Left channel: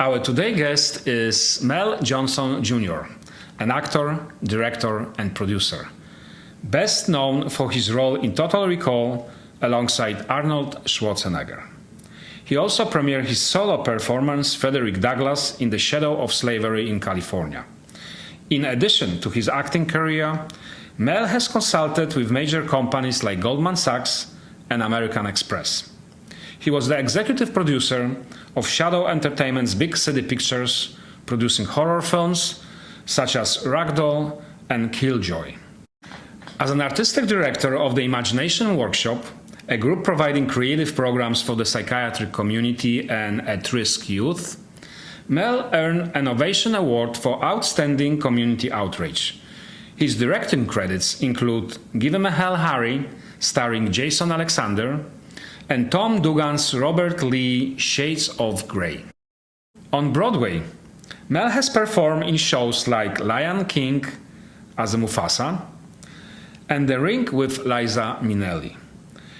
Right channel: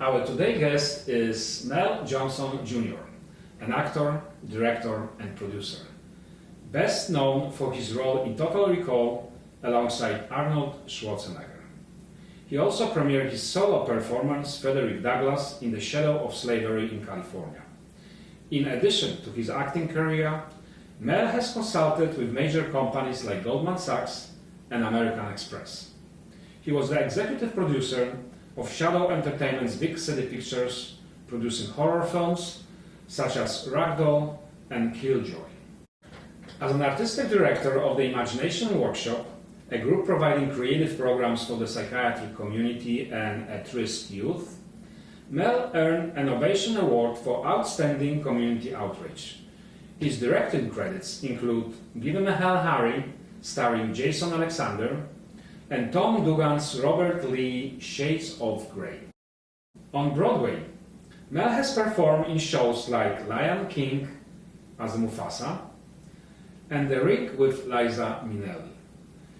Our today guest is Mel Johnson Jr., an actor, director, and producer. Best known for his role in Total Recall alongside Arnold Schwarzenegger. He also premiered his solo performance, Frederick Douglass, in The Shadow of Slavery in California. In addition to his acting career, Mel has consulted with major companies like Goldman Sachs and American Express. He was the executive producer of Shadow Entertainment's Big City Pictures, producing horror films such as Ragdoll and Killjoy. As an artistic director of the Imagination Workshop, a group providing creative programs for the psychiatric community and at-risk youth, Mel earned an Ovation Award for Outstanding Community Outreach. His directing credits include Give 'Em a Hell, Harry, starring Jason Alexander, and Tom Dugan's Robert Lee Shades of Grey. On Broadway, Mel has performed in shows like Lion King as Mufasa and The Rink with Liza Minnelli.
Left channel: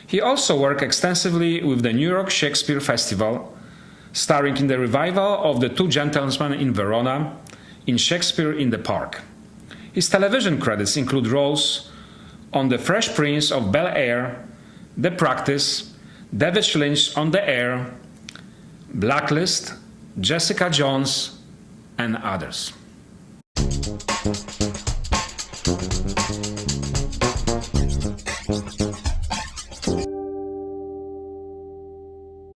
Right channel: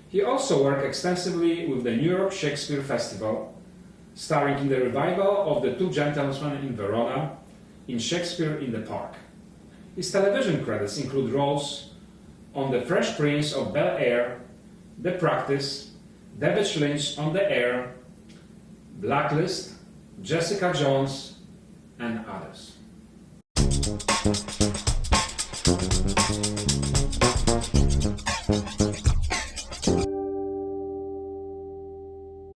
He also worked extensively with the New York Shakespeare Festival, starring in the revival of The Two Gentlemen in Verona in Shakespeare in the Park. His television credits include roles on The Fresh Prince of Bel-Air, The Practice, David Lynch on the Air, Blacklist, Jessica Jones, and others.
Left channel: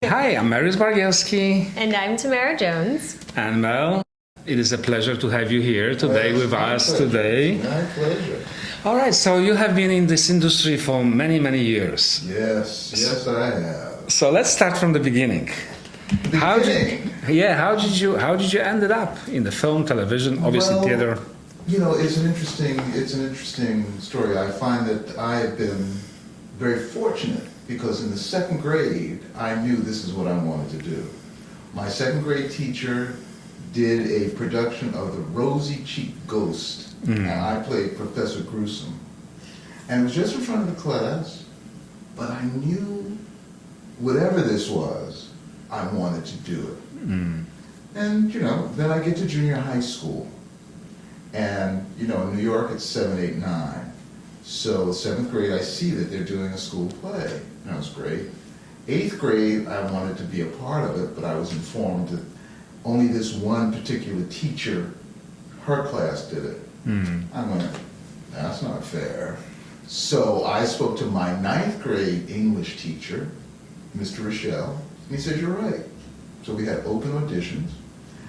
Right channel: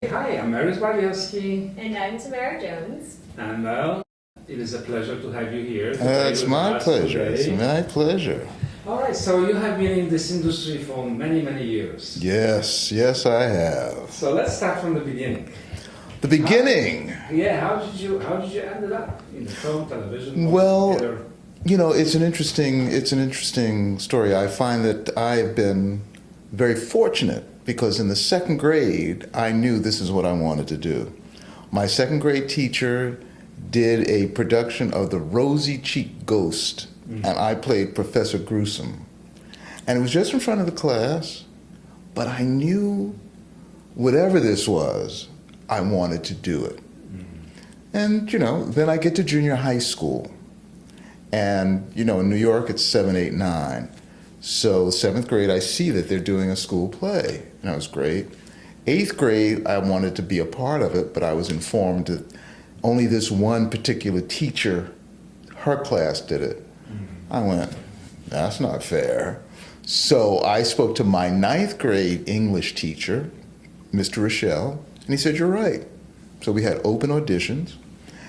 Hi, I'm Mariusz Bargielski. And I'm Tamara Jones. And Mel, it is a pleasure to have you here today with us today. It's my pleasure. All right, so you have been in this industry for many, many years. Yes, I have. So let's start from the beginning. The beginning. How did you ended up in the film, television, obviously theater? You know, it's an interesting story. I find that I've been very fortunate because in the second grade, I knew this is what I wanted to do. My second grade teacher did a production of The Rosy Cheeked Ghost, and I played Professor Gruesome. And it was just in front of the class, but I knew whatever this was, I wanted to do it. And, then I get to junior high school. And, in New York, it's 7, 8, 9. So 7th grade, I see that they're doing a school play, and that was great. 8th grade, I wanted to be a part of it, but I was informed that only this one particular teacher, her class did it. I went, that's not fair. So I spoke to my 9th grade English teacher, Mr. Rochelle, and he said, you're right. So we had open auditions,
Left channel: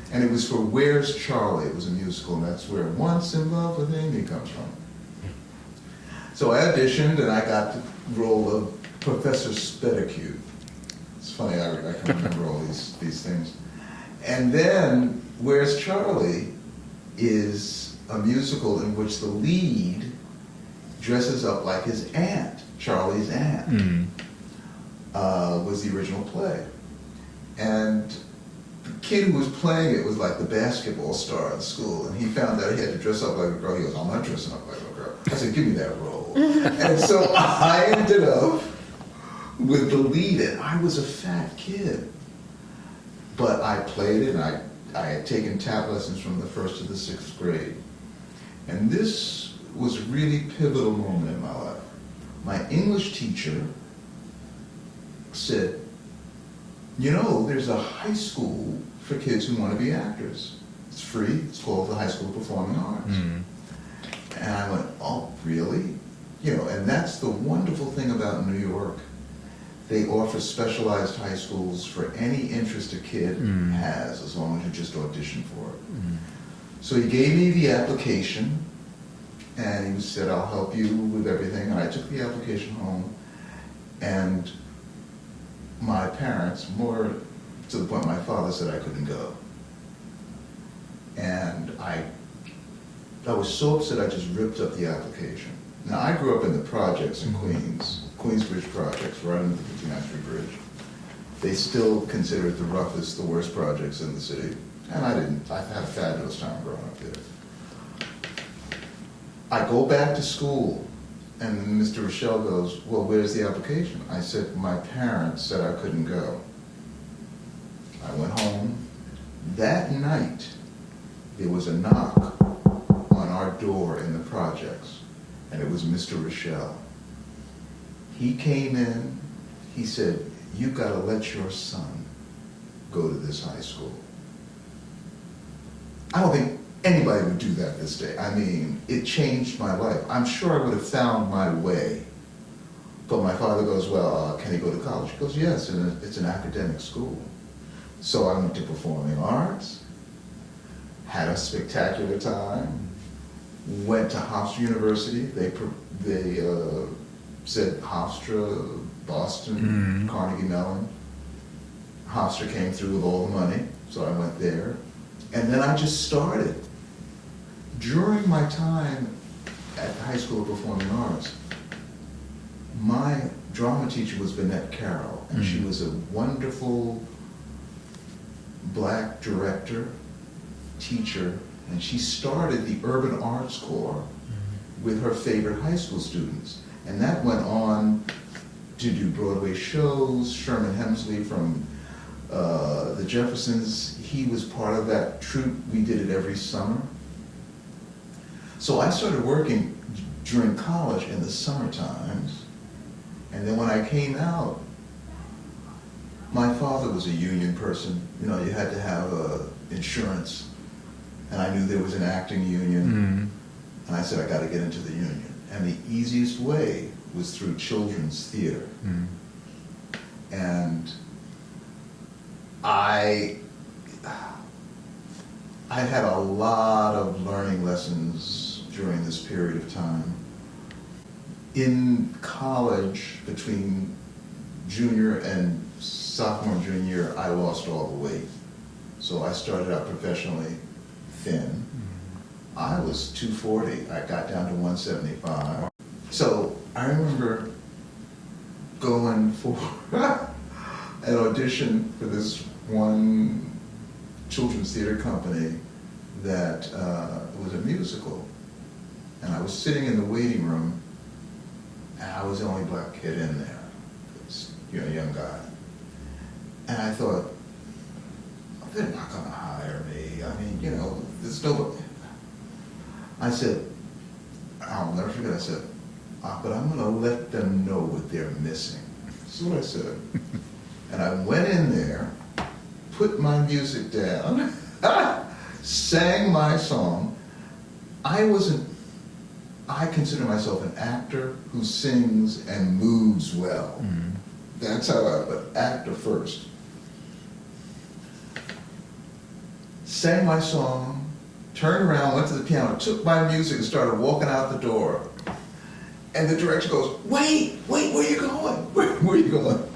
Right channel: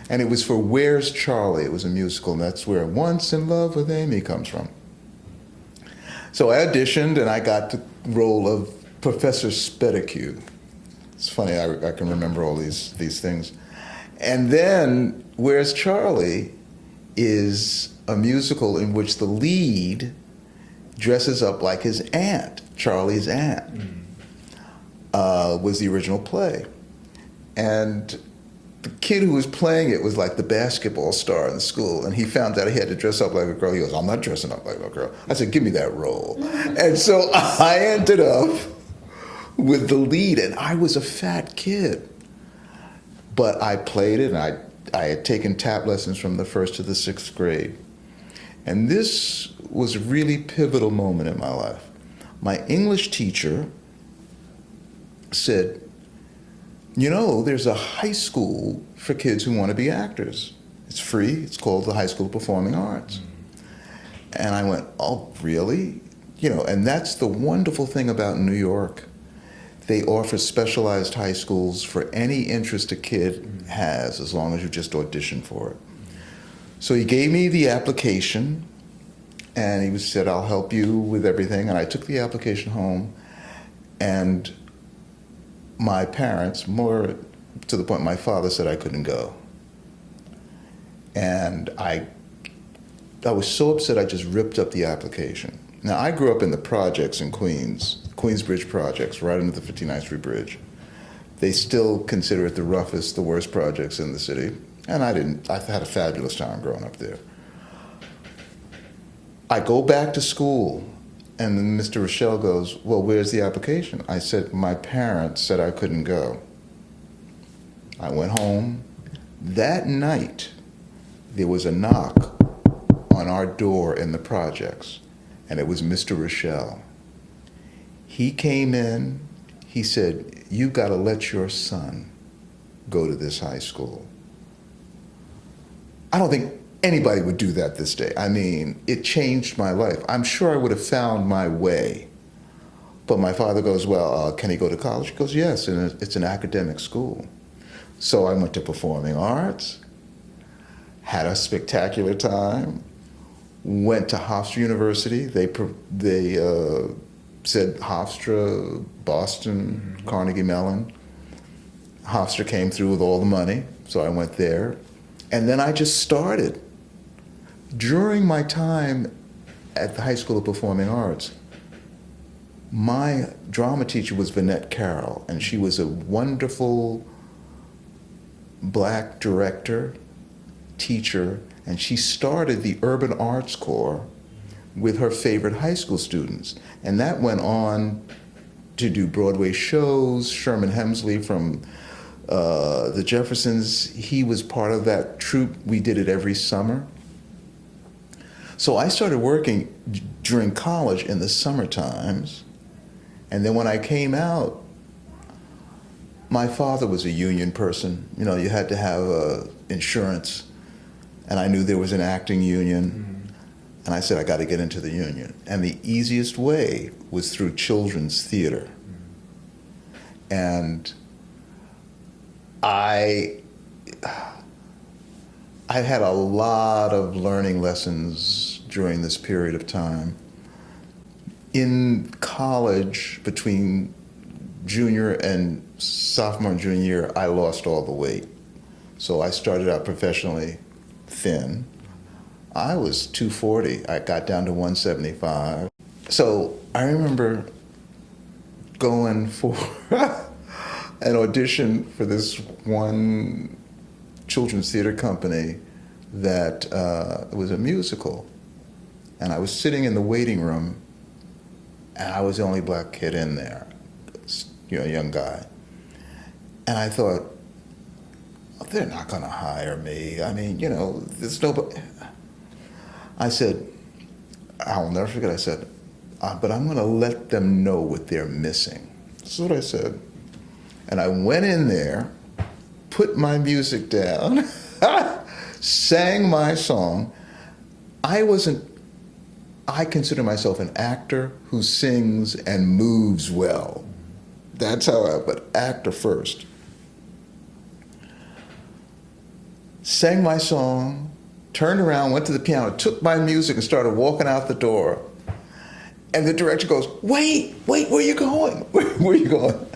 and it was for Where's Charlie? It was a musical, and that's where Once in Love with Amy comes from. So I auditioned, and I got the role of Professor Spedicue. It's funny, I can remember all these things. And then Where's Charlie is a musical in which the lead dresses up like his aunt, Charlie's aunt, was the original play. And the kid who was playing it was like the basketball star in school, and he found out he had to dress up like a girl. He goes, I'm not dressing up like a girl. I said, give me that role. And so I ended up with the lead, and I was a fat kid. But I played it, and I had taken tap lessons from the 1st to the 6th grade. And this was a really pivotal moment in my life. My English teacher said, there's a high school for kids who want to be actors. It's free. It's called the High School of Performing Arts. And I went, oh, really? And that's the wonderful thing about New York. They offer specialized high schools for any interest a kid has, as long as you just audition for it. So he gave me the application, and he said, I'll help you with everything. And I took the application home, and my parents, more to the point my father said I couldn't go. And I was so upset I just ripped up the application. Now, I grew up in the projects in Queens, Queensbridge projects, right under the 59th Street Bridge. They still consider it the roughest, the worst projects in the city. And I had a fabulous time growing up there. I go back to school, and then Mr. Rochelle goes, well, where's the application? I said, my parents said I couldn't go. I went home. That night, there was a knock on our door in the projects, and it was Mr. Rochelle. He came in, he said, "You gotta let your son go to this high school." I don't think anybody would do that this day. I mean, it changed my life. I'm sure I would have found my way. But my father goes, "Well, can he go to college?" He goes, "Yes, and it's an academic school." So I went to Performing Arts, had a spectacular time, went to Hofstra University. They said Hofstra, Boston, Carnegie Mellon. Hofstra came through with all the money, so I went there. And then I just started. During my time at the High School of Performing Arts, my drama teacher was Vinette Carroll, and she was a wonderful black director, teacher, and she started the Urban Arts Corps with her favorite high school students. And that went on to do Broadway shows. Sherman Hemsley from the Jeffersons, he was part of that troupe. We did it every summer. So I started working during college in the summer times. And then when I came out, my father was a union person. You know, you had to have insurance. And I knew there was an acting union. And I said, I got to get into the union. And the easiest way was through children's theater. And I had a lot of learning lessons during this period of time. In college, between junior and sophomore and junior year, I lost all the weight. So I started out professionally thin. I was 240. I got down to 175. So I remember going for an audition for this one children's theater company that was a musical. And I was sitting in the waiting room, and I was the only black kid in there, you know, a young guy. And I thought, they're not going to hire me. I mean, you know, there's nobody. I said, I'll never forget, I said, but I'm going to let them know what they're missing. That's what I said. And I went in there, put my music down, sang my song. I consider myself an actor who sings and moves well. That's how but actor first. Sang my song, turned around, went to the piano, took my music and started walking out the door. And the director goes, wait, where are you going? Where are you going?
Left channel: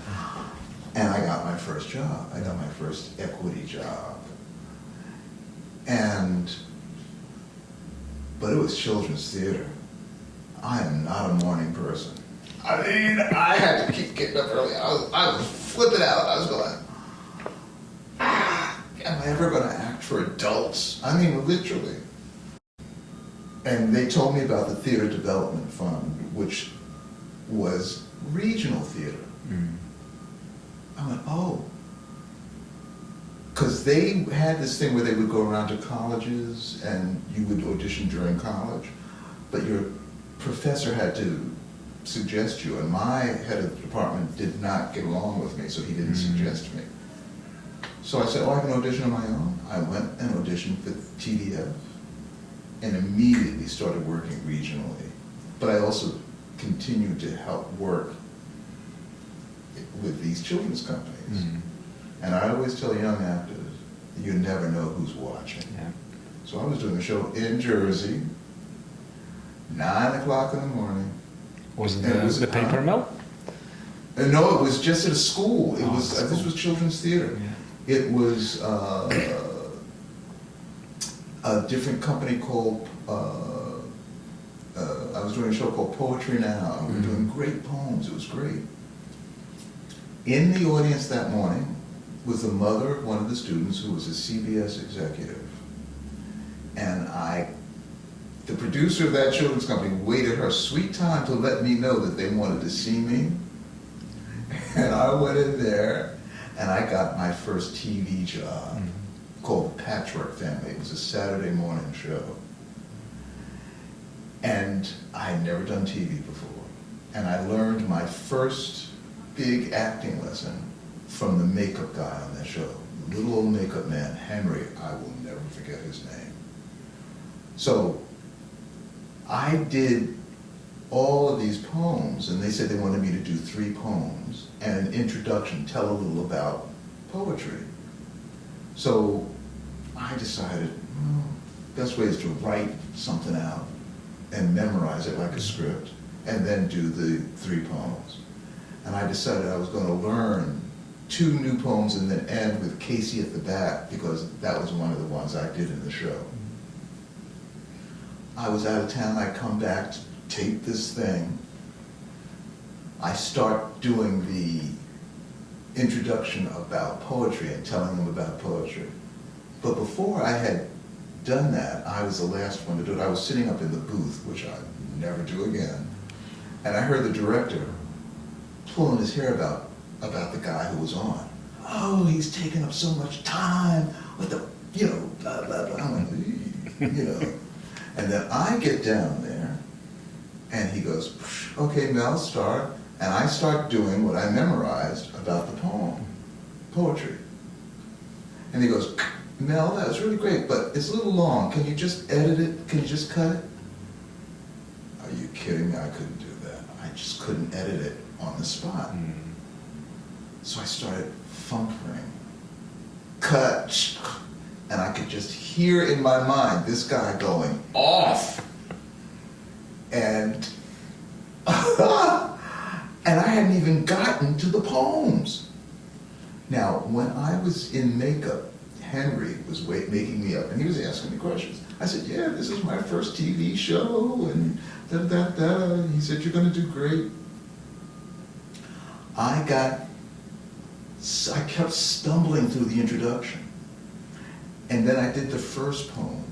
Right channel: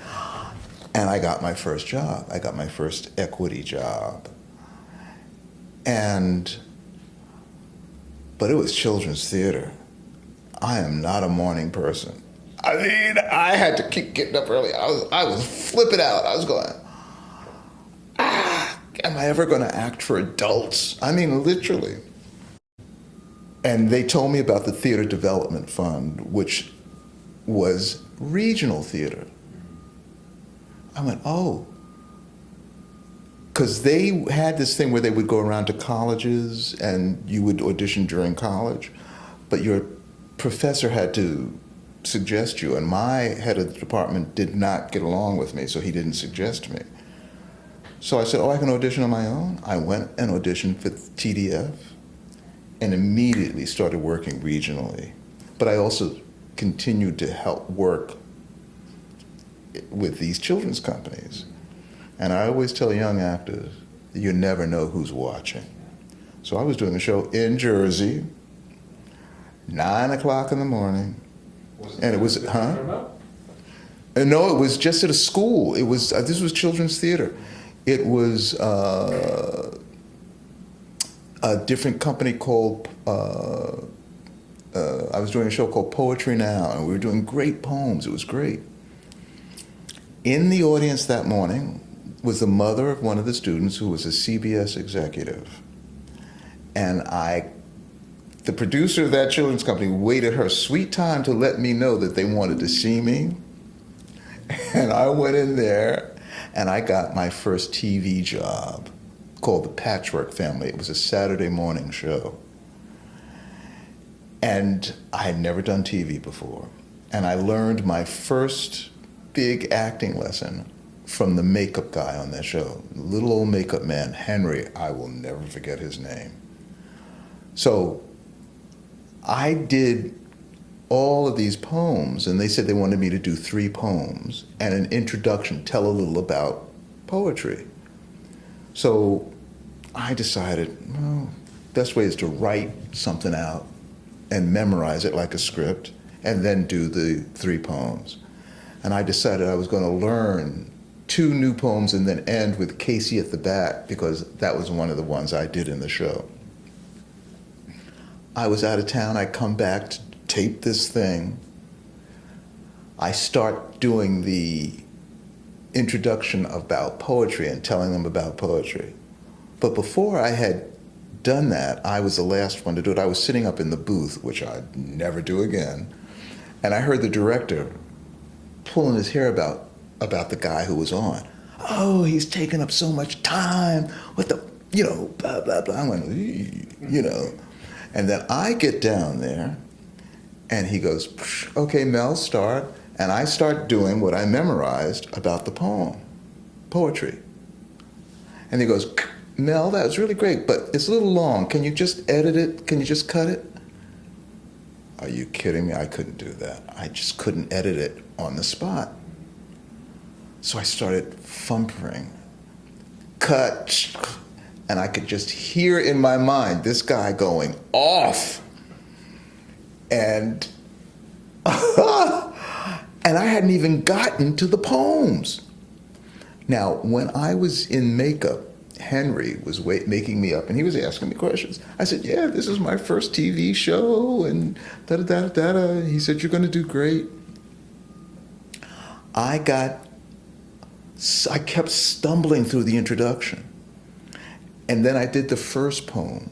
And I got my first job. I got my first equity job. But it was children's theater. I am not a morning person. I mean, I had to keep getting up early. I was flipping out. I was going, am I ever going to act for adults? I mean, literally. And they told me about the Theater Development Fund, which was regional theater. I went, oh. Because they had this thing where they would go around to colleges and you would audition during college, but your professor had to suggest you, and my head of the department did not get along with me, so he didn't suggest me. So I said, I can audition on my own. I went and auditioned for TDF and immediately started working regionally. But I also continued to help work with these children's companies. And I always tell young actors, you never know who's watching. So I was doing a show in Jersey, 9 o'clock in the morning. Was it was the paper mill? No, it was just at a school. It was this was children's theater. It was a different company called, I was doing a show called Poetry Now, and we were doing great poems. It was great. In the audience that morning was the mother of one of the students who was a CBS executive. And the producer of that children's company waited her sweet time to let me know that they wanted to see me. And I went in there and I got my first TV job called the Patchwork Family. It was a Saturday morning show. And I had never done TV before. And I learned my first big acting lesson from the makeup guy on that show. Little old makeup man, Henry. I will never forget his name. So I did all of these poems, and they said they wanted me to do 3 poems and an introduction, tell a little about poetry. So I decided, well, best way is to write something out and memorize it like a script, and then do the 3 poems. And I decided I was going to learn 2 new poems and then end with Casey at the Bat, because that was one of the ones I did in the show. I was out of town. I come back to tape this thing. I start doing the introduction about poetry and telling them about poetry. But before I had done that, I was the last one to do it. I was sitting up in the booth, which I'd never do again, and I heard the director pulling his hair about the guy who was on. Oh, he's taking up so much time with the, blah, blah, blah. I went, And then I get down there, and he goes, okay, Mel, start. And I start doing what I memorized about the poetry. And he goes, Mel, that was really great, but it's a little long. Can you just edit it? Can you just cut it? Are you kidding me? I couldn't do that. I just couldn't edit it on the spot. So I started fumbling. Cut. And I could just hear in my mind this guy going off. And and I hadn't even gotten to the poems. Now, when I was in makeup, Henry was making me up, and he was asking me questions. I said, yeah, this is my first TV show, and da-da-da-da-da. He said, you're going to do great. I kept stumbling through the introduction. And then I did the first poem.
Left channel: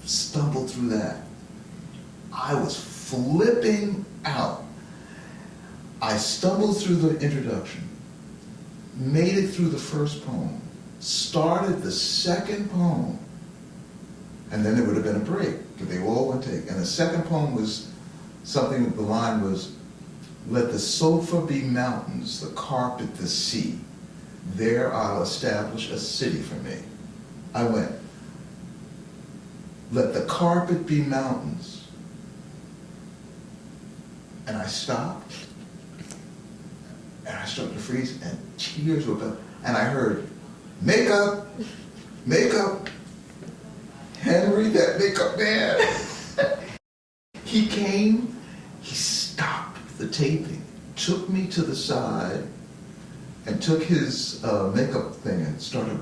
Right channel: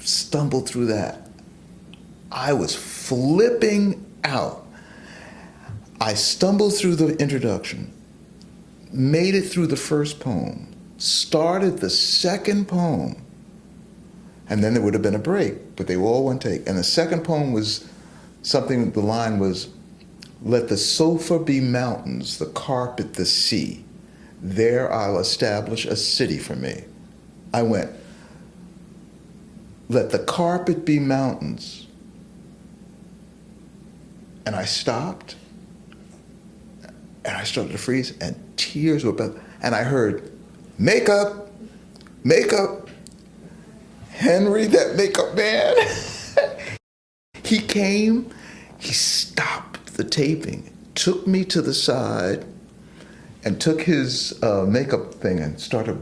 Stumbled through that. I was flipping out. I stumbled through the introduction, made it through the first poem, started the second poem, and then there would have been a break, but they were all one take. And the second poem was something, the line was, let the sofa be mountains, the carpet the sea. There I'll establish a city for me. I went, let the carpet be mountains. And I stopped, and I started to freeze, and tears were about, and I heard, makeup, makeup, Henry, that makeup man. He came, he stopped the taping, took me to the side, and took his makeup thing and started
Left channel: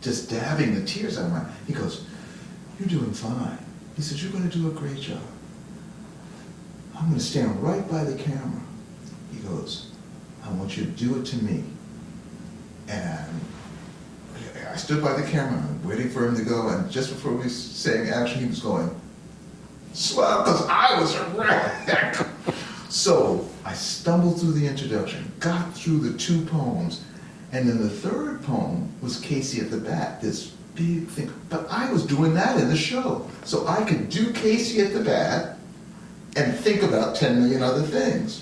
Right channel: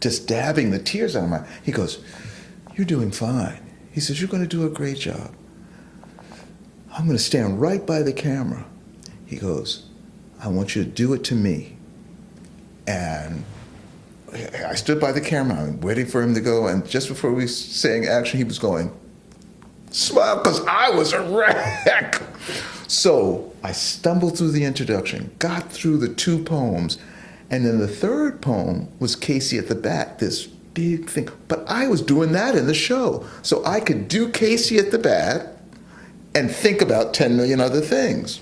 just dabbing the tears out of my eye. He goes, you're doing fine. He says, you're going to do a great job. I'm going to stand right by the camera. He goes, I want you to do it to me. And I stood by the camera, I'm waiting for him to go, and just before we sang action, he was going, smile, because I was a wreck. So I stumbled through the introduction, got through the 2 poems, and then the third poem was Casey at the Bat, this big thing. But I was doing that in the show. So I could do Casey at the Bat and think about 10 million other things.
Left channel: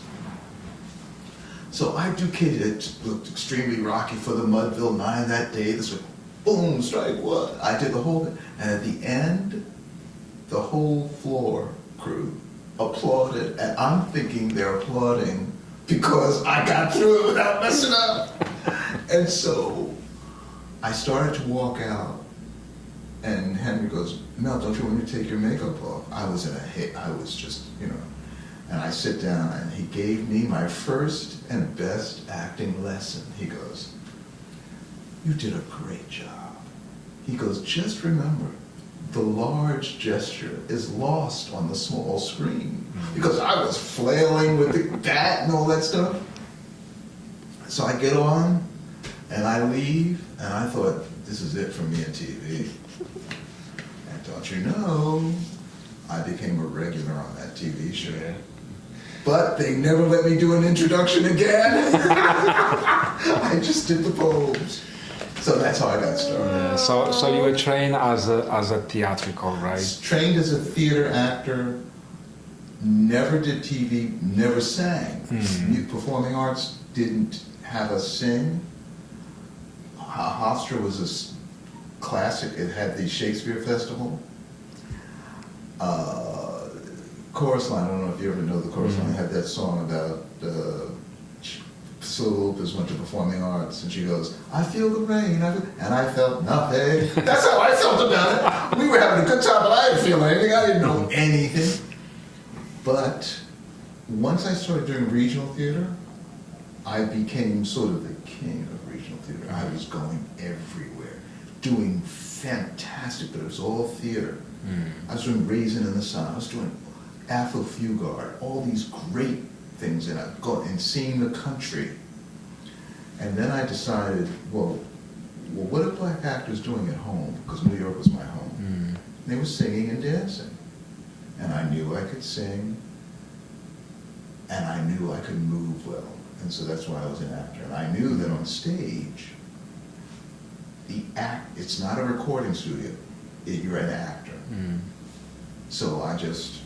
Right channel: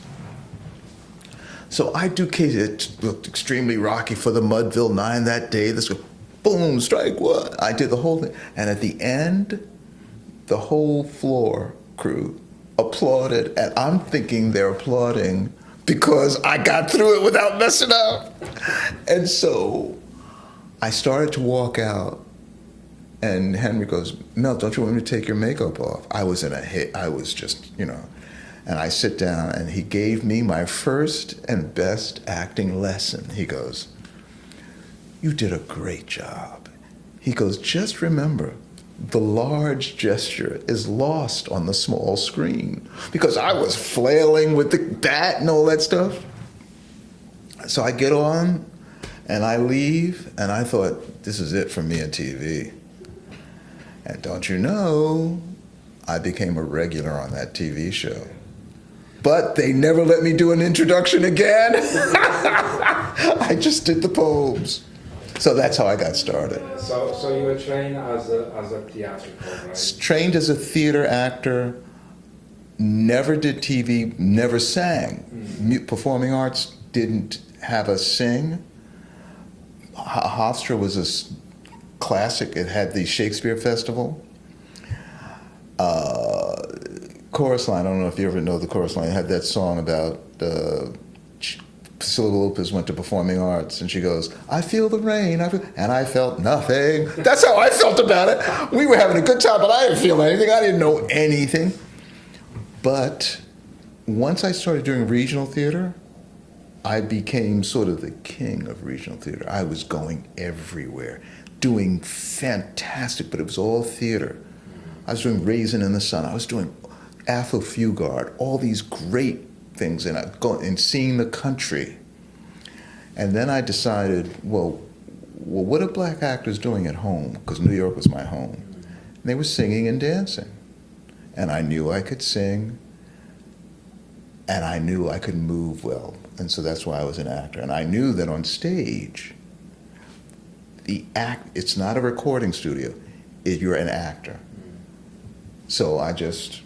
So I do Casey. It looked extremely rocky for the Mudville 9 that day. This was boom, strike 1. I did the whole thing. And at the end, the whole floor crew applauded. And I'm thinking they're applauding because I got through it without messing up. And so I started to walk out. And Henry goes, Mel, don't you want me to take your makeup off? I was in a hit. I was just, And I sit down, and he gave me my first and best acting lesson. He goes, you did a great job. He goes, just remember, the large gesture is lost on the small screen. Because I was flailing with the bat and all that stuff. So I get on, and I leave, and I thought, this is it for me in TV. And don't you know, I became a regular on that TV show. But they never let me do an introduction again. I just did the poems. So that's how I got started. So you were trained as a theatrical, right? Trained as a theater actor, never did TV, never sang. Performing arts didn't have us sing. Hofstra was a classic. It had the Shakespeare Festival. Chorus line, I don't know if you ever know the chorus line, it had that song about Priscilla Lopez went to performing arts and she goes, I feel the rain, and I felt nothing. That's how I felt about it. We were having a good time, but I didn't feel anything. I didn't know anything. But once I started doing regional theater, I became sort of the king of regional theater. I was going everywhere, doing fantastic, but it was all theater. I was doing Raisin in the Sun. I was doing Afro-Fugard, all these great things, and I'd go and seeing the country. And then I decided, well, what are black actors doing at home? Because New York was my home. And they were singing and dancing. And I knew I could sing, and I knew I could move well. And so that's why I was an actor. And I knew that on stage, it's not a recording studio. You're an actor. So I just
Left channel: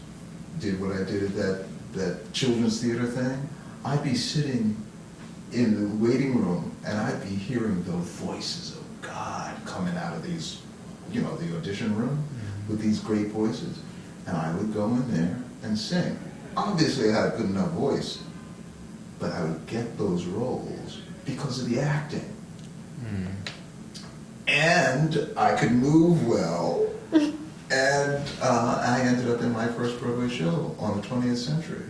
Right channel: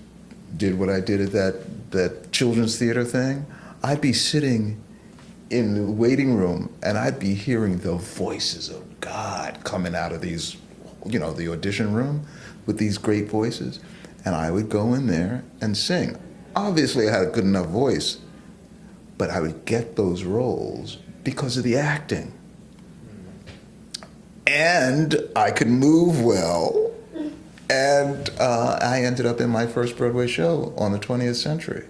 did what I did at that children's theater thing. I'd be sitting in the waiting room and I'd be hearing the voices of God coming out of these, the audition room with these great voices. And I would go in there and sing. Obviously I had a good enough voice, but I would get those roles because of the acting. And I could move well. And I ended up in my first Broadway show on the 20th Century.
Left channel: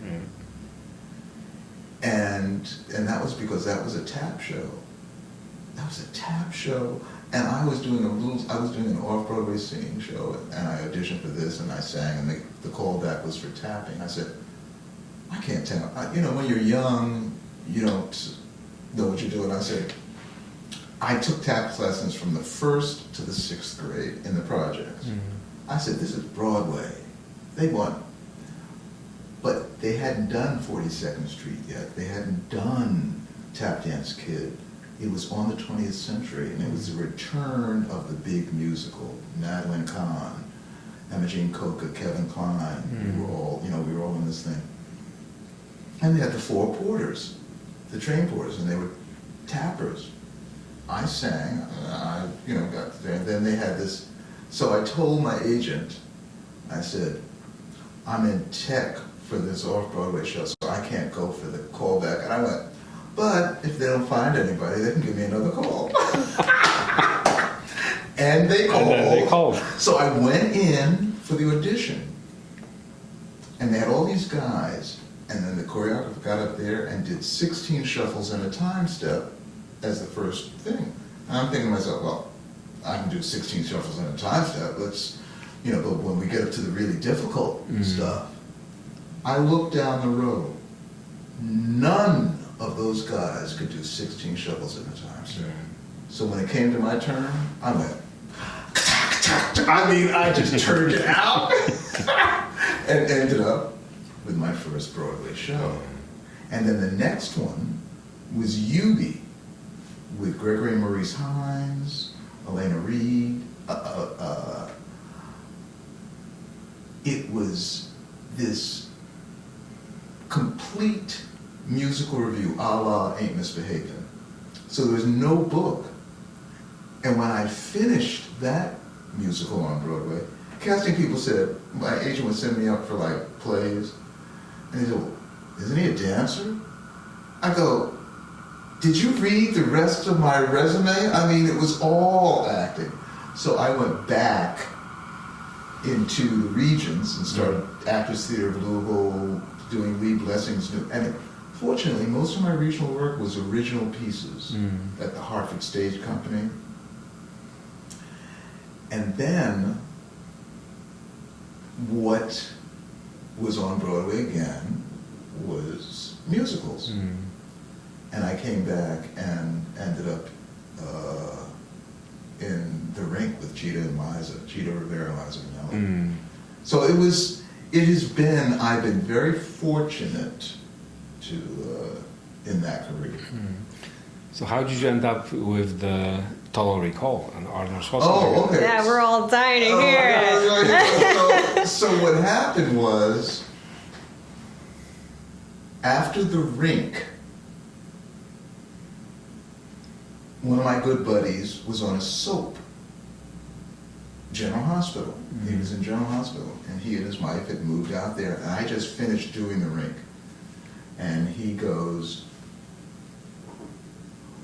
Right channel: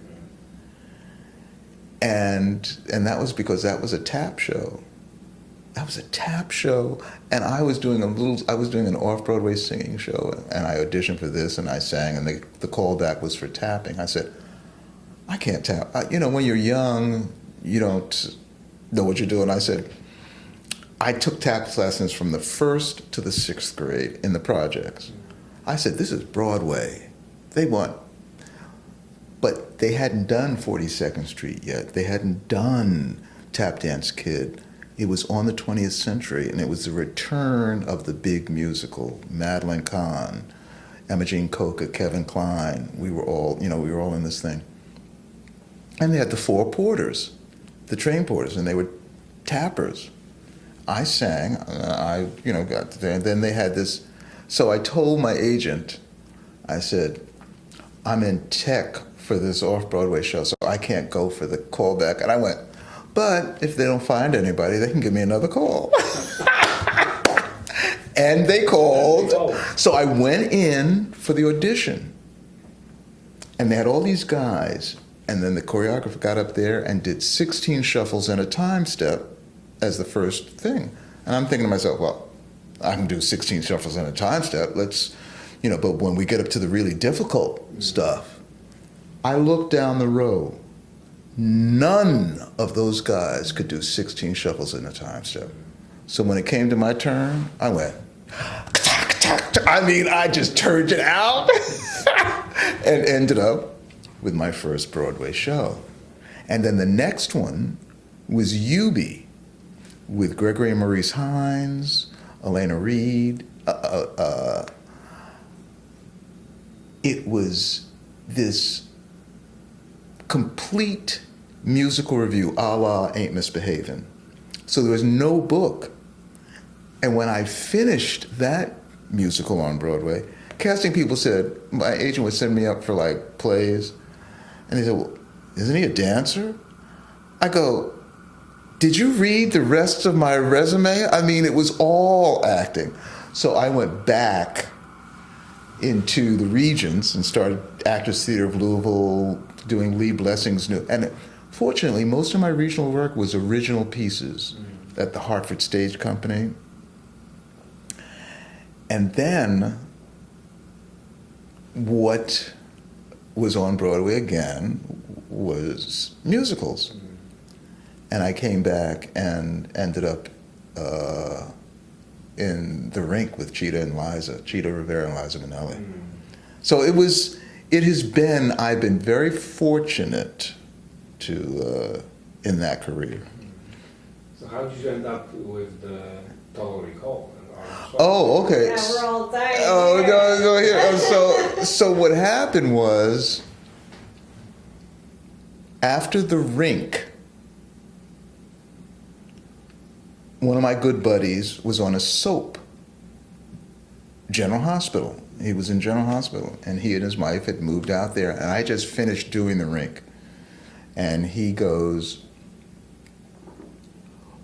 And that was because that was a tap show. That was a tap show, and I was doing an off-Broadway singing show, and I auditioned for this, and I sang, and the callback was for tapping. I said, I can't tap. When you're young, you don't know what you're doing. I said, I took tap lessons from the 1st to the 6th grade in the projects. I said, this is Broadway. But they hadn't done 42nd Street yet. They hadn't done Tap Dance Kid. It was on the 20th Century, and it was the return of the big musical. Madeline Kahn, Emma Jean Coca, Kevin Kline. We were all in this thing. And they had the 4 porters, the train porters, and they were tappers. I sang, got there, and then they had this. So I told my agent, I said, I'm in tech for this off-Broadway show, so I can't go for the callback. And I went, but if they don't find anybody, they can give me another call. And they called. So I went in for the audition. And they had all these guys. And then the choreographer got up there and did 16 shuffles and a time step as the first thing. And I'm thinking to myself, well, I can do 16 shuffles and a time step. But when we get up to the really difficult stuff, I looked down the row. None of those guys could do 16 shuffles in a time step. So when it came to my turn, I went, I just turned it out and ended up with my first Broadway show. And then the next one was Eubie with Gregory and Maurice Hines, Elena Reed. It was this complete musical review, a la Ain't Misbehavin'. So there was no book. And when I finished that musical on Broadway, casting people said, my agent would send me up for plays, and they said, well, isn't he a dancer? I go, did you read the rest of my resume? It was all acting. So I went back into the regions and started Actors Theater of Louisville, doing Lee Blessing's new. And fortunately, most of my regional work was original pieces at the Hartford Stage Company. And then what was on Broadway again was musicals. And I came back and ended up in the Rink with Cheetah Rivera and Liza Minnelli. So I've been very fortunate to in that career. So how did you end up with the Total Recall and Arnold Schwarzenegger. Oh, okay. Yeah, we're all dying Oh, here. so what happened was, after the Rink, one of my good buddies was on a soap, General Hospital. He was in General Hospital, and he and his wife had moved out there, and I just finished doing the Rink. And he goes,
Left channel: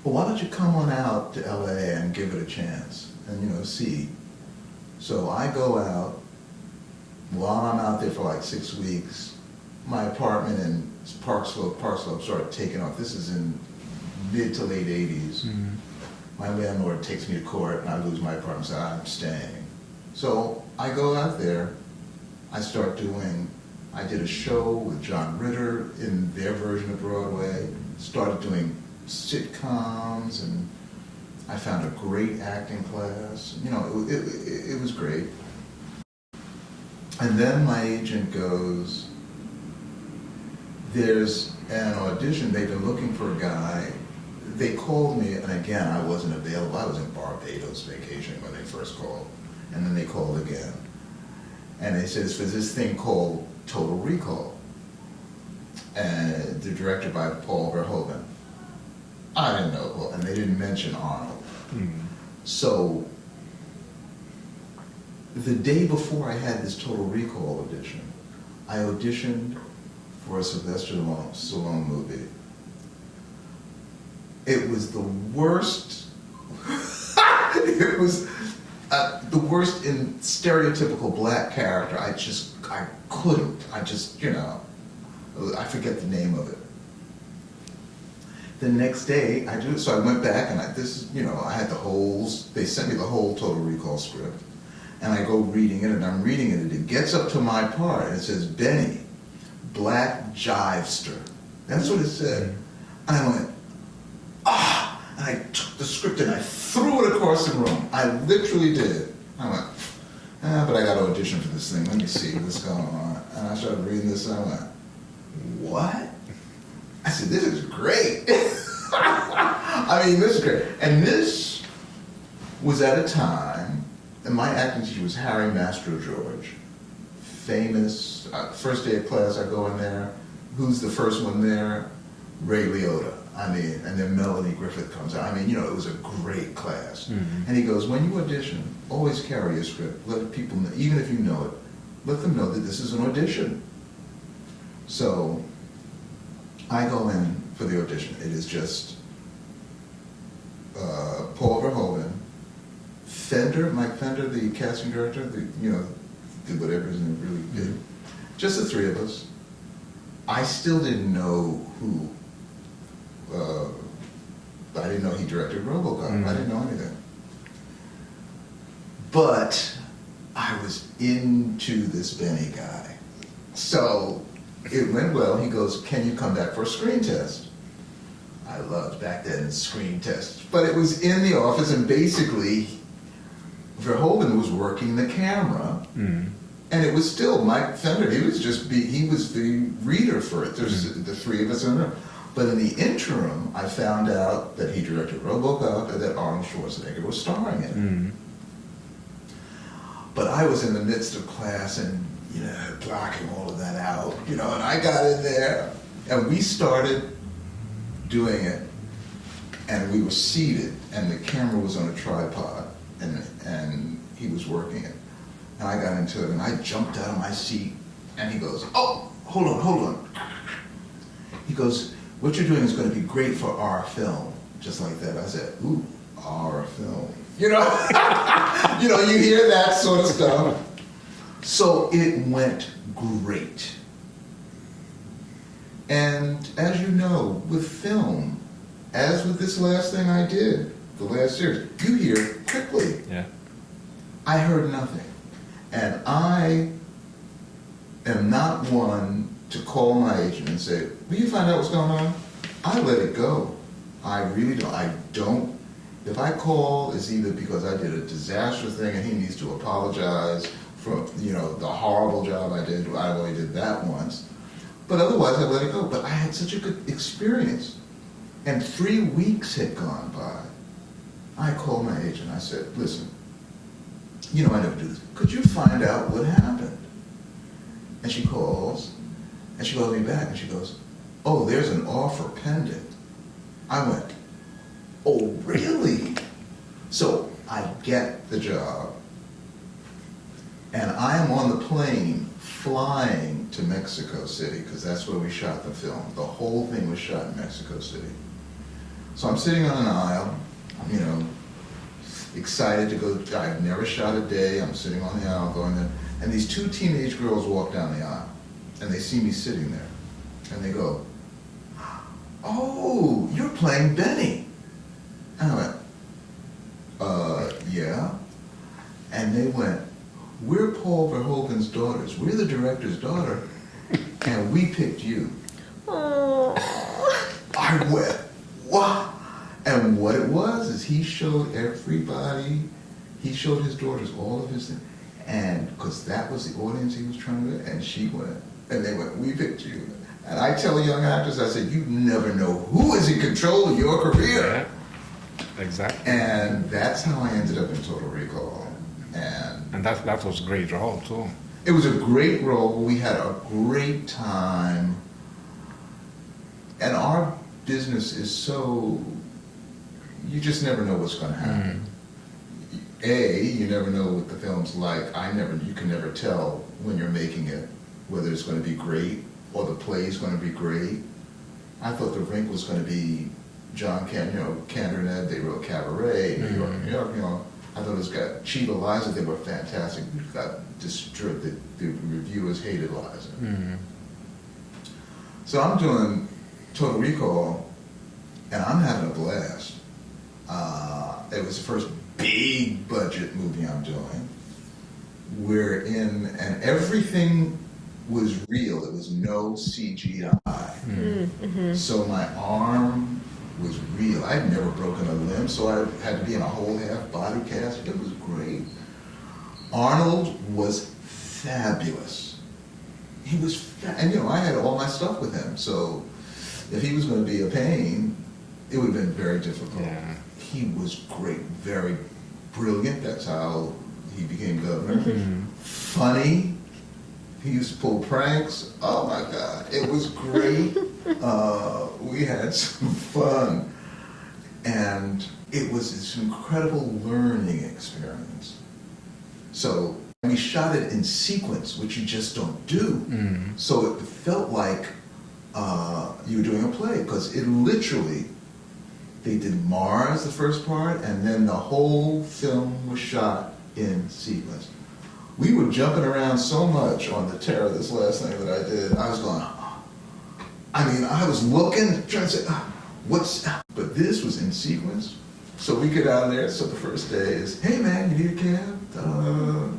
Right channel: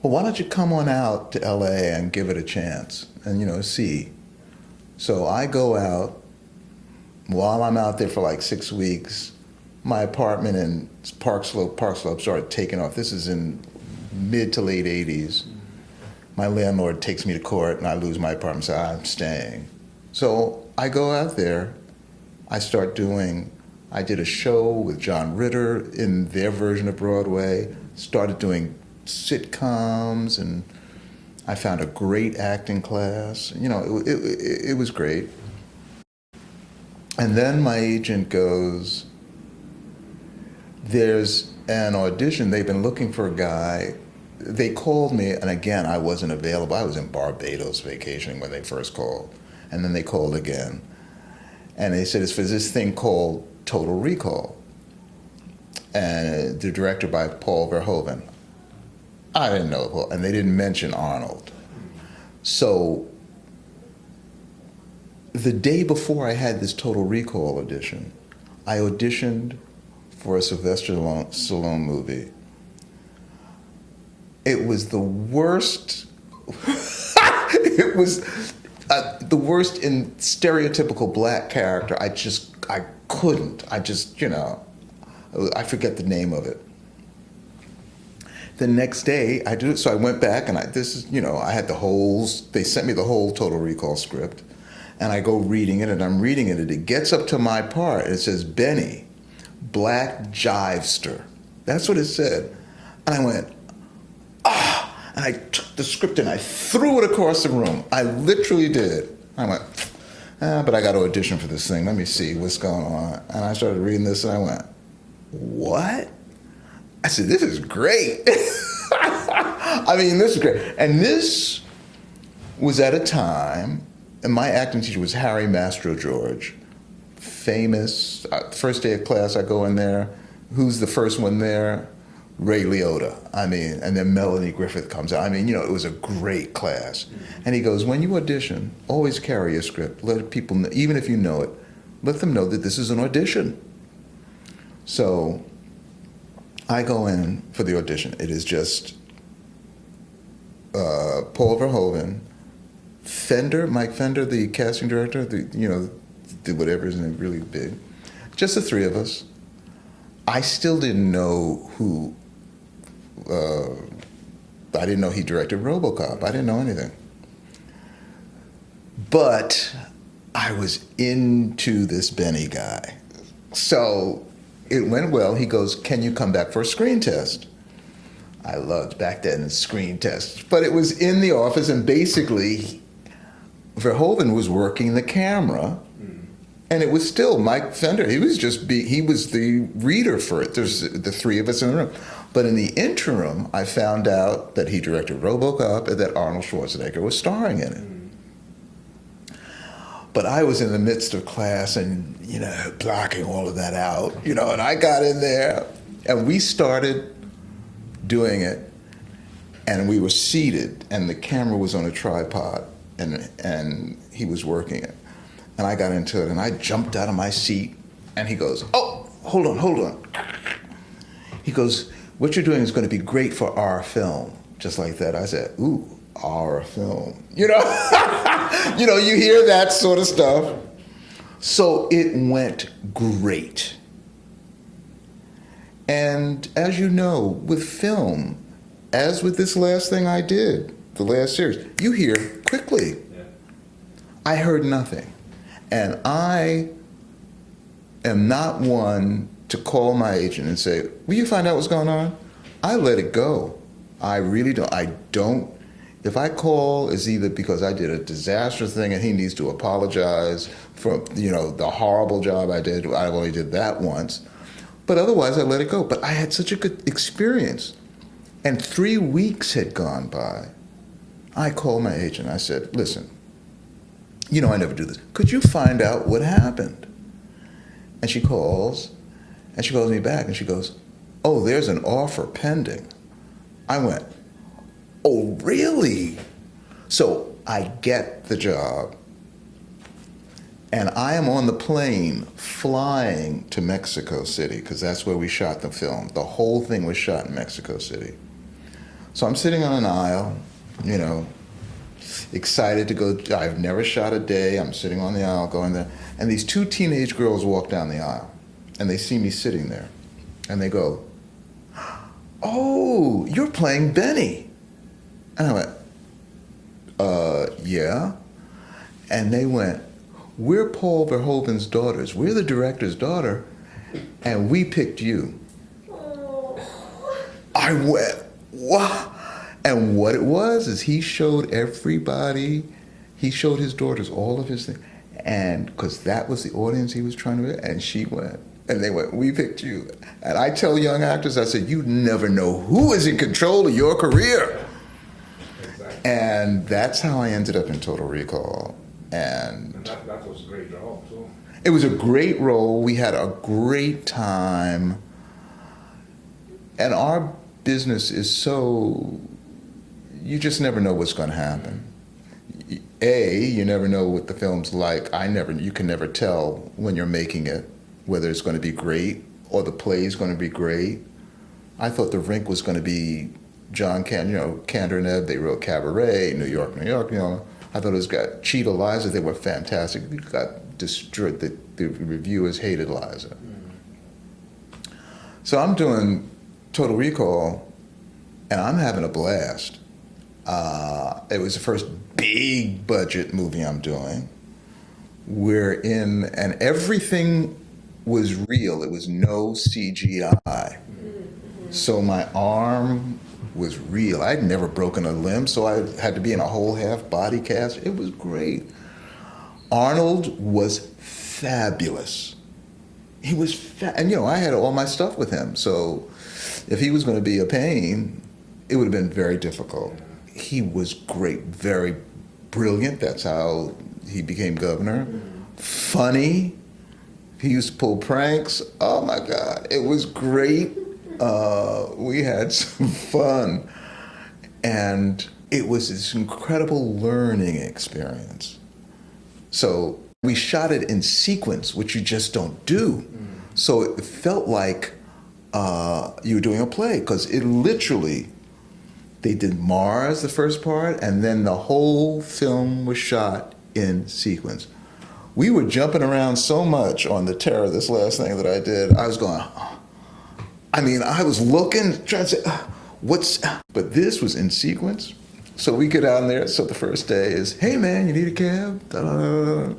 well, why don't you come on out to LA and give it a chance and, see. So I go out. While I'm out there for like 6 weeks, my apartment in Park Slope started taking off. This is in mid to late 80s. Mm-hmm. My landlord takes me to court and I lose my apartment, so I'm staying. So I go out there. I did a show with John Ritter in their version of Broadway, started doing sitcoms, and I found a great acting class. It was great. And then my agent goes, there's an audition. They've been looking for a guy. They called me, and again, I wasn't available. I was in Barbados vacationing when they first called. And then they called again. And they said, it's for this thing called Total Recall. And the director by Paul Verhoeven. I didn't know, and they didn't mention Arnold. Mm. So the day before I had this Total Recall audition, I auditioned for a Sylvester Stallone movie. It was the worst. It was the worst in stereotypical black character. I couldn't. I forget the name of it. The next day, I do it. So I went back and I had they sent me the whole Total Recall script. And I go reading it, and I'm reading it, and it gets up to my part. It says, Benny, black jivester. That's what it said. And I went, and I took the script and I threw it across the room. I literally did. I went, but I got to audition for this thing. Let me see what's going on. And I started reading this, and I went, what? I said, this is great. This is great. And this was at a time, and my acting teacher was Harry Mastro George, famous. First day of class, I go in there. Who's the first one there? Ray Liotta. And then Melanie Griffith comes out. It was a great class. Mm-hmm. And he goes, when you audition, always carry a script. Let people know, even if you know it, let them know that this is an audition. So I go in for the audition. It is just Paul Verhoeven, Mike Fender, the casting director, did whatever, isn't really big. Just the three of us. I still didn't know who. I didn't know he directed RoboCop. Mm-hmm. I didn't know anything. But I was into this Benny guy. So it went well. He goes, can you come back for a screen test? I loved back then screen tests. But it was in the office, and basically Verhoeven was working the camera. Mm. And it was still Mike Fender. He was the reader for it. There's the three of us in the room. But in the interim, I found out that he directed RoboCop and that Arnold Schwarzenegger was starring in it. Mm. But I was in the midst of class and, blocking all of that out, and I got in there and we started doing it, and we were seated and the camera was on a tripod and he was working it. And I got into it, and I jumped out of my seat, and he goes, oh, hold on. He goes, what you're doing is going to be great for our film. Just like that. I said, ooh, our film. You hear that sort of stuff. So it went great. And as you know, with film, as with this last thing I did, the last series, you hear quickly. Yeah. I heard nothing. And I am not one to call my agent and say, will you find out what's going on? I let it go. I really don't. I don't. If I call, it's either because I did a disastrous thing and he needs to apologize for, the horrible job I did. I only did that once. But otherwise, I let it go. But I had such a good experience. And 3 weeks had gone by. I called my agent. I said, listen, you know I never do this. Could you find out what happened? And she calls me back and she goes, oh, there's an offer pending. I went, oh, really? So I get the job. And I am on the plane flying to Mexico City, because that's where we shot the film. The whole thing was shot in Mexico City. So I'm sitting on an aisle, you know, excited to go. I've never shot a day. I'm sitting on the aisle going there. And these two teenage girls walk down the aisle, and they see me sitting there. And they go, oh, you're playing Benny. And I went, yeah. And they went, we're Paul Verhoeven's daughters. We're the director's daughter, and we picked you. Aww. I went, what? And what it was is he showed his daughters all of his things. And because that was the audience he was trying to get, and she went, and they went, we picked you. And I tell young actors, I said, you never know who is in control of your career. Yeah, exactly. And that's how I ended up in Total Recall. And that was a great role too. it was a great role. We had a great time. And our business is so, you just never know what's going to happen. You never know what the film's like. You can never tell when you're making it, whether it's going to be great or the play is going to be great. I thought the Rink was going to be John Kander and Ed, they wrote Cabaret, New York, New York, you know. I thought it was got Cheetah Liza, they were fantastic. We got destroyed, the reviewers hated Liza. So I'm doing Total Recall, and I'm having a blast. It was the first big budget movie I'm doing. And everything was real. It was no CGI. So my arm was real. I had never broken a limb, so I had to be in a whole half body cast. It was great. Arnold was fabulous. He was and you know, I had all my stuff with him, so if he was going to be a pain, it would have been very difficult. Yeah. He was great, very brilliant. That's how he became governor. Funny. He used to pull pranks. Oh my God, it was great. We had some fun. And it was this incredible learning experience. So we shot it in sequence, which you just don't do. So it felt like you were doing a play, because it literally, they did Mars, the first part, and then the whole film was shot in sequence. We were jumping around so much on the Terror, this last thing that I did. I was going, I was looking, trying to say, but this was in sequence. So we get out there, so the first day is, hey man, you need a cab? Da-da-da-da.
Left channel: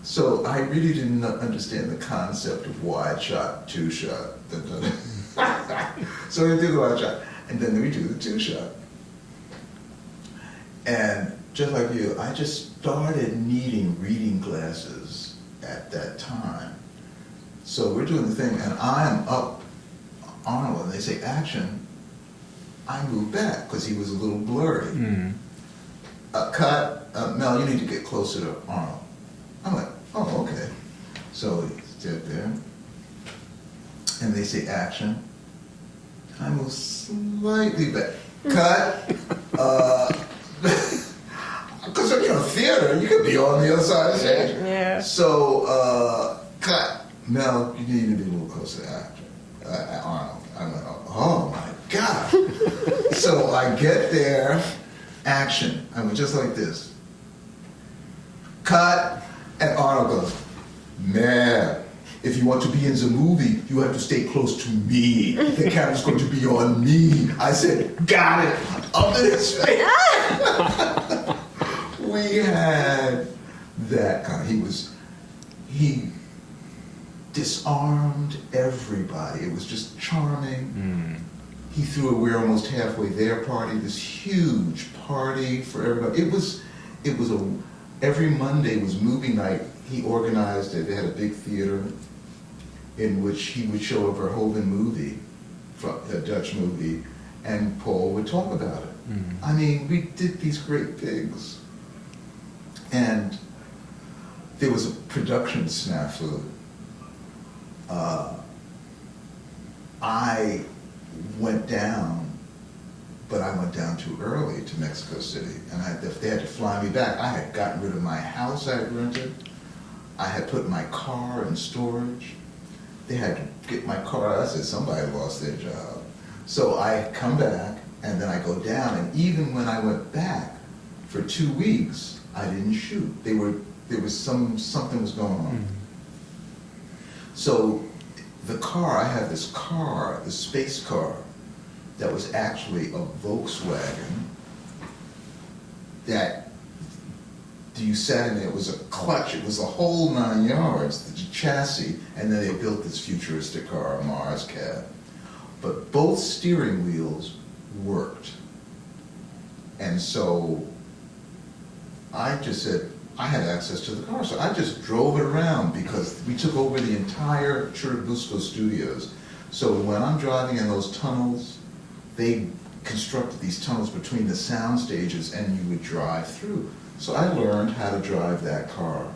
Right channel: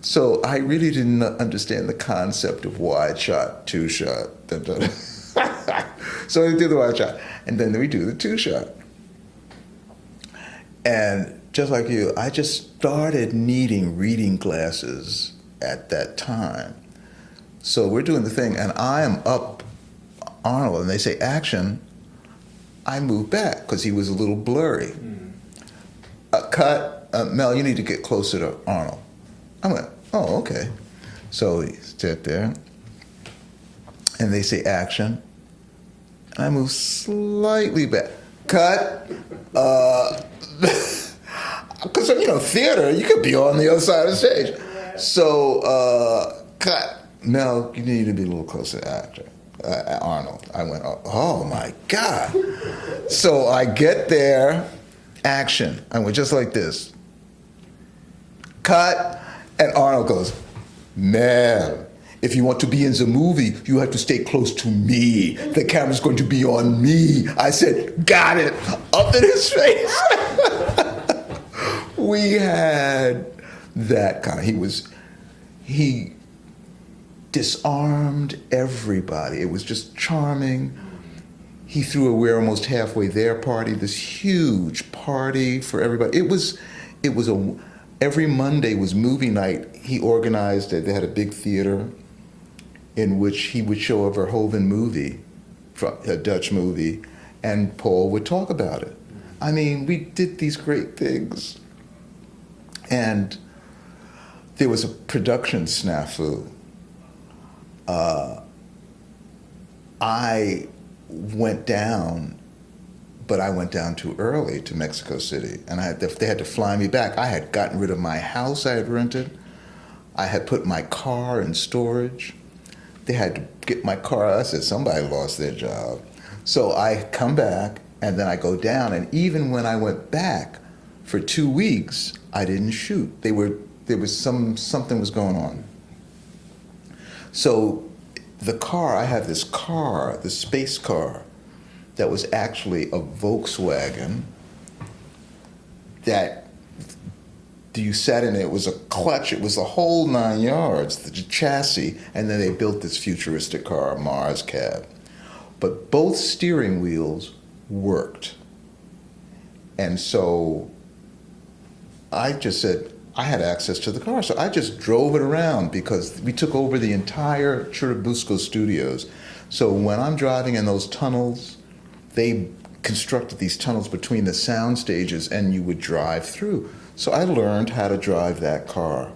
So I really didn't understand the concept of wide shot, two shot. Da-da-da. So we do the wide shot, and then we do the two shot. And just like you, I just started needing reading glasses at that time. So we're doing the thing, and I am up Arnold, and they say action. I move back because he was a little blurry. Cut, Mel, you need to get closer to Arnold. I'm like, oh, okay. So we sit there, and they say action. And I move slightly back. Cut. Because, you know, theater, you could be on the other side of the stage. Yeah. So, cut. Mel, you need to be a little closer to actor. Arnold. I went, oh my God. So I get there, action. I went just like this. Cut. And Arnold goes, man, if you want to be in the movie, you have to stay close to me. The camera's going to be on me. I said, got it. Up in his face. We had that guy. He disarmed everybody. It was just charming. He threw a We're Almost Halfway There party, this huge party for everybody. Every Monday was movie night. He organized it. They had a big theater in which he would show a Verhoeven movie, a Dutch movie, and Paul would talk about it. I mean, we did these great things. And there was a production snafu. I went down, but I went down too early to Mexico City, and they had to fly me back. I had gotten rid of my house I had rented. I had put my car in storage. They had to get my car out. I said, somebody lost their job. So I come back, and then I go down, and even when I went back for 2 weeks, I didn't shoot. Something was going on. So the car, I had this car, the space car, that was actually a Volkswagen that you sat in it. It was a clutch. It was a whole 9 yards, the chassis, and then they built this futuristic car, Marscat. But both steering wheels worked. And so I just said, I had access to the car, so I just drove it around because we took over the entire Churubusco studios. So when I'm driving in those tunnels, they constructed these tunnels between the sound stages and you would drive through. So I learned how to drive that car.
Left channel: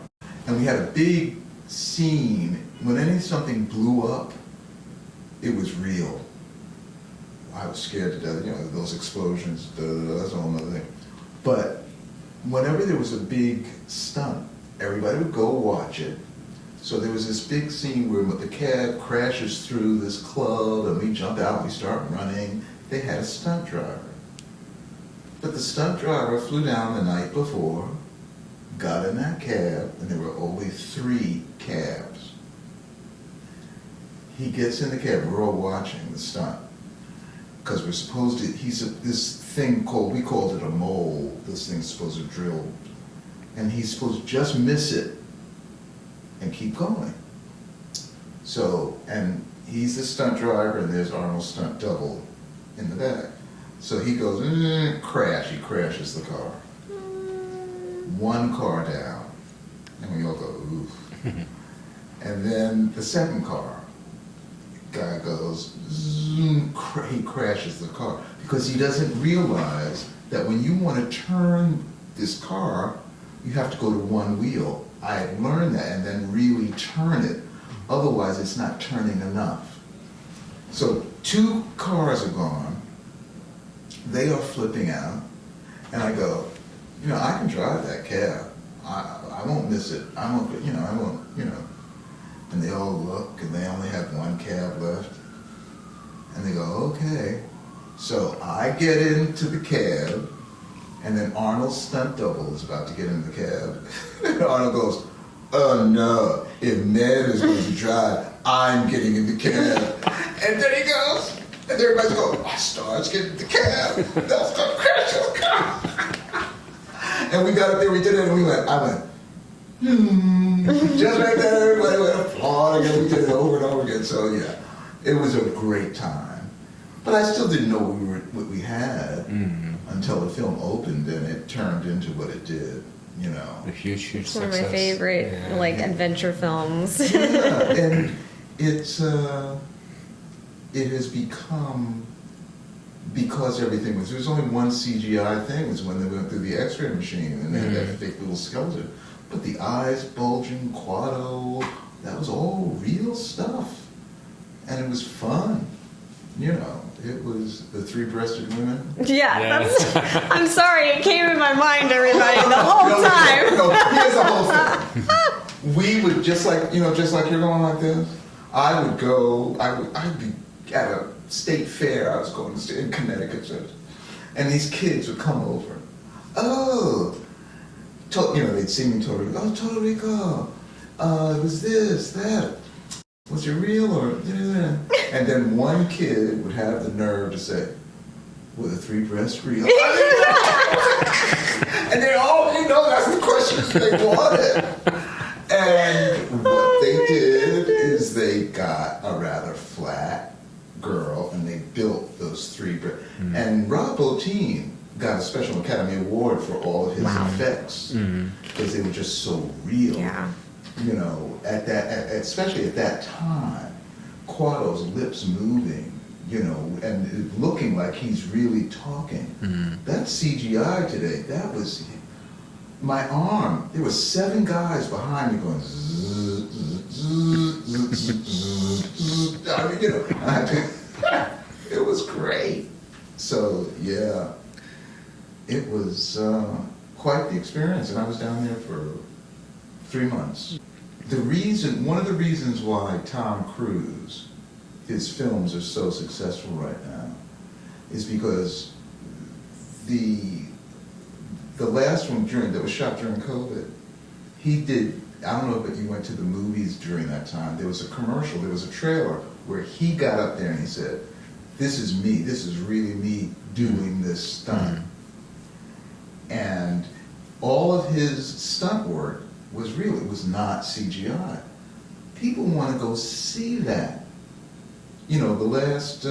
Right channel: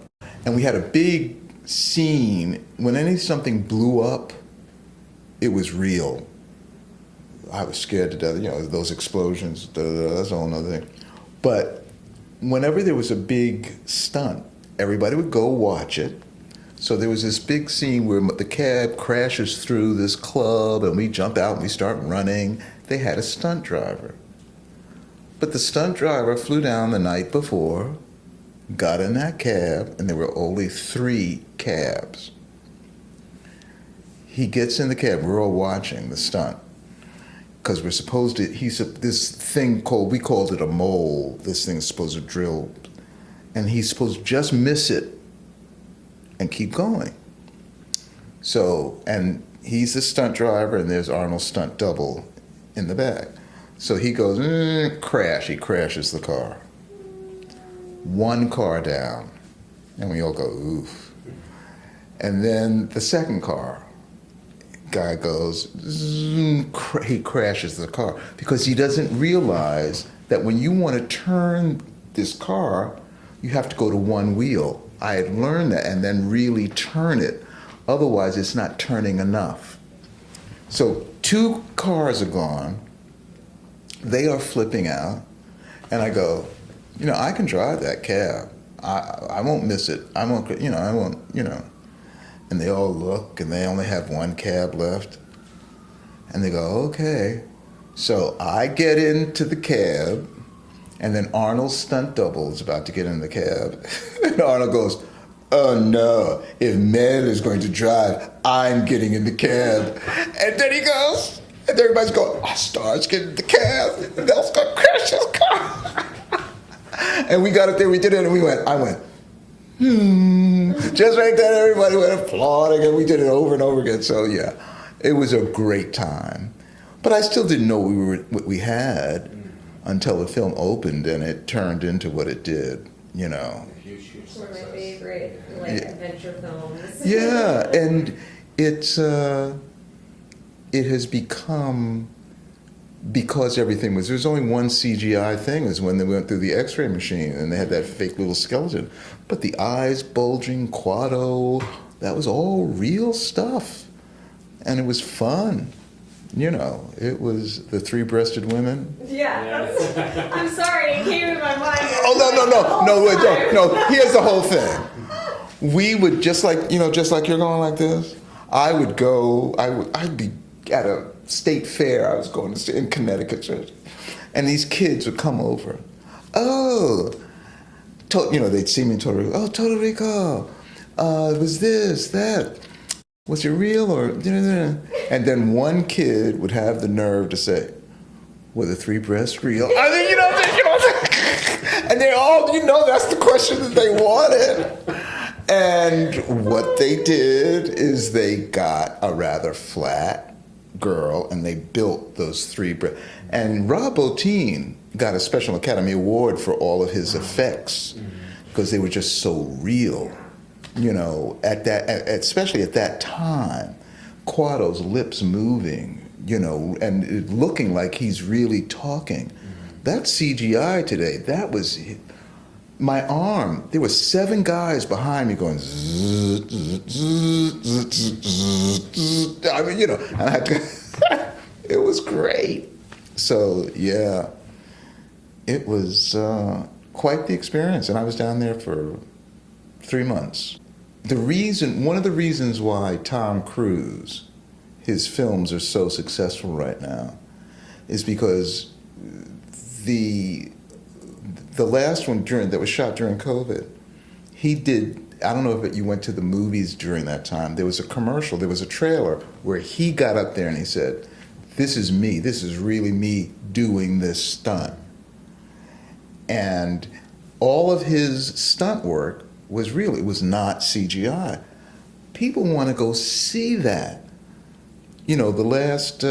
And we had a big scene. When something blew up, it was real. I was scared to death, those explosions, that's a whole other thing. But whenever there was a big stunt, everybody would go watch it. So there was this big scene where the cab crashes through this club and we jump out and we start running. They had a stunt driver. But the stunt driver flew down the night before, got in that cab, and there were only 3 cabs. He gets in the cab, we're all watching the stunt. Because we're supposed to, this thing we called it a mole, this thing's supposed to drill, and he's supposed to just miss it and keep going. So, and he's the stunt driver, and there's Arnold's stunt double in the back. So he goes, crash, he crashes the car. 1 car down, and we all go, oof. And then the second car, guy goes, he crashes the car because he doesn't realize that when you want to turn this car, you have to go to 1 wheel. I had learned that, and then really turn it. Otherwise, it's not turning enough. So 2 cars are gone. They are flipping out, and I go, I can drive that cab. I won't miss it. I won't. And they all look, and they only have 1 cab left. And they go, okay. So I get into the cab, and then Arnold's stunt double is about to get in the cab. And Arnold goes, oh no, if Mel is going to drive, I'm getting in the cab. And then he goes, and everybody's going, starts getting in the cab. And Mel's going to crash his car. And we got up there, we did it, and I went, just right there, everybody went applauding, and we did it over and over again. So yeah, it was a great time. But I still didn't know what we had until the film opened and it turned into what it did. A huge success. One of my favorite adventure films. Yeah, and it has become, because everything was, there's only one CGI thing, is when they went through the X-ray machine and they had that fake little skeleton. But the eyes bulging, Quado, that was all real stuff. And it was fun. It was the 3-breasted women. Yeah. I'm sorry, it came in my mind the No, whole time. no, here's the whole thing. We would, just like you're going like this, I'd be at a state fair, I was going to in Connecticut, and these kids would come over. Oh, they'd see me in Puerto Rico. Oh, Puerto Rico, it was this, that. Was it real or? And then one kid would have the nerve to say, were the 3 breasts real? And they all, that's the questions they wanted. And what they did is they got a rather flat girl and they built those 3 breasts. And Rob Bottin got a Special Academy Award for all of his effects because they were just so real. Yeah. Especially at that time, Quado's lips moving you know, and it looking like he's really talking. That's CGI today. That was my arm. There were 7 guys behind me going zzz, zzz, zzz, zzz, zzz. I mean, you know, and I could, it was great. So yeah, it was quite the experience, and I was down there for 3 months. One of the reasons why Tom Cruise, his films are so successful right now, is because the last one that was shot during COVID, he did. I don't know if you went to the movies during that time. There was a commercial. There was a trailer where he got up there and he said, "This is me. This is really me doing this stunt." And all of his stunt work was real. It was not CGI. People want to go see that. You know, the last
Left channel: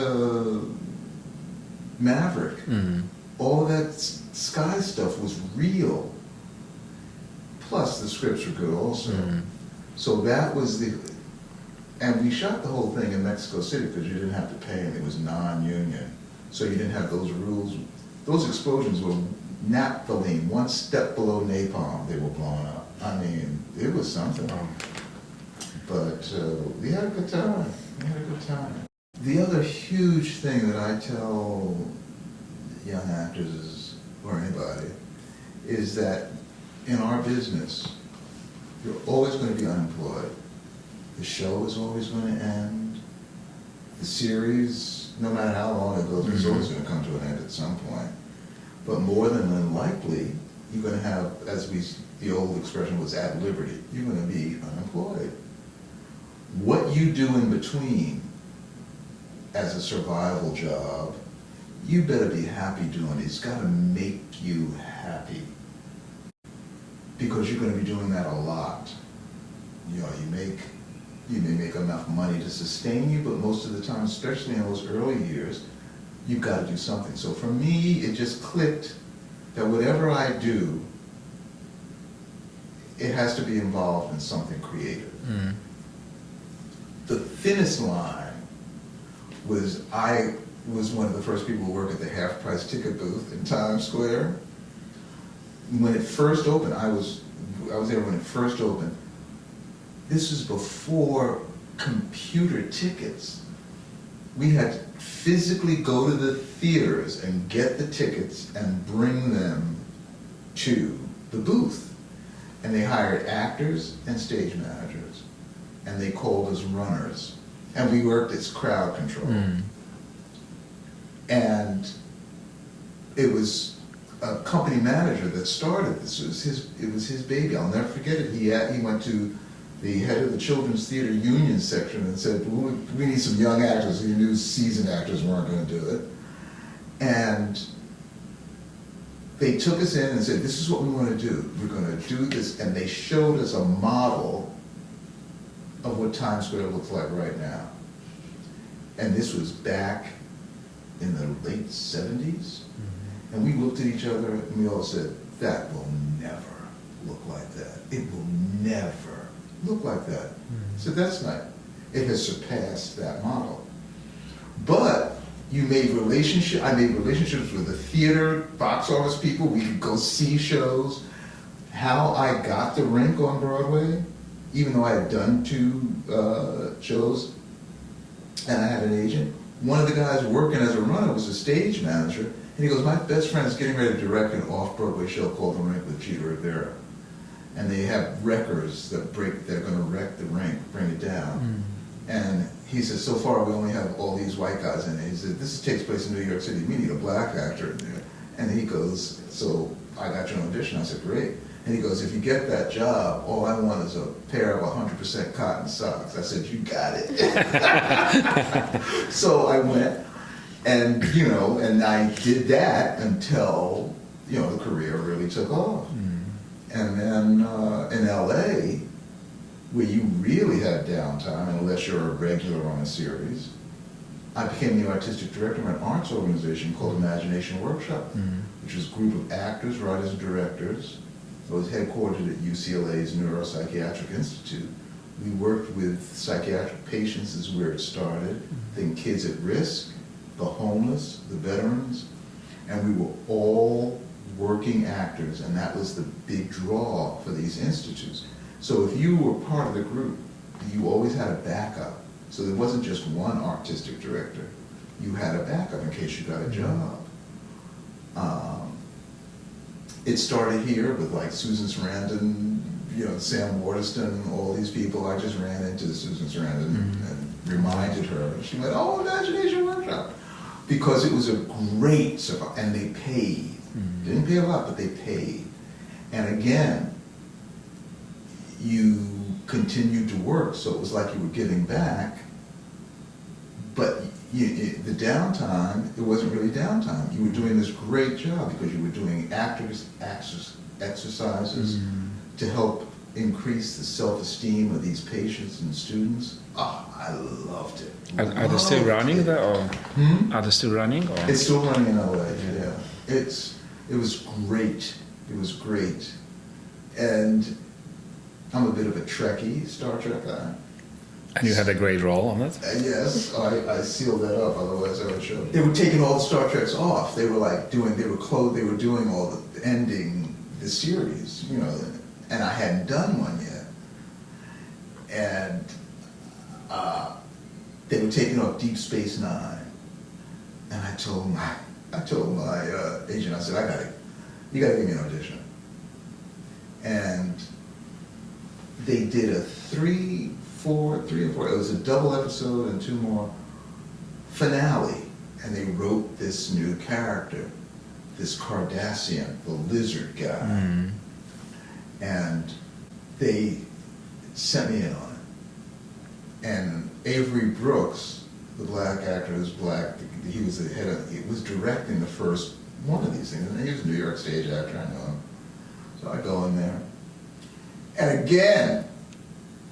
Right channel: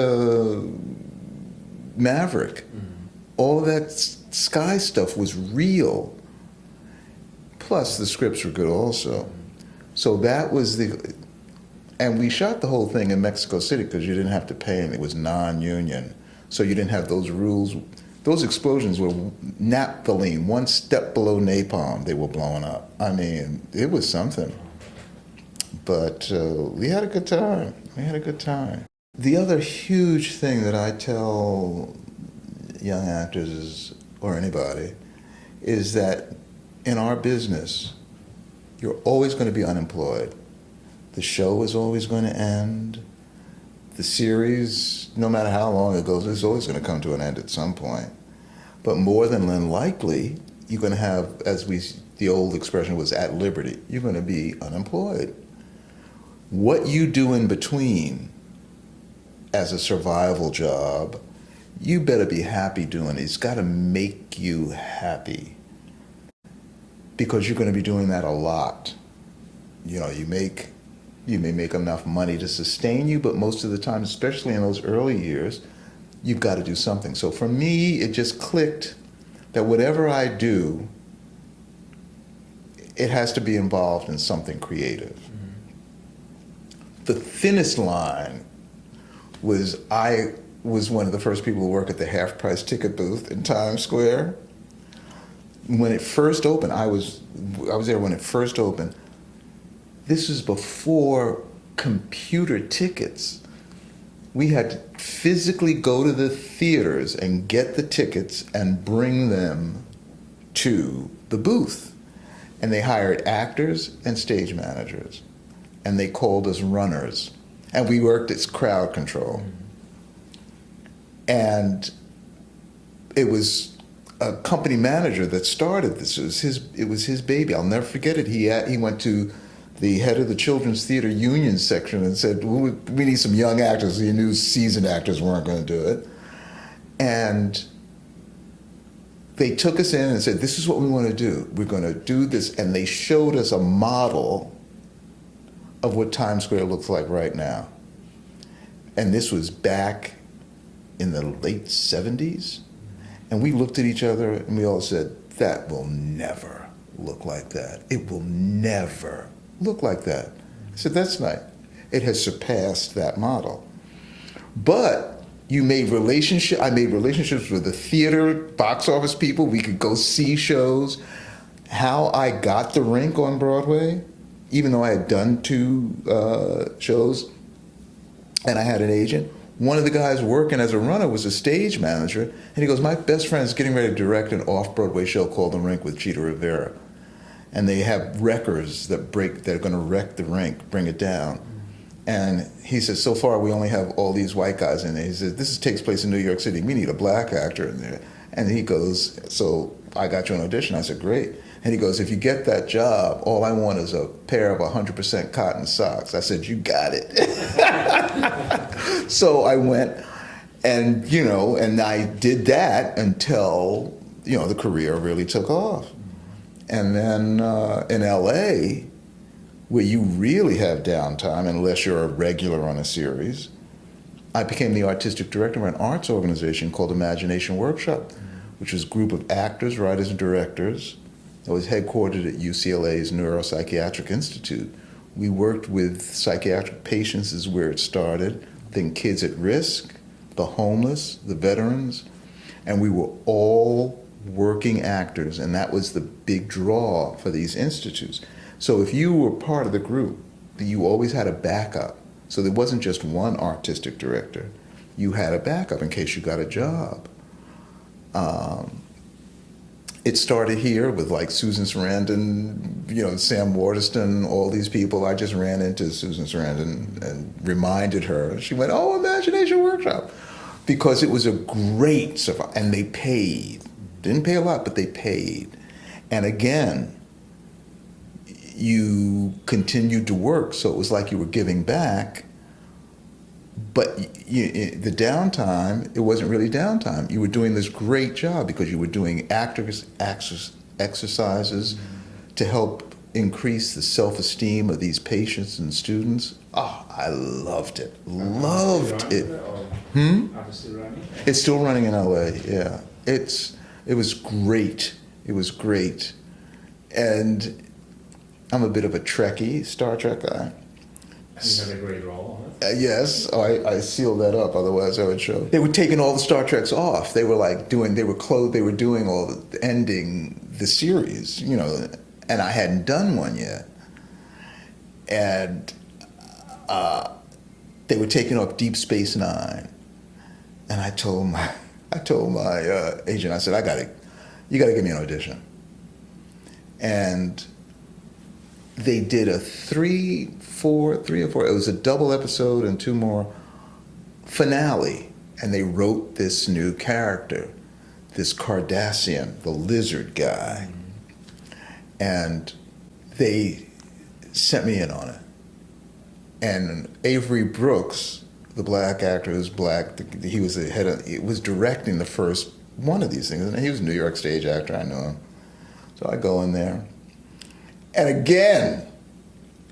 Maverick, all that sky stuff was real. Plus, the scripts were good also. So that was and we shot the whole thing in Mexico City because you didn't have to pay, and it was non-union. So you didn't have those rules. Those explosions were naphthalene, one step below napalm. They were blowing up. I mean, it was something. But we had a good time. We had a good time. The other huge thing that I tell young actors or anybody is that in our business, you're always going to be unemployed. The show is always going to end. The series, no matter how long it goes, it's always going to come to an end at some point. But more than likely, you're going to have, the old expression was at liberty, you're going to be unemployed. What you do in between as a survival job, you better be happy doing it. It's got to make you happy, because you're going to be doing that a lot. You know, you may make enough money to sustain you, but most of the time, especially in those early years, you've got to do something. So for me, it just clicked that whatever I do, it has to be involved in something creative. The thinnest line was I was one of the first people to work at the half-price ticket booth in Times Square. When it first opened, I was there when it first opened. This is before computer tickets. We had to physically go to the theaters and get the tickets and bring them to the booth. And they hired actors and stage managers. And they called us runners. And we worked as crowd control. And it was a company manager that started this. It was his baby. I'll never forget it. He went to the head of the Children's Theater Union section and said, well, we need some young actors. He knew seasoned actors weren't going to do it. And they took us in and said, this is what we want to do. We're going to do this. And they showed us a model of what Times Square looks like right now. And this was back in the late 70s. And we looked at each other and we all said, that will never look like that. It will never look like that. I said, that's not, it has surpassed that model. But I made relationships with the theater, box office people. We could go see shows. How I got the Rink on Broadway, even though I had done 2 shows and I had an agent, one of the guys working as a runner was a stage manager, and he goes, my best friend is getting ready to direct an off-Broadway show called The Rink with Cheetah Rivera. And they have wreckers that are going to wreck the Rink, bring it down. And he says, so far we only have all these white guys in there. He says, this takes place in New York City. We need a black actor in there. And he goes, so I got you an audition. I said, great. And he goes, if you get that job, all I want is a pair of 100% cotton socks. I said, you got it. So I went and, and I did that until, the career really took off. And then in LA, where you really have downtime unless you're a regular on a series, I became the artistic director of an arts organization called Imagination Workshop, which was a group of actors, writers, and directors. I was headquartered at UCLA's Neuropsychiatric Institute. We worked with psychiatric patients is where it started, then kids at risk, the homeless, the veterans, and we were all working actors, and that was the big draw for these institutes. So if you were part of the group, you always had a backup. So there wasn't just one artistic director. You had a backup in case you got a job. It started here with like Susan Sarandon, you know, Sam Waterston, all these people. I just ran into Susan Sarandon and reminded her. She went, "Oh, Imagination Workshop," because it was a great survival, and they paid. Didn't pay a lot, but they paid. And again, you continued to work, so it was like you were giving back. But the downtime, it wasn't really downtime. You were doing this great job because you were doing actors exercises to help increase the self-esteem of these patients and students. Oh, I loved it. Are they still running there, or are they still running? Or? It's still running in LA. Yeah, it was great. It was great, and I'm a bit of a Trekkie, Star Trek guy. And you had a great role on it? Yes, I sealed that up, otherwise I would show. They were taking all the Star Treks off. They were like they were doing all the ending the series, you know, and I hadn't done one yet. And they were taking off Deep Space Nine. And I told my agent, I said, you gotta give me an audition. And they did a three or four, it was a double episode and two more finale, and they wrote this new character, this Cardassian, the lizard guy, and they sent me in on it. And Avery Brooks, the black actor who's black, he was was directing the first one of these things, and he was a New York stage actor, I know him. So I go in there, and again,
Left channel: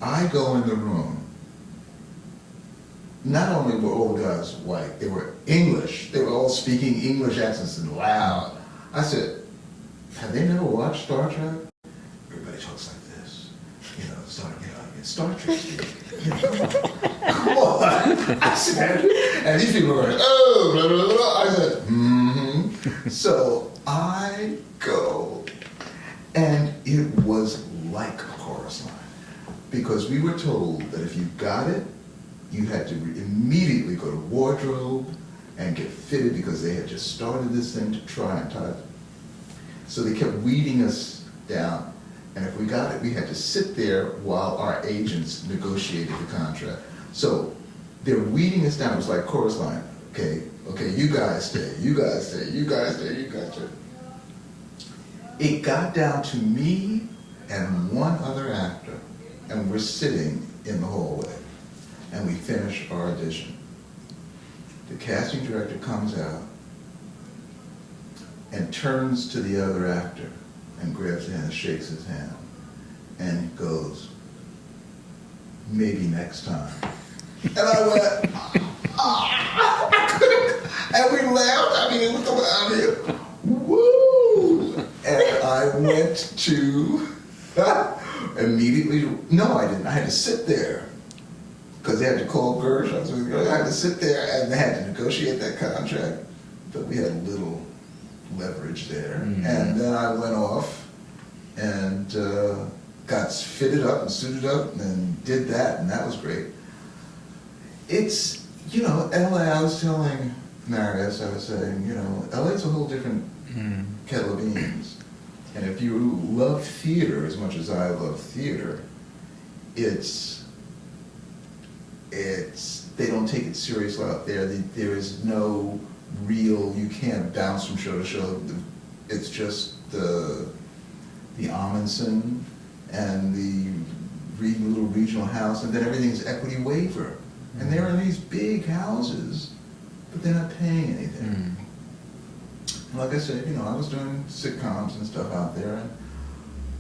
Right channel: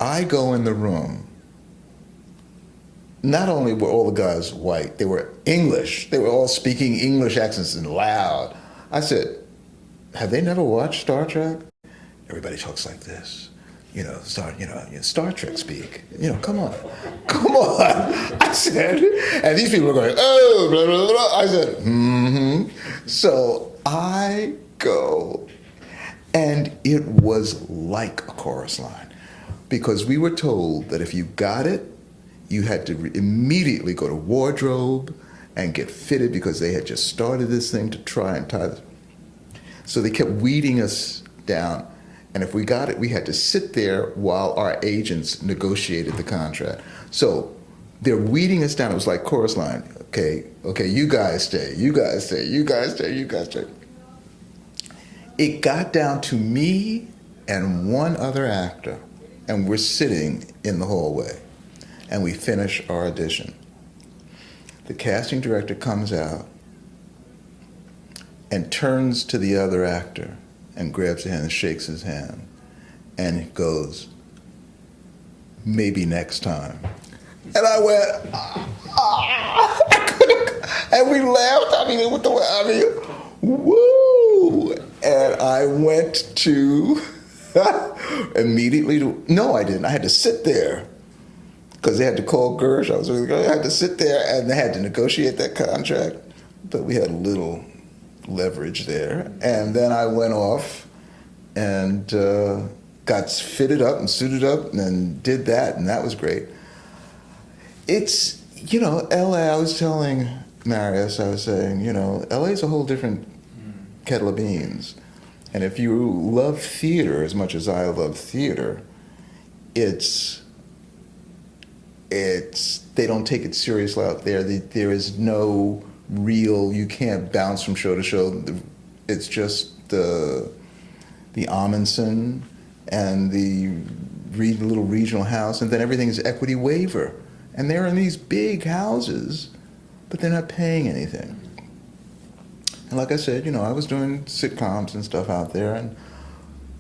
I go in the room. Not only were all the guys white, they were English. They were all speaking English accents and loud. I said, "Have they never watched Star Trek?" Everybody talks like this. You know, Star Trek speak. You know, come on. I said, and these people were going, "Oh, blah, blah, blah." I said, "Mm-hmm." So I go, and it was like a chorus line. Because we were told that if you got it, you had to immediately go to wardrobe and get fitted because they had just started this thing to try and tie it. So they kept weeding us down. And if we got it, we had to sit there while our agents negotiated the contract. So they're weeding us down. It was like chorus line. Okay, you guys stay, you guys stay, you guys stay, you guys stay. It got down to me and one other actor. And we're sitting in the hallway, and we finish our audition. The casting director comes out and turns to the other actor and grabs his hand and shakes his hand, and he goes, "Maybe next time." And I went, and we laughed. Woo! And I went to. Immediately, no, I didn't. I had to sit there because they had to call Gershon. So I had to sit there, and they had to negotiate that contract. But we had a little leverage there, and then I went off and got fitted up and suited up, and then did that, and that was great. It's LA. I was telling Marius, I was saying, LA's a whole different kettle of beans. And if you love theater as much as I love theater, they don't take it seriously out there. There is no real, you can't bounce from show to show. It's just the Amundsen and the little regional house, and then everything's equity waiver. And they're in these big houses, but they're not paying anything. And like I said, I was doing sitcoms and stuff out there, and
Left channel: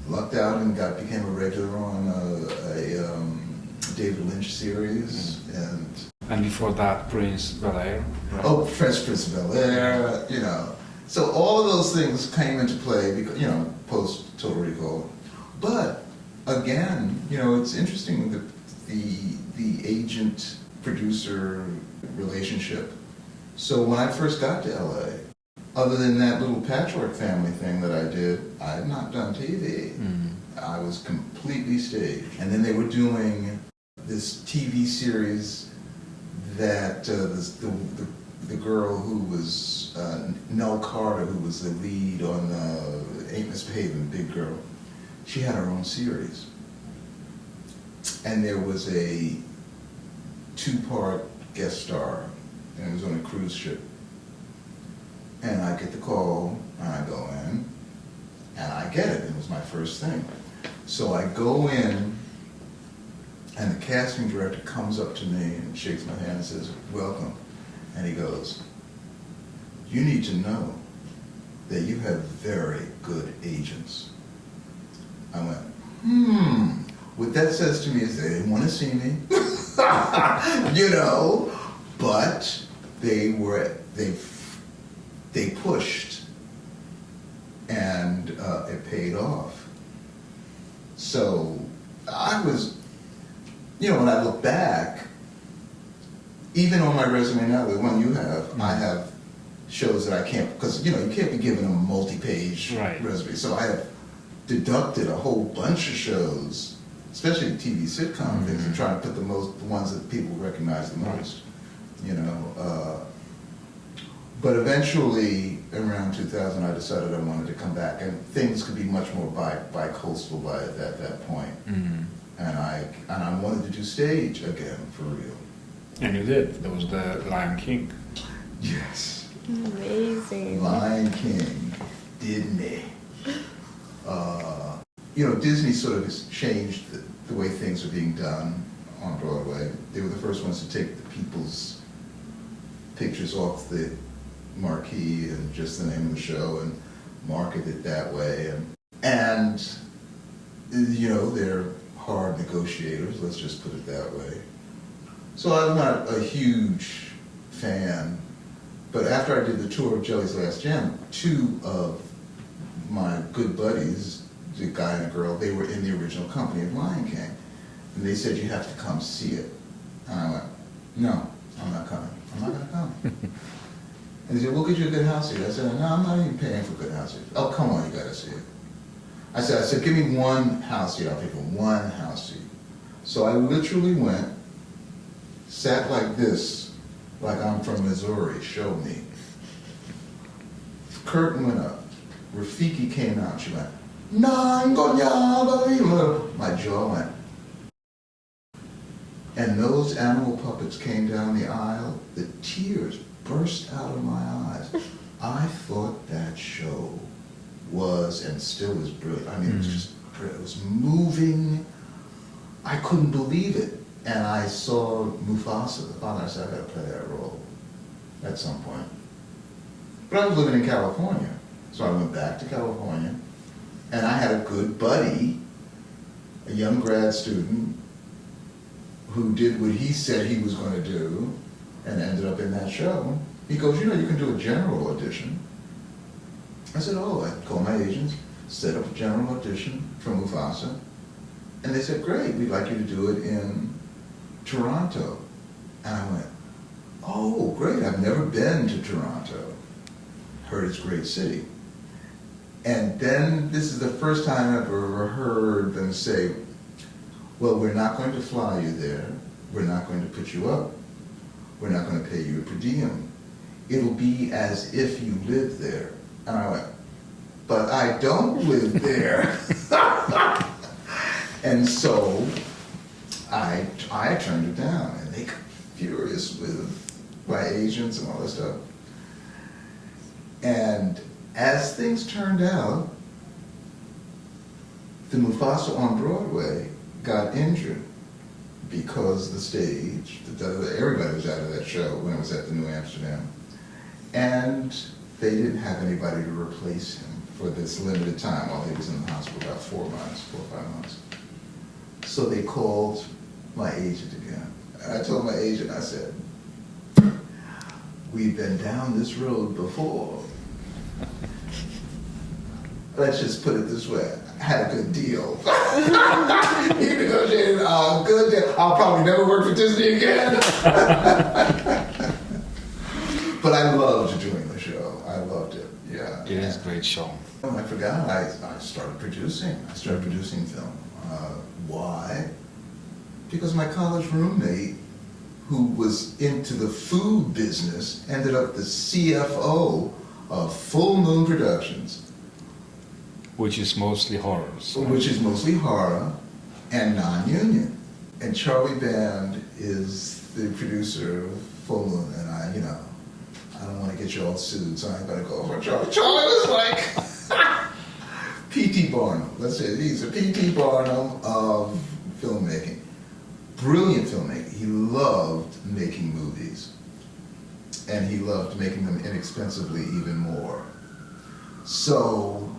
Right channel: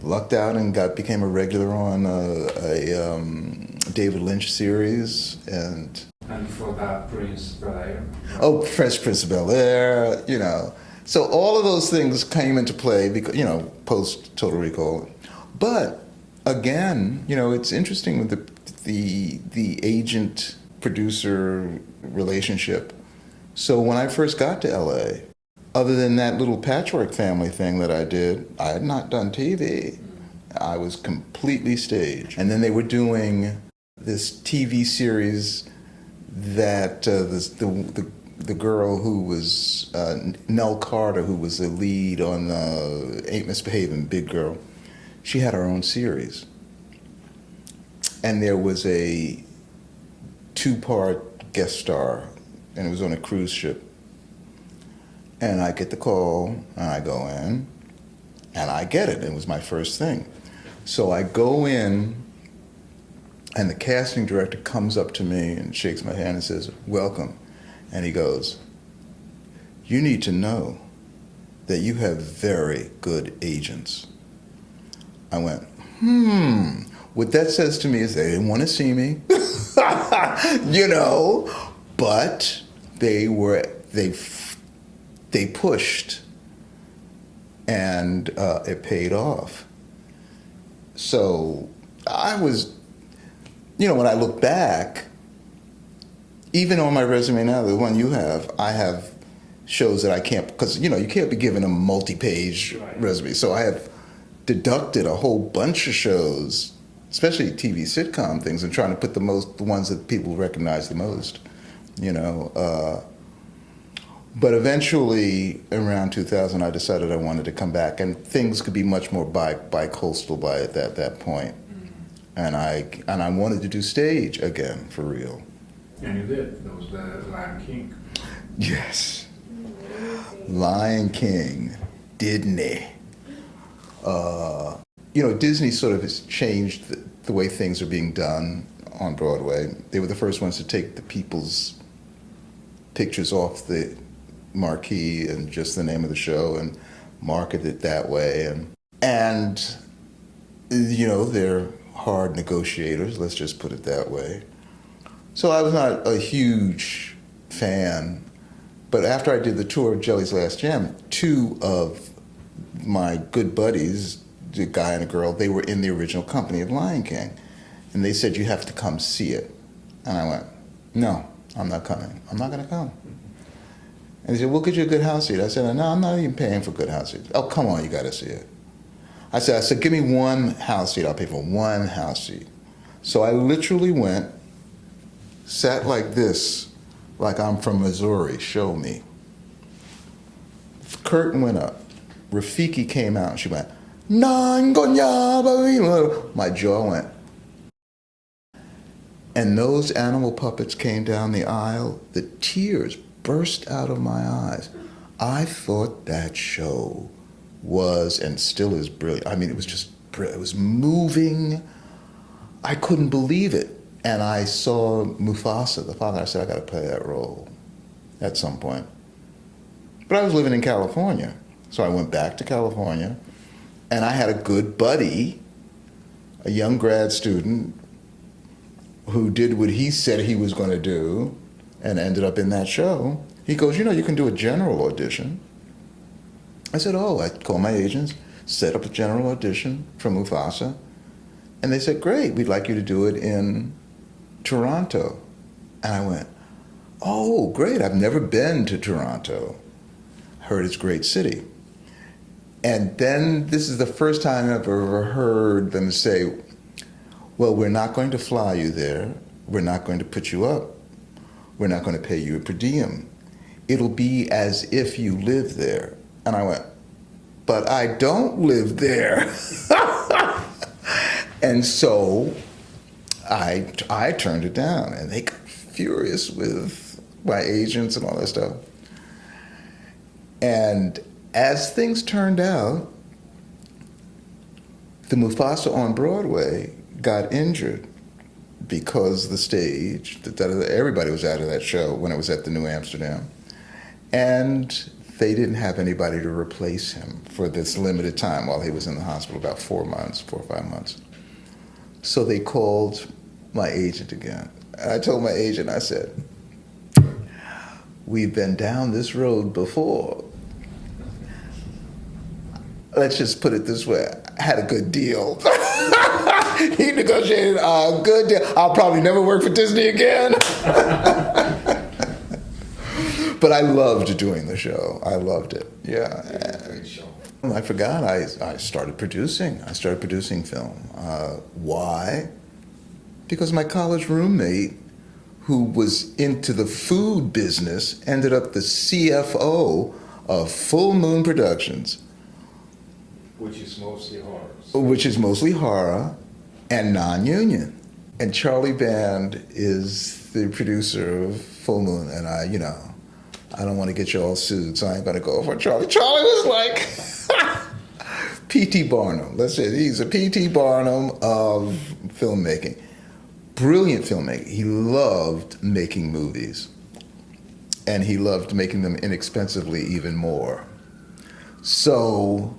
lucked out and became a regular on a David Lynch series, and before that, Prince Bel-Air. Right? Oh, Fresh Prince of Bel-Air, So all of those things came into play because post Total Recall. But again, it's interesting with the agent producer relationship. So when I first got to LA, other than that little Patchwork Family thing that I did, I had not done TV. I was completely stage. And then they were doing this TV series that the girl who was Nell Carter, who was the lead on Ain't Misbehaving, Big Girl, she had her own series. And there was a 2-part guest star, and it was on a cruise ship. And I get the call, and I go in, and I get it. It was my first thing. So I go in, and the casting director comes up to me and shakes my hand and says, "Welcome." And he goes, "You need to know that you have very good agents." I went, What that says to me is they didn't want to see me, but they pushed, and it paid off. So I was, when I look back, even on my resume now, the one you have, I have shows that I can't, because, you can't be given a multi-page resume. So I have deducted a whole bunch of shows, especially TV sitcom things, and trying to put the ones that people recognize the most, But eventually, around 2000, I decided I wanted to come back, and things could be much more bi-coastal by at that point. And I wanted to do stage again, for real. And you did. There was the Lion King. Yes. Amazing. Lion King, Disney. Disney sort of has changed the way things are being done on Broadway. They were the first ones to take the people's pictures off the marquee and just the name of the show and market it that way. And they're hard negotiators, let's just put it that way. So I was not a huge fan, but after I did the tour of Jelly's Last Jam, 2 of my good buddies, the guy and a girl, they were in the original company of Lion King. And they said, "You have to come see it." And I went, "No, I'm not coming. I'm not going to come." And they said, "We'll get you a good house seat." I said, "No, I'm not even paying for good house seats." "Oh, come on, you got to see it." I said, "Give me one house seat. I'll pay for one house seat." So I literally went, sat like this, like I'm from Missouri, show me. Curtain went up. Rafiki came out and she went, "Nangonya." My jaw went. And those animal puppets came down the aisle. The tears burst out of my eyes. I thought that show was, and still is, brilliant. I mean, it was just brilliant. It was moving. I couldn't believe it. And I saw Mufasa, the father. I said, "I got to play that role at some point." But I was living in California. So I went back to California, and I had a good buddy, a young grad student, who did what he said he was going to do and ended up in that show. He goes, "You can do a general audition." I said, "Oh." I called my agents, set up a general audition for Mufasa, and they said, "Great, we'd like you to do it in Toronto." And I went, "Oh, great, I've never been to Toronto. Heard it's a great city." And then this is the first time I've ever heard them say, "Well, we're not going to fly you there. We're not going to put you up. We're not going to pay you a per diem. It'll be as if you live there." And I went, "But I don't live there." And so I turned it down, and they got furious with my agents and all that stuff. And as things turned out, the Mufasa on Broadway got injured because the stage, everybody was out of that show when it was at the New Amsterdam. And they didn't have anybody to replace him for this limited time while he was in the hospital, about 4 or 5 months. So they called my agent again. And I told my agent, I said, "We've been down this road before. Let's just put it this way. I had a good deal." He negotiated a good deal. I'll probably never work for Disney again. But I loved doing the show. I loved it. Yeah. It is a great show. I forgot. I started producing. I started producing film. Why? Because my college roommate, who was into the food business, ended up the CFO of Full Moon Productions, Which is mostly horrors. which is mostly horror and non-union. And Charlie Band is the producer of Full Moon, and I don't want to get you all sued, so I ain't gonna go for Charlie. Charlie was like P.T. Barnum. Let's say he's a P.T. Barnum of filmmaking. Brilliant filmmaker. He loved making movies, and he loved making them inexpensively even more. So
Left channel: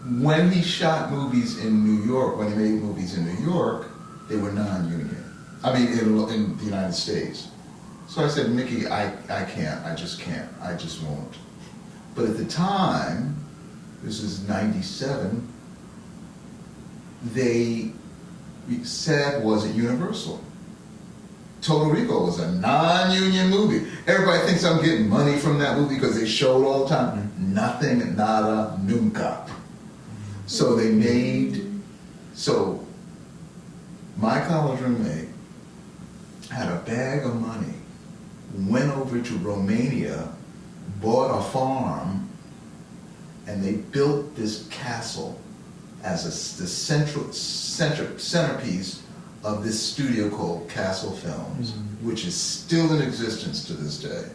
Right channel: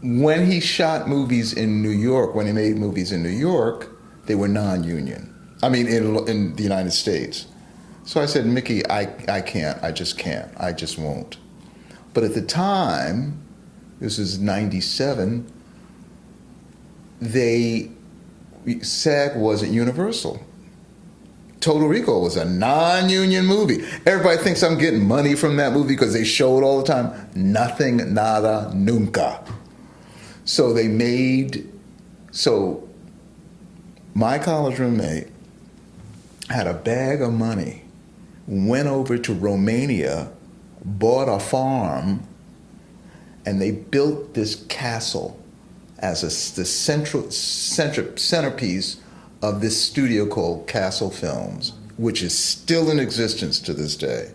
when he shot movies in New York, when he made movies in New York, they were non-union. I mean, in the United States. So I said, Mickey, I can't. I just can't. I just won't. But at the time, this is 97, SAG wasn't Universal. Total Recall was a non-union movie. Everybody thinks I'm getting money from that movie because they show it all the time. Nothing, nada, nunca. So my college roommate had a bag of money, went over to Romania, bought a farm, and they built this castle as the centerpiece of this studio called Castle Films, which is still in existence to this day.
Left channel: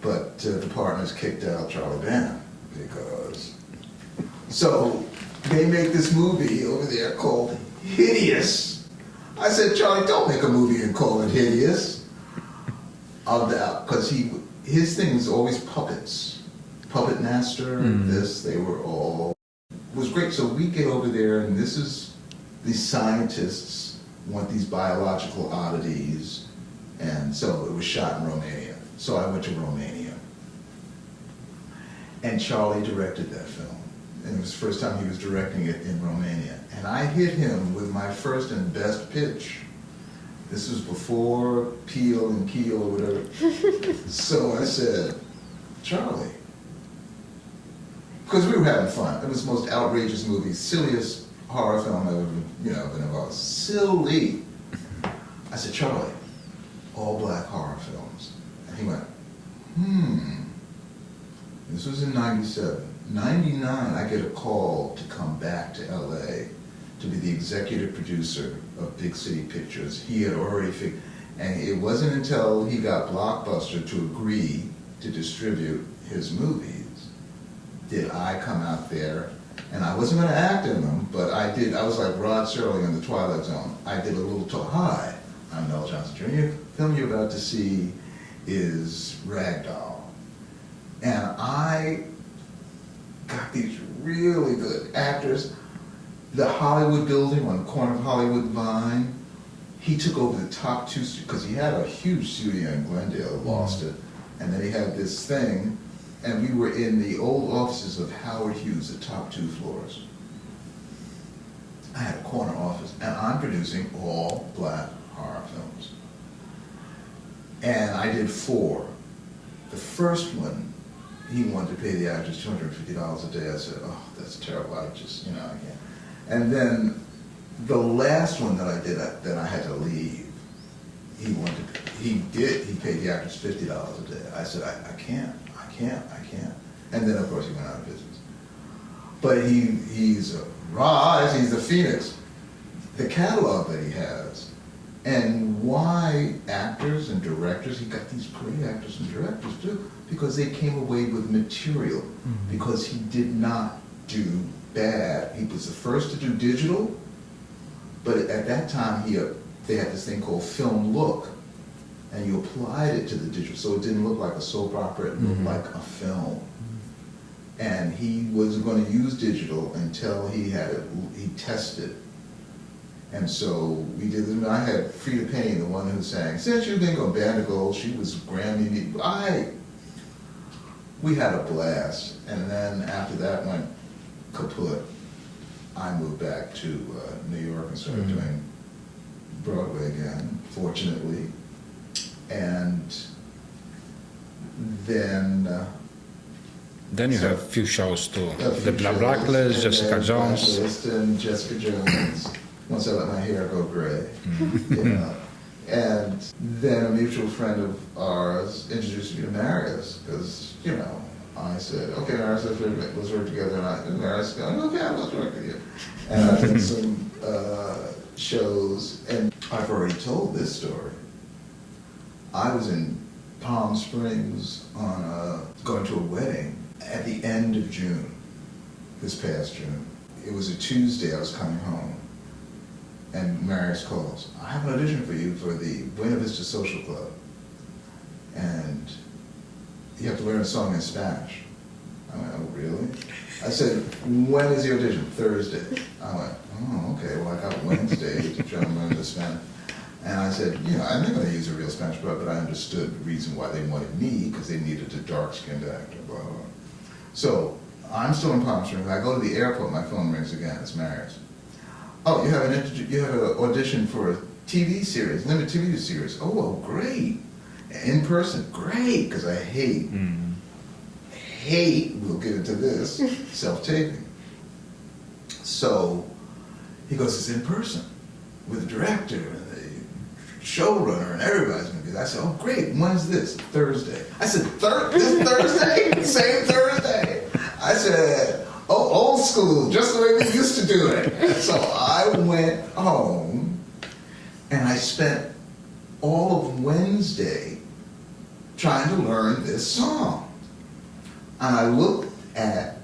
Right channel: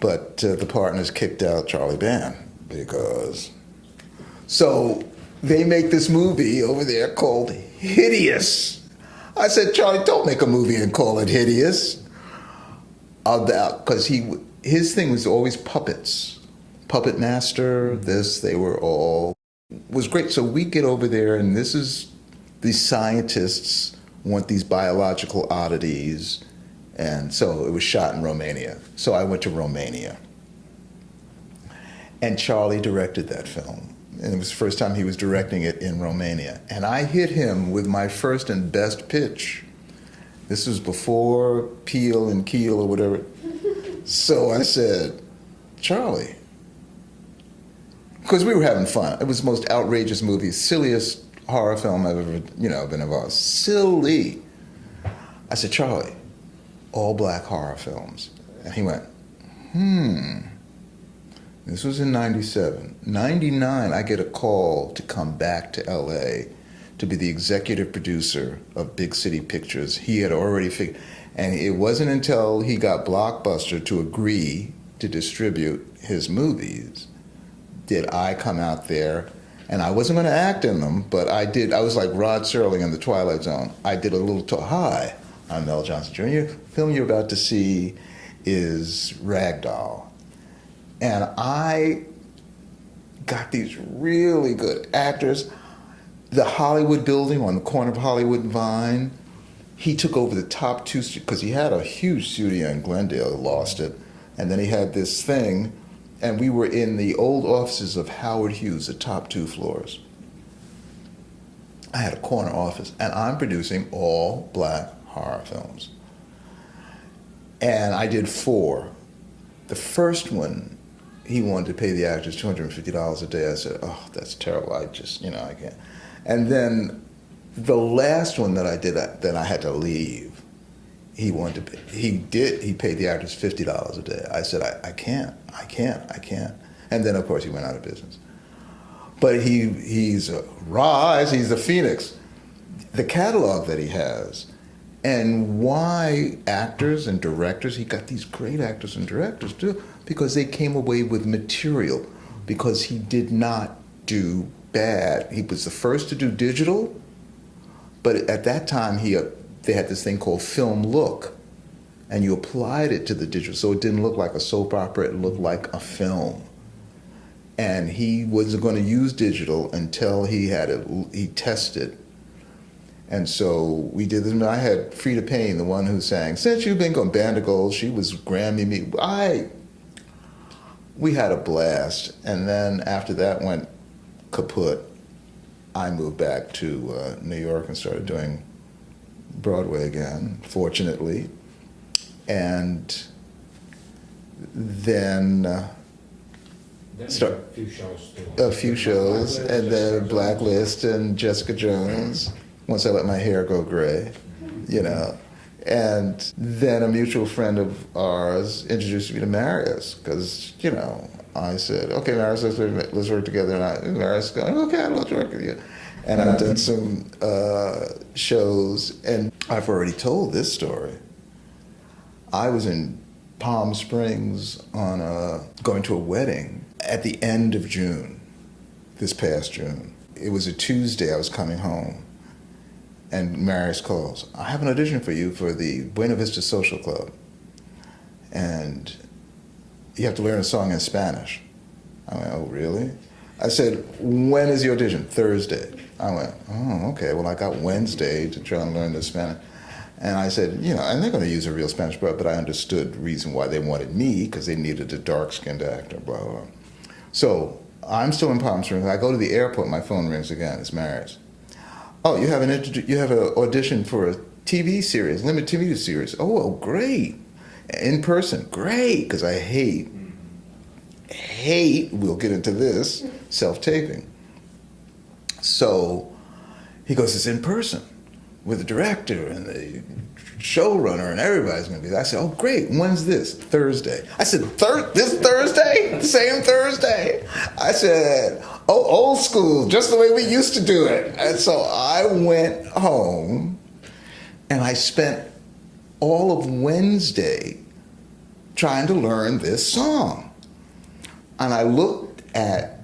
But the partners kicked out Charlie Band because... So they make this movie over there called Hideous. I said, Charlie, don't make a movie and call it Hideous. Because his thing was always puppets. Puppet Master, they were all... was great. So we get over there, and these scientists want these biological oddities, and so it was shot in Romania. So I went to Romania, and Charlie directed that film, and it was the first time he was directing it in Romania. And I hit him with my first and best pitch. This was before Peel and Keel or whatever. So I said, Charlie, because we were having fun. It was the most outrageous movie, silliest horror film I've ever, been involved. Silly. I said, Charlie, all black horror films. And he went, This was in 97. 99, I get a call to come back to LA to be the executive producer of Big City Pictures. He had already figured, and it wasn't until he got Blockbuster to agree to distribute his movies did I come out there, and I wasn't going to act in them, but I did. I was like Rod Serling in The Twilight Zone. I did a little talk. Hi, I'm Mel Johnson Jr. The film you're about to see is Ragdoll. And I got these really good actors. The Hollywood building on the corner of Hollywood and Vine, he took over the top two, because he had a huge studio in Glendale, lost it, and then he had this thing, and we were in the old offices of Howard Hughes, the top 2 floors. I had a corner office, and I'm producing all black horror films. And I did 4. The first one, he wanted to pay the actors $250 a day. I said, oh, that's terrible. I just, I can't. And then the last one that I did that I had to leave, he paid the actors $50 a day. I said, I can't. And then, of course, he went out of business. But he's a rise, he's a phoenix. The catalog that he has, and why actors and directors, he got these great actors and directors too, because they came away with material, because he did not do bad. He was the first to do digital, but at that time they had this thing called film look, and you applied it to the digital, so it didn't look like a soap opera, it looked like a film. And he wasn't going to use digital until he tested. And so we did this. I had Frida Payne, the one who sang "Since You've Been Gone," Band of Gold. She was Grammy me. We had a blast. And then after that went kaput, I moved back to New York and started doing Broadway again, fortunately. and then Then you So- have a few shows too. a few The shows, Blacklist, and Jessica then Jones. Blacklist and Jessica Jones. Once I let my hair go gray, you know. And then a mutual friend of ours introduced me to Marius because, you know, I said, okay, Marius, let's work together. And Marius goes, okay, I'll work with you. And I did some shows, and I've already told this story. I was in Palm Springs going to a wedding at the end of June, this past June. It was a Tuesday, I was coming home, and Marius calls, I have an audition for you for the Buena Vista Social Club, and you have to learn a song in Spanish. I went, oh, really? I said, when is the audition? Thursday. I went, oh, okay, well, I got Wednesday to try and learn the Spanish. And I said, you know, and they're going to use a real Spanish, but I understood the reason why they wanted me, because they needed a dark-skinned actor, blah, blah, blah. So I'm still in Palm Springs. I go to the airport, my phone rings again. It's Marius. Oh, you have an audition for a TV series, limited TV series. Oh, great. In person, great, because I hate, we'll get into this, self-taping. So he goes, it's in person with the director and the showrunner and everybody's going to be there. I said, oh, great, when's this? Thursday. I said, this Thursday? Same Thursday? I said, oh, old school, just the way we used to do it. And so I went home and I spent all of Wednesday trying to learn this song. And I looked at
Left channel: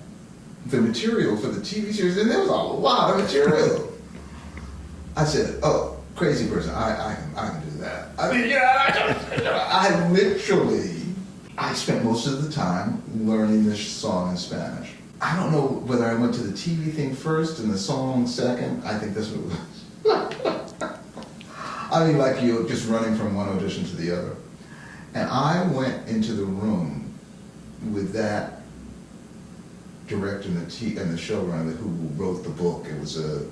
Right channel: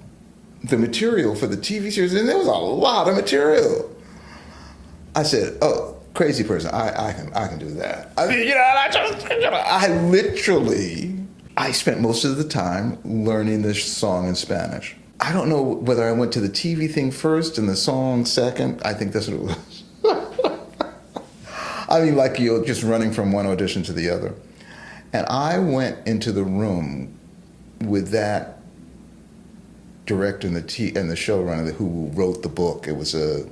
the material for the TV series, and there was a lot of material. I said, oh, crazy person, I can do that. I mean, you know, I spent most of the time learning this song in Spanish. I don't know whether I went to the TV thing first and the song second. I think that's what it was. I mean, like you're just running from one audition to the other. And I went into the room with that director and the showrunner who wrote the book. It was a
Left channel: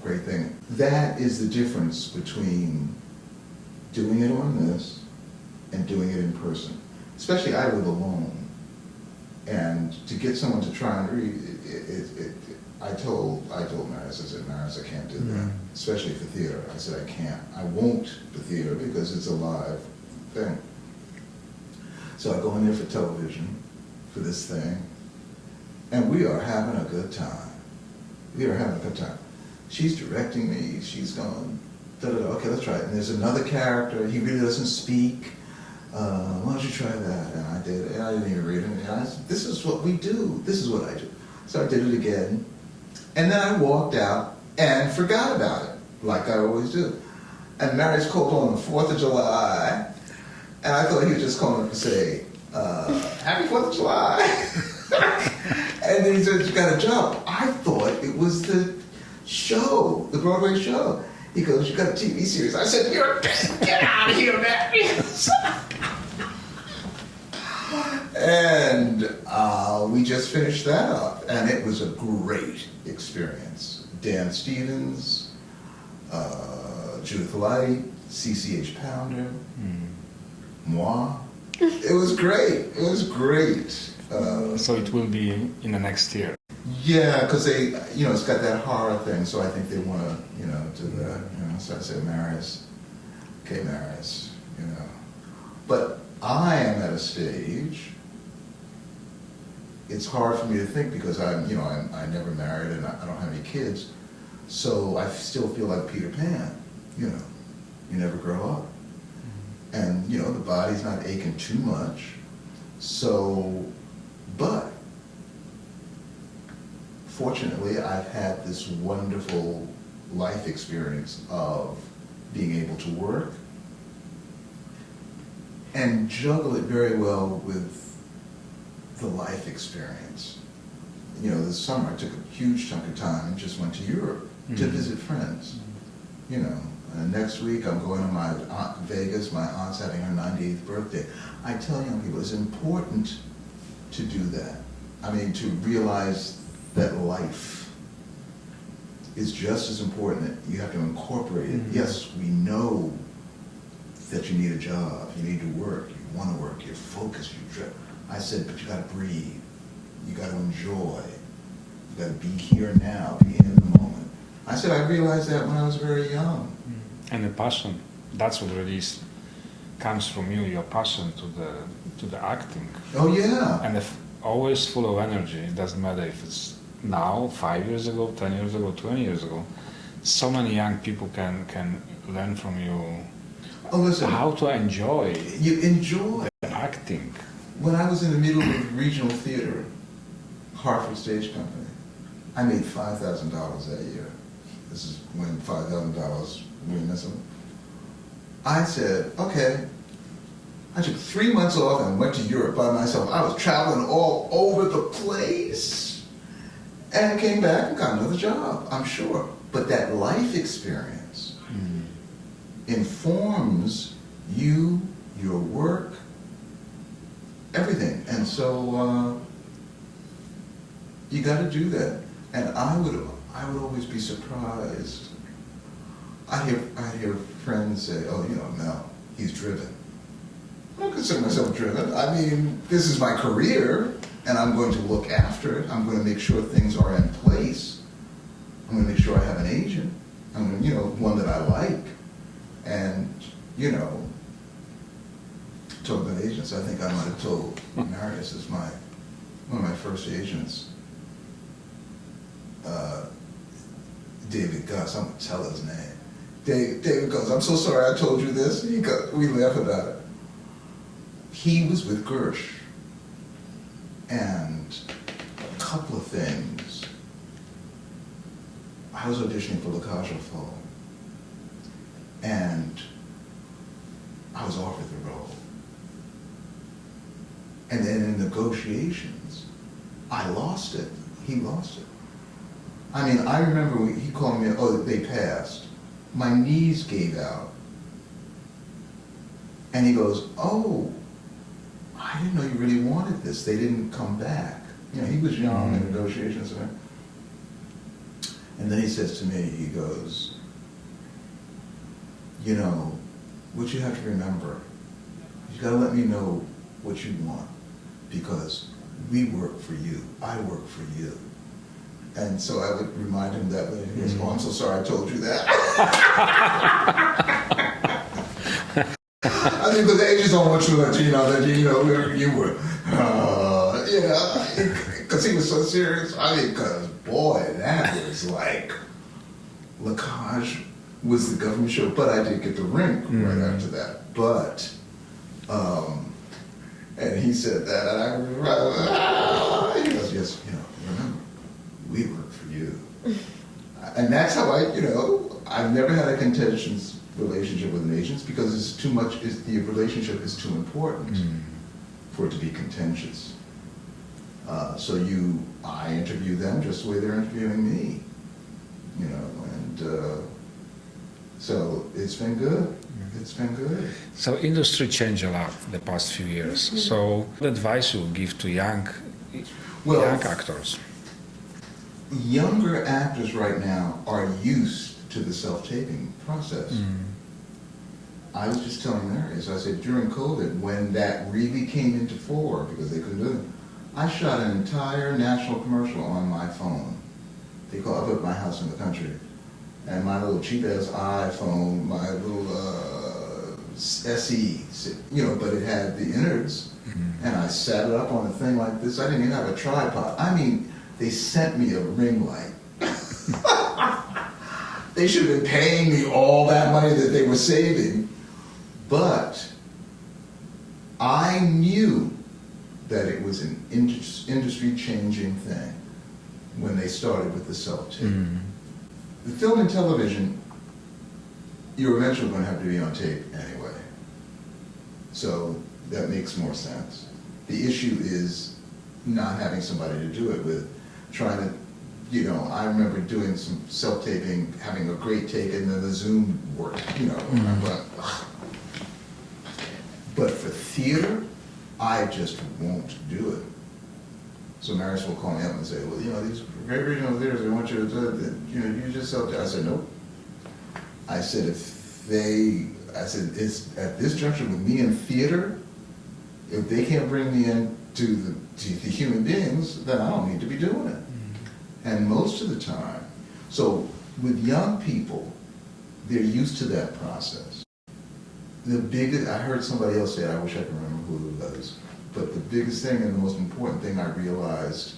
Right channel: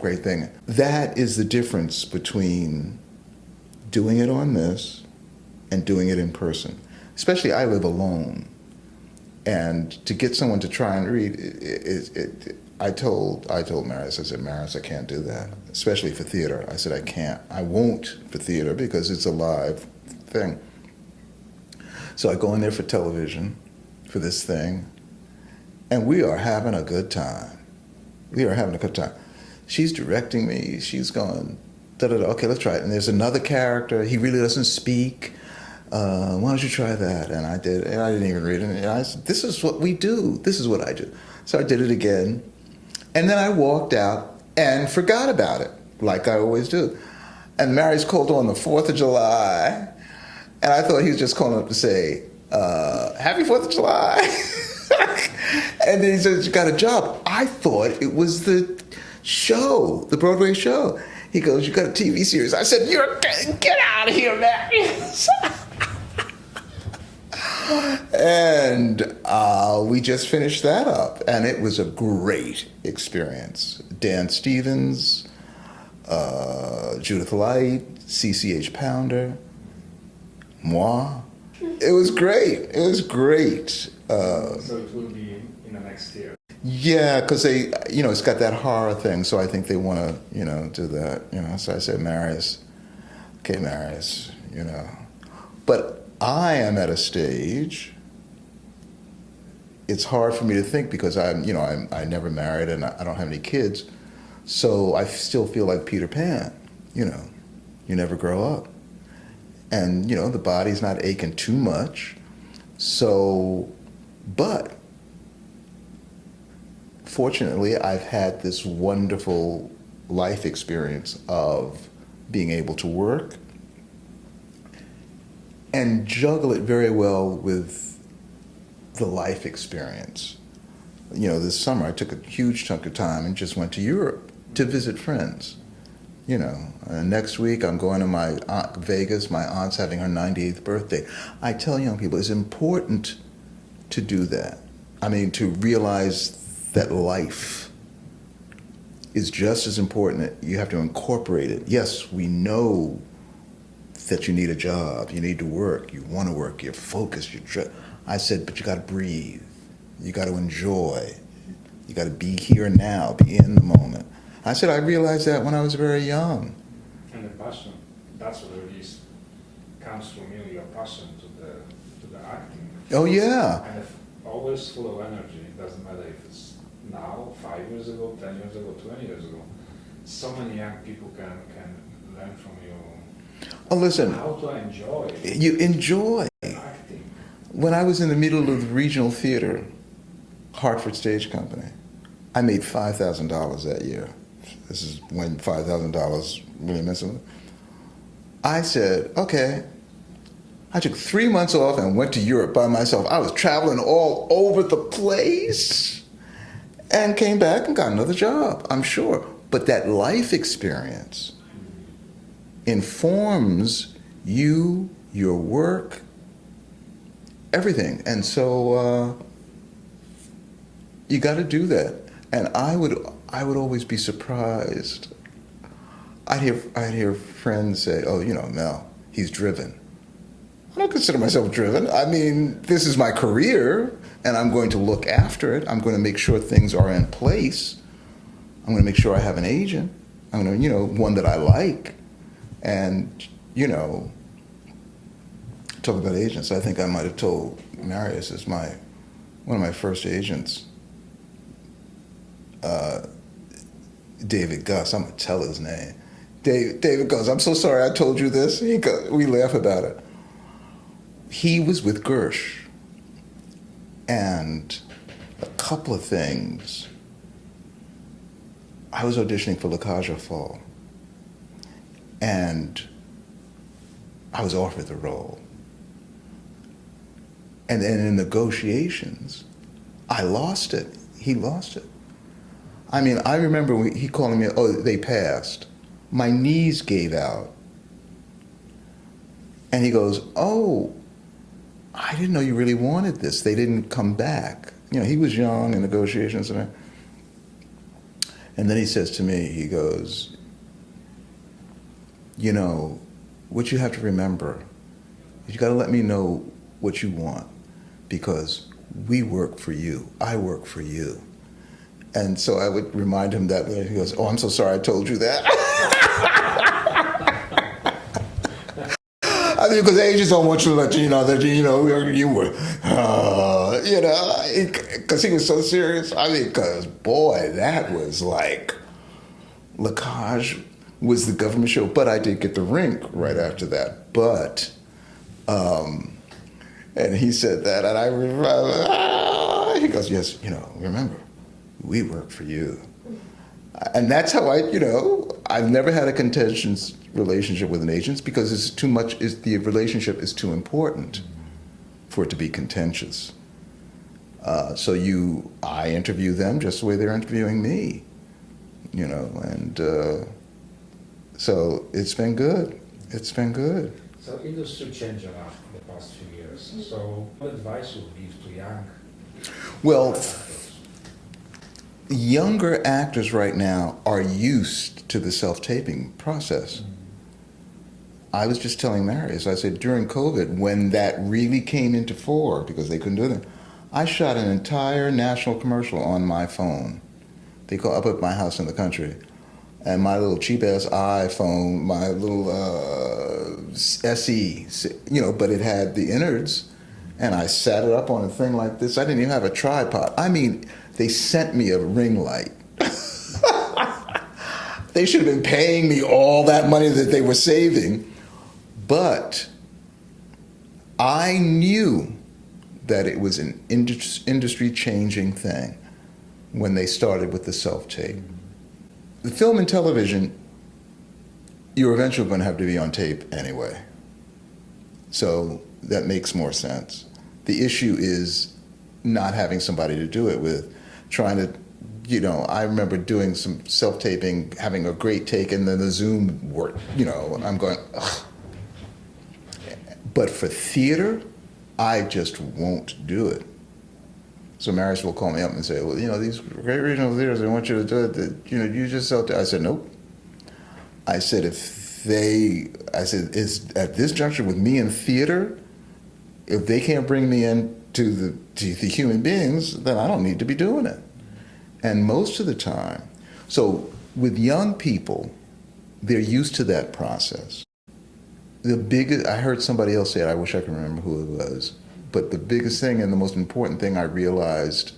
great thing. That is the difference between doing it on this and doing it in person. Especially I live alone. And to get someone to try and read, I told Marius, I said, Marius, I can't do that, especially for theater. I said, I can't. I won't for theater because it's a live thing. So I go in there for television, for this thing, and we are having a good time. We are having a good time. She's directing me. She's going, da-da-da, okay, let's try it. And there's another character. He really doesn't speak. Why don't you try that? And I did, and I didn't even read it. And I said, this is what we do. This is what I do. So I did it again. And then I walked out and forgot about it, like I always do. And Marius called on the 4th of July. And I thought he was just calling up to say, happy 4th of July. And then he said, you got a job. I thought it was the show, the Broadway show. He goes, you got a TV series. I said, get out of here, Marius. And we just finished that up. And it was a great experience. Dan Stevens, Judith Light, CCH Pounder, moi. It was great. It was great. So it will be in the next year. Yeah, because they, you know, it's got that horror thing, so I think they want to, you know, do that, you know. So I said, Marius, okay, Marius, you know. But I am at a stage, it's hard for me to think because I never married and I don't have any kids, so I still feel like Peter Pan, you know. You never grow up. And, you know, the body's not aching too much. So, but fortunately, I've had this wonderful life experience of being able to work and juggle it very well with the life experience. You know, this summer I took a huge chunk of time and just went to Europe to visit friends. You know, next week I'm going to Vegas. My aunt's having her 98th birthday. I tell young people it's important to do that. I mean, to realize that life is just as important. You have to incorporate it. Yes, we know that you need a job, you need to work, you want to work, you're focused, I said, but you got to breathe. You got to enjoy. You got to be here and now, be in the moment. I said, I realized that when I was very young. And the passion, that's what really comes from you, your passion to the acting. Oh, yeah. And if always full of energy, it doesn't matter if it's now, 5 years ago, 10 years ago, 20 years ago. So many young people can learn from you. Oh, listen. How to enjoy. You enjoy. Acting. When I was in the middle of the regional theater, Hartford Stage Company, I made $5,000 that year. This is when $5,000 really meant something. I said, okay. I took 3 months off and went to Europe by myself. I was traveling all over the place and came back and got another job, I'm sure. But that life experience informs you, your work, everything. And so you got to do that. And I would always be surprised. I'd hear friends say, oh, you know, Mel, he's driven. I don't consider myself driven. I mean, this is my career, and I'm going to look after it. I'm going to make sure things are in place. I'm going to make sure I have an agent. I'm going to, you know, one that I like. And, you know, talk about agents, I think I might have told Marius is one of my first agents, David Gus. I'm going to tell his name. David Gus, I'm so sorry I told you this. We laugh about it. He was with Gersh. And a couple of things. I was auditioning for La Cage aux Folles. And I was offered the role. And then in negotiations, I lost it. He lost it. I mean, I remember he calling me, oh, they passed. My knees gave out. And he goes, oh, I didn't know you really wanted this. They didn't come back. You know, he was young in negotiations. And then he says to me, he goes, you know, what you have to remember, you got to let me know what you want, because we work for you. I work for you. And so I would remind him that he goes, oh, I'm so sorry I told you that. I mean, because agents don't want you to let you know that, you know, you were, you know, because he was so serious. I mean, because, boy, that was like, La Cage was the government show, but I did get the Rink right after that. But, and he said that, and I remember, he goes, yes, you know, remember, we work for you. And that's how you know, I've never had a contentious relationship with an agent because it's too much, the relationship is too important for it to be contentious. So I interview them just the way they're interviewing me, you know, and so it's been good. It's been good. So industry changed a lot the past few years. So what advice you would give to young actors? Younger actors right now are used to the self-taping process. I was just telling Marius, I said during COVID, when that really came into fore, because they couldn't do it, I shot an entire national commercial on my phone. They call up at my house in the country, and my little cheap-ass iPhone, my little SE, you know, but it had the innards, and I set it up on a thing like this. I didn't even have a tripod. I mean, they sent me a ring light. They should have been paying me all that money that they were saving. But I knew that it was an industry-changing thing when they started with the self-tape. The film and television, you're eventually going to have to be on tape anyway. So that makes more sense. The issue is not having somebody to do it with, trying to, you know, I remember doing some self-taping, having a great take, and then the Zoom worked, you know, and I'm going, ugh. But for theater, I just won't do it. So Marius will call me up and say, well, you know, these great regional theaters, I want you to do it, you know, you just self-tape. I said, nope. I said, if I said, it's at this juncture with me in theater, if they can't bring me in to the human beings, then I don't need to be doing it. And most of the time, so with young people, they're used to that process. I heard somebody else say it, I wish I could remember who it was, but the biggest thing and the most important thing I realized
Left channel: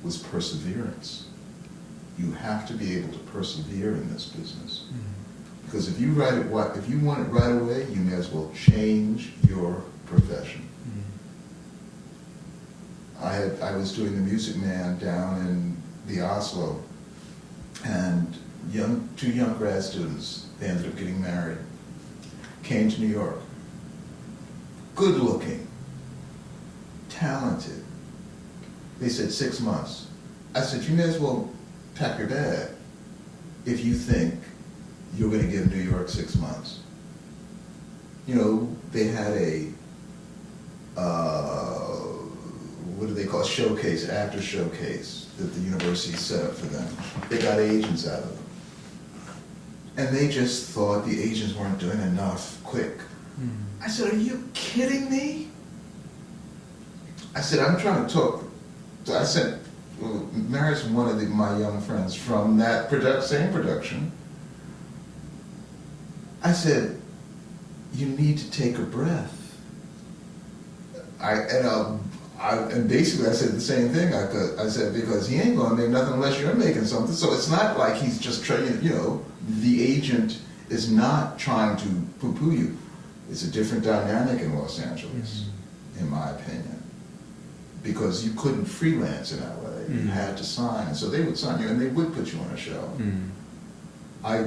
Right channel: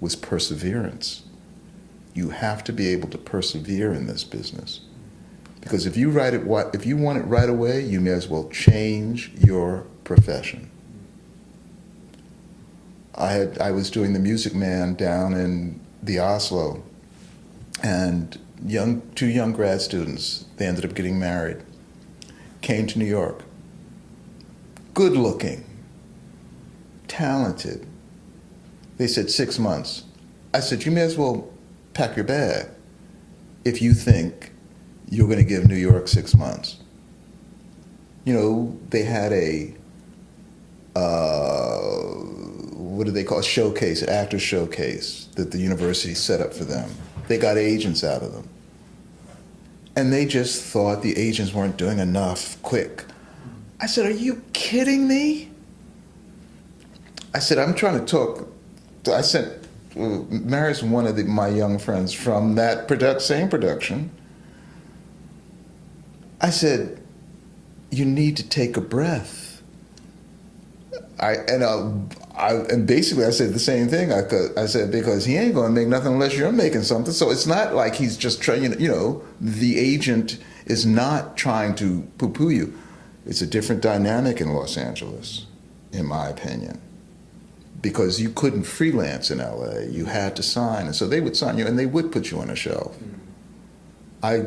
was perseverance. You have to be able to persevere in this business. Because if you want it right away, you may as well change your profession. I was doing The Music Man down in the Oslo, and two young grad students, they ended up getting married, came to New York. Good looking, talented. They said 6 months. I said, you may as well pack your bag if you think you're going to give New York 6 months. You know, they had a, what do they call it? Showcase, actor showcase that the university set up for them. They got agents out of them. And they just thought the agents weren't doing enough quick. I said, are you kidding me? I said, I'm trying to talk. I sent Mary's one of my young friends from that same production. I said, you need to take a breath. And basically I said the same thing. I said, because he ain't going to make nothing unless you're making something. So it's not like he's just trying, the agent is not trying to poo-poo you. It's a different dynamic in Los Angeles, in my opinion. Because you couldn't freelance in LA. You had to sign. And so they would sign you and they would put you on a show. I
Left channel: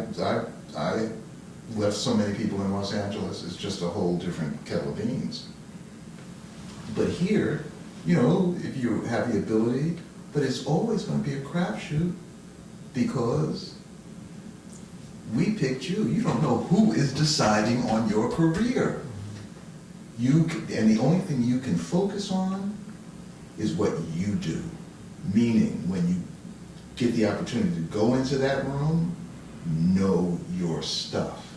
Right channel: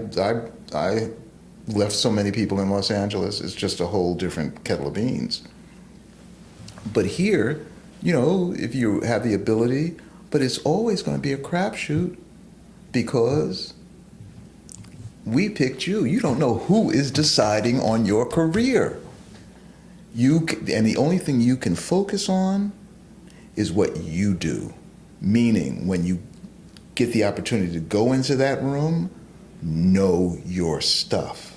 left so many people in Los Angeles. It's just a whole different kettle of beans. But here, if you have the ability, but it's always going to be a crapshoot because we picked you. You don't know who is deciding on your career. And the only thing you can focus on is what you do. Meaning, when you get the opportunity to go into that room, know your stuff.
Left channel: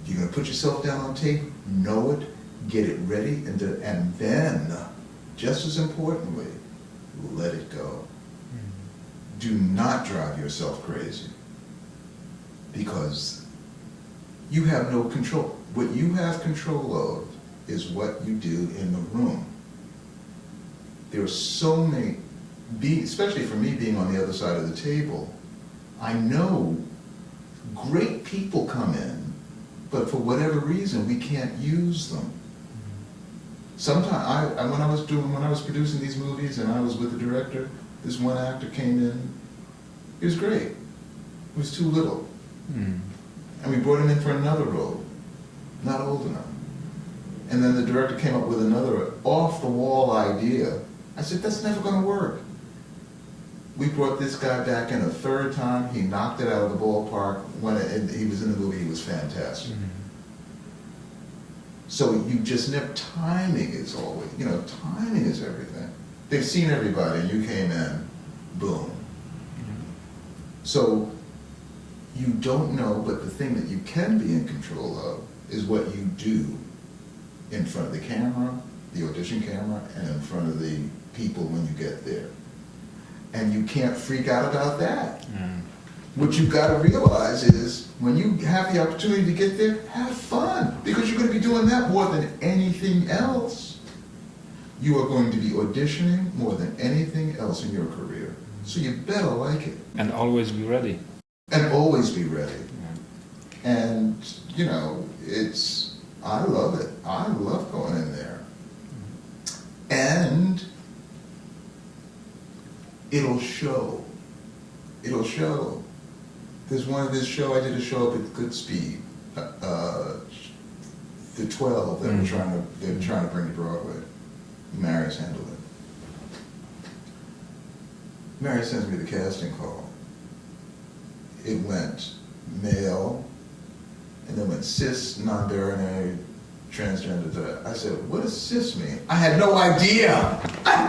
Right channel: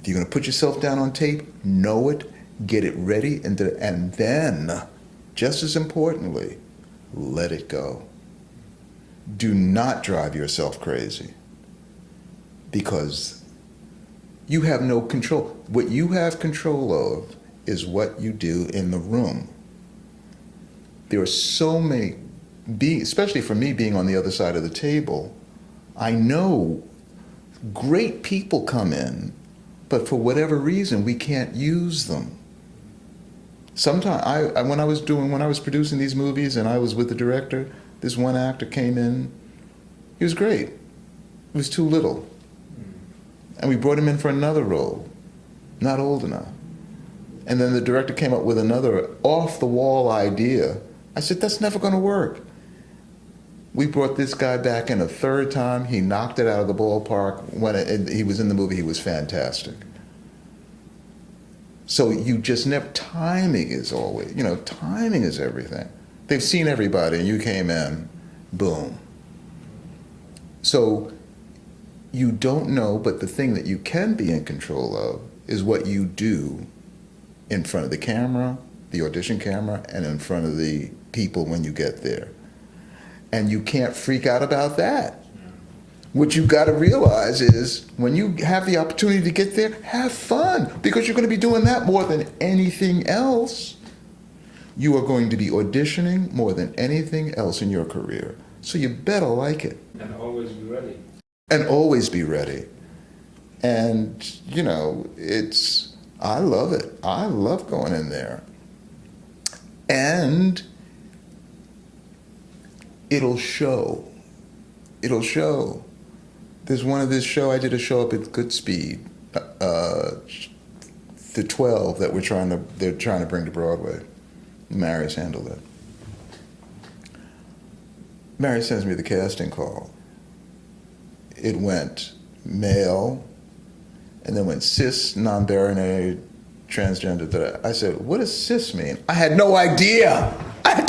If you're going to put yourself down on tape, know it, get it ready, and then, just as importantly, let it go. Do not drive yourself crazy, because you have no control. What you have control of is what you do in the room. There are so many, especially for me being on the other side of the table, I know great people come in, but for whatever reason, we can't use them. Sometimes, when I was producing these movies and I was with the director, this one actor came in, he was great. He was too little. And we brought him in for another role, not old enough. And then the director came up with another off-the-wall idea. I said, that's never going to work. We brought this guy back in a third time. He knocked it out of the ballpark. When he was in the movie, he was fantastic. So you just never, timing is always, timing is everything. They've seen everybody, and you came in, boom. So you don't know, but the thing that you can be in control of is what you do in front of the camera, the audition camera, and in front of the people when you get there. And you can't freak out about that. What you've got to realize is when you have the opportunity to get there, have fun, because you're going to be doing that more than anything else. You are going to be auditioning more than anything else in your career. So you better like it. And always be ready. And always be ready. Yeah. And, I love it. I love going in there. And it'll show. It'll show. There's one of this show, I did a show up at Goodspeed, the 12 that they're trying to bring to Broadway. Mary handled it. Mary sends me the casting call. It went male, and then went cis, non-binary, transgender. I said, what does cis mean? I had no idea. I had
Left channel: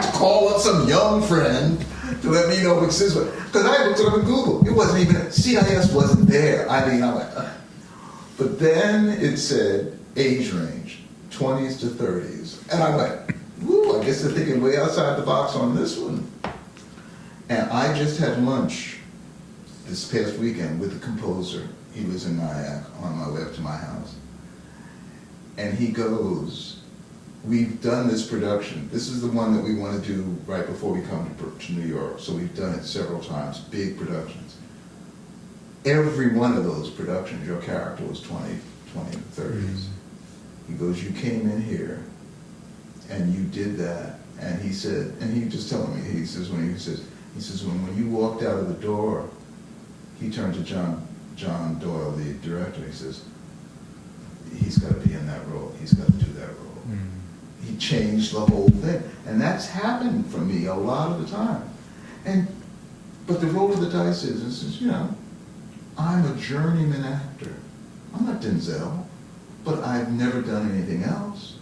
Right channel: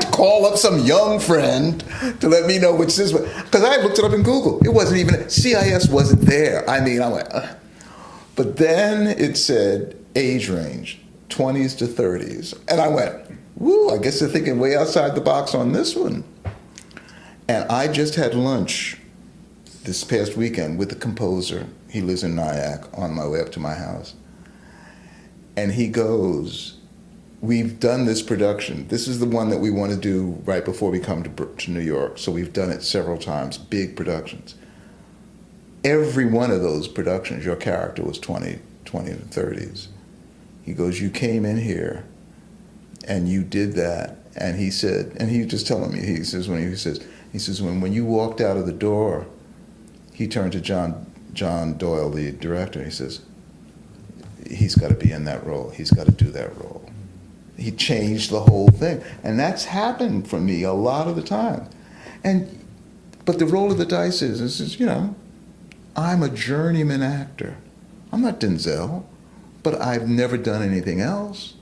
to call up some young friend to let me know what cis was. Because I looked it up in Google. It wasn't even, CIS wasn't there. I mean, I went, But then it said age range, 20s to 30s. And I went, woo, I guess they're thinking way outside the box on this one. And I just had lunch this past weekend with the composer. He lives in Nyack, on my way up to my house. And he goes, we've done this production. This is the one that we want to do right before we come to New York. So we've done it several times, big productions. Every one of those productions, your character was 20 and 30s. He goes, you came in here and you did that. And he said, and he just telling me, he says, when you walked out of the door, he turned to John Doyle, the director. He says, he's got to be in that role. He's got to do that role. He changed the whole thing. And that's happened for me a lot of the time. But the roll of the dice is, you know, I'm a journeyman actor. I'm not Denzel, but I've never done anything else.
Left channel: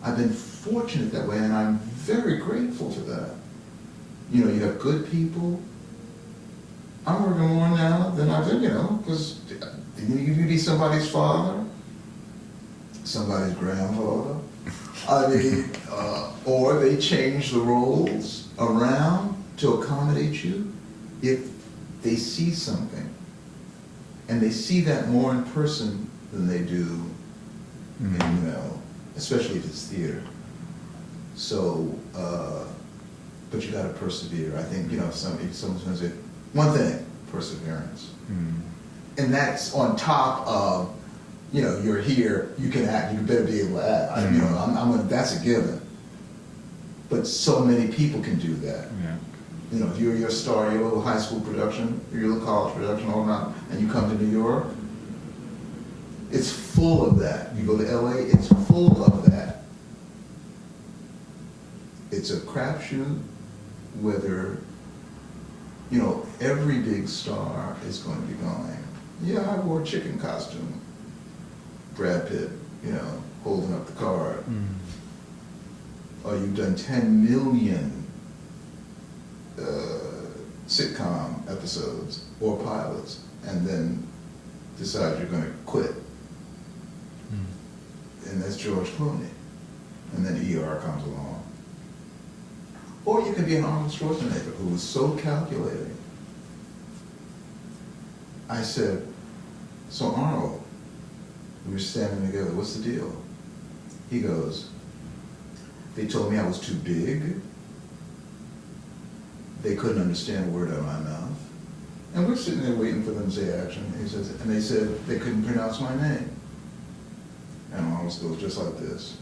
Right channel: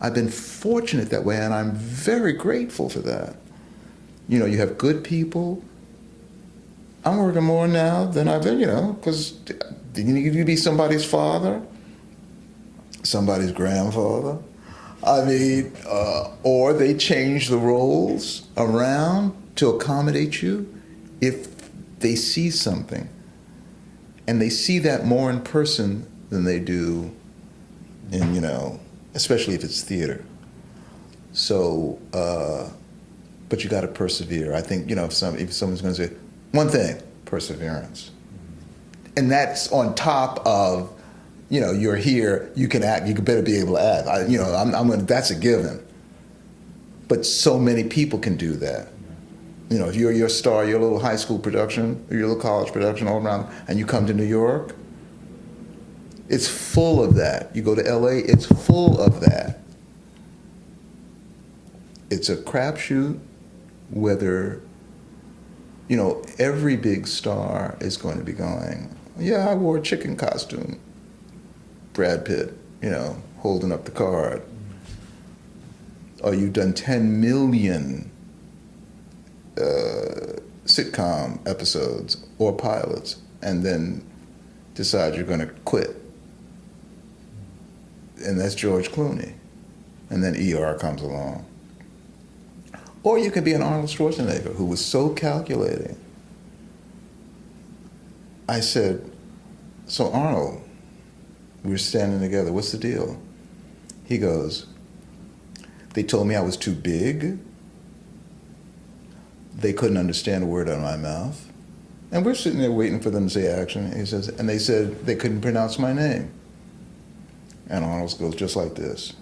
I've been fortunate that way, and I'm very grateful for that. You know, you have good people. I'm working more now than I've been, you know, because you can be somebody's father, somebody's grandfather. I mean, or they change the roles around to accommodate you if they see something. And they see that more in person than they do in, you know, especially if it's theater. So, but you got to persevere. I think, you know, if someone's going to say, one thing, perseverance. And that's on top of, you know, you're here, you can act, you better be able to act. You know, that's a given. But so many people can do that. You know, if you're your star, your little high school production, or your little college production all around, and you come to New York, it's full of that. You go to LA, it's full of that. It's a crapshoot whether, you know, every big star is going to be going, yeah, I wore a chicken costume. Brad Pitt, you know, holding up the card. Or you've done 10 million sitcom episodes or pilots and then decide you're going to quit. And that's George Clooney. And then ER comes along. Or you could be an Arnold Schwarzenegger who was so calculating. I said, so Arnold, we were standing together, what's the deal? He goes, they told me I was too big. They couldn't understand a word out of my mouth. And we're sitting there waiting for them to say action. He says, and they said they couldn't pronounce my name. And Arnold goes just like this.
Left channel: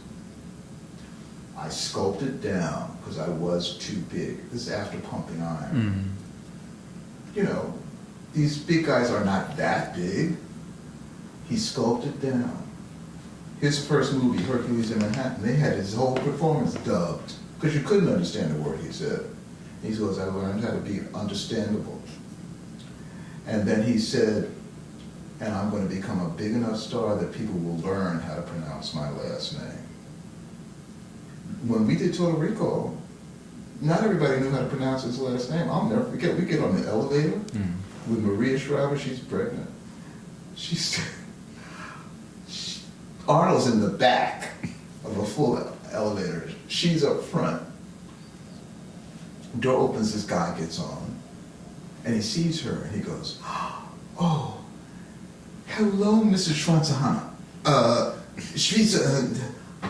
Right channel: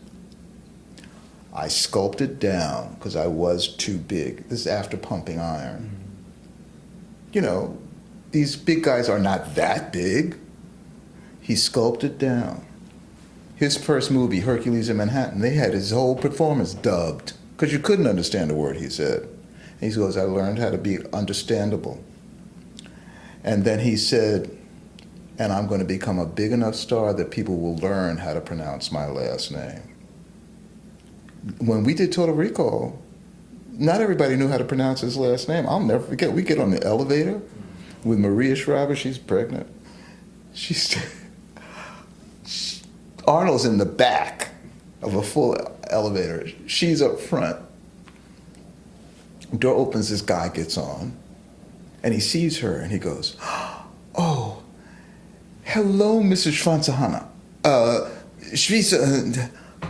I sculpted down because I was too big. This is after pumping iron. You know, these big guys are not that big. He sculpted down. His first movie, Hercules in Manhattan, they had his whole performance dubbed because you couldn't understand a word he said. He goes, I learned how to be understandable. And then he said, and I'm going to become a big enough star that people will learn how to pronounce my last name. When we did Total Recall, not everybody knew how to pronounce his last name. I'll never forget. We get on the elevator with Maria Shriver. She's pregnant. Arnold's in the back of a full elevator. She's up front. Door opens, this guy gets on, and he sees her, and he goes, oh, hello, Mrs. Schwanzahana. She's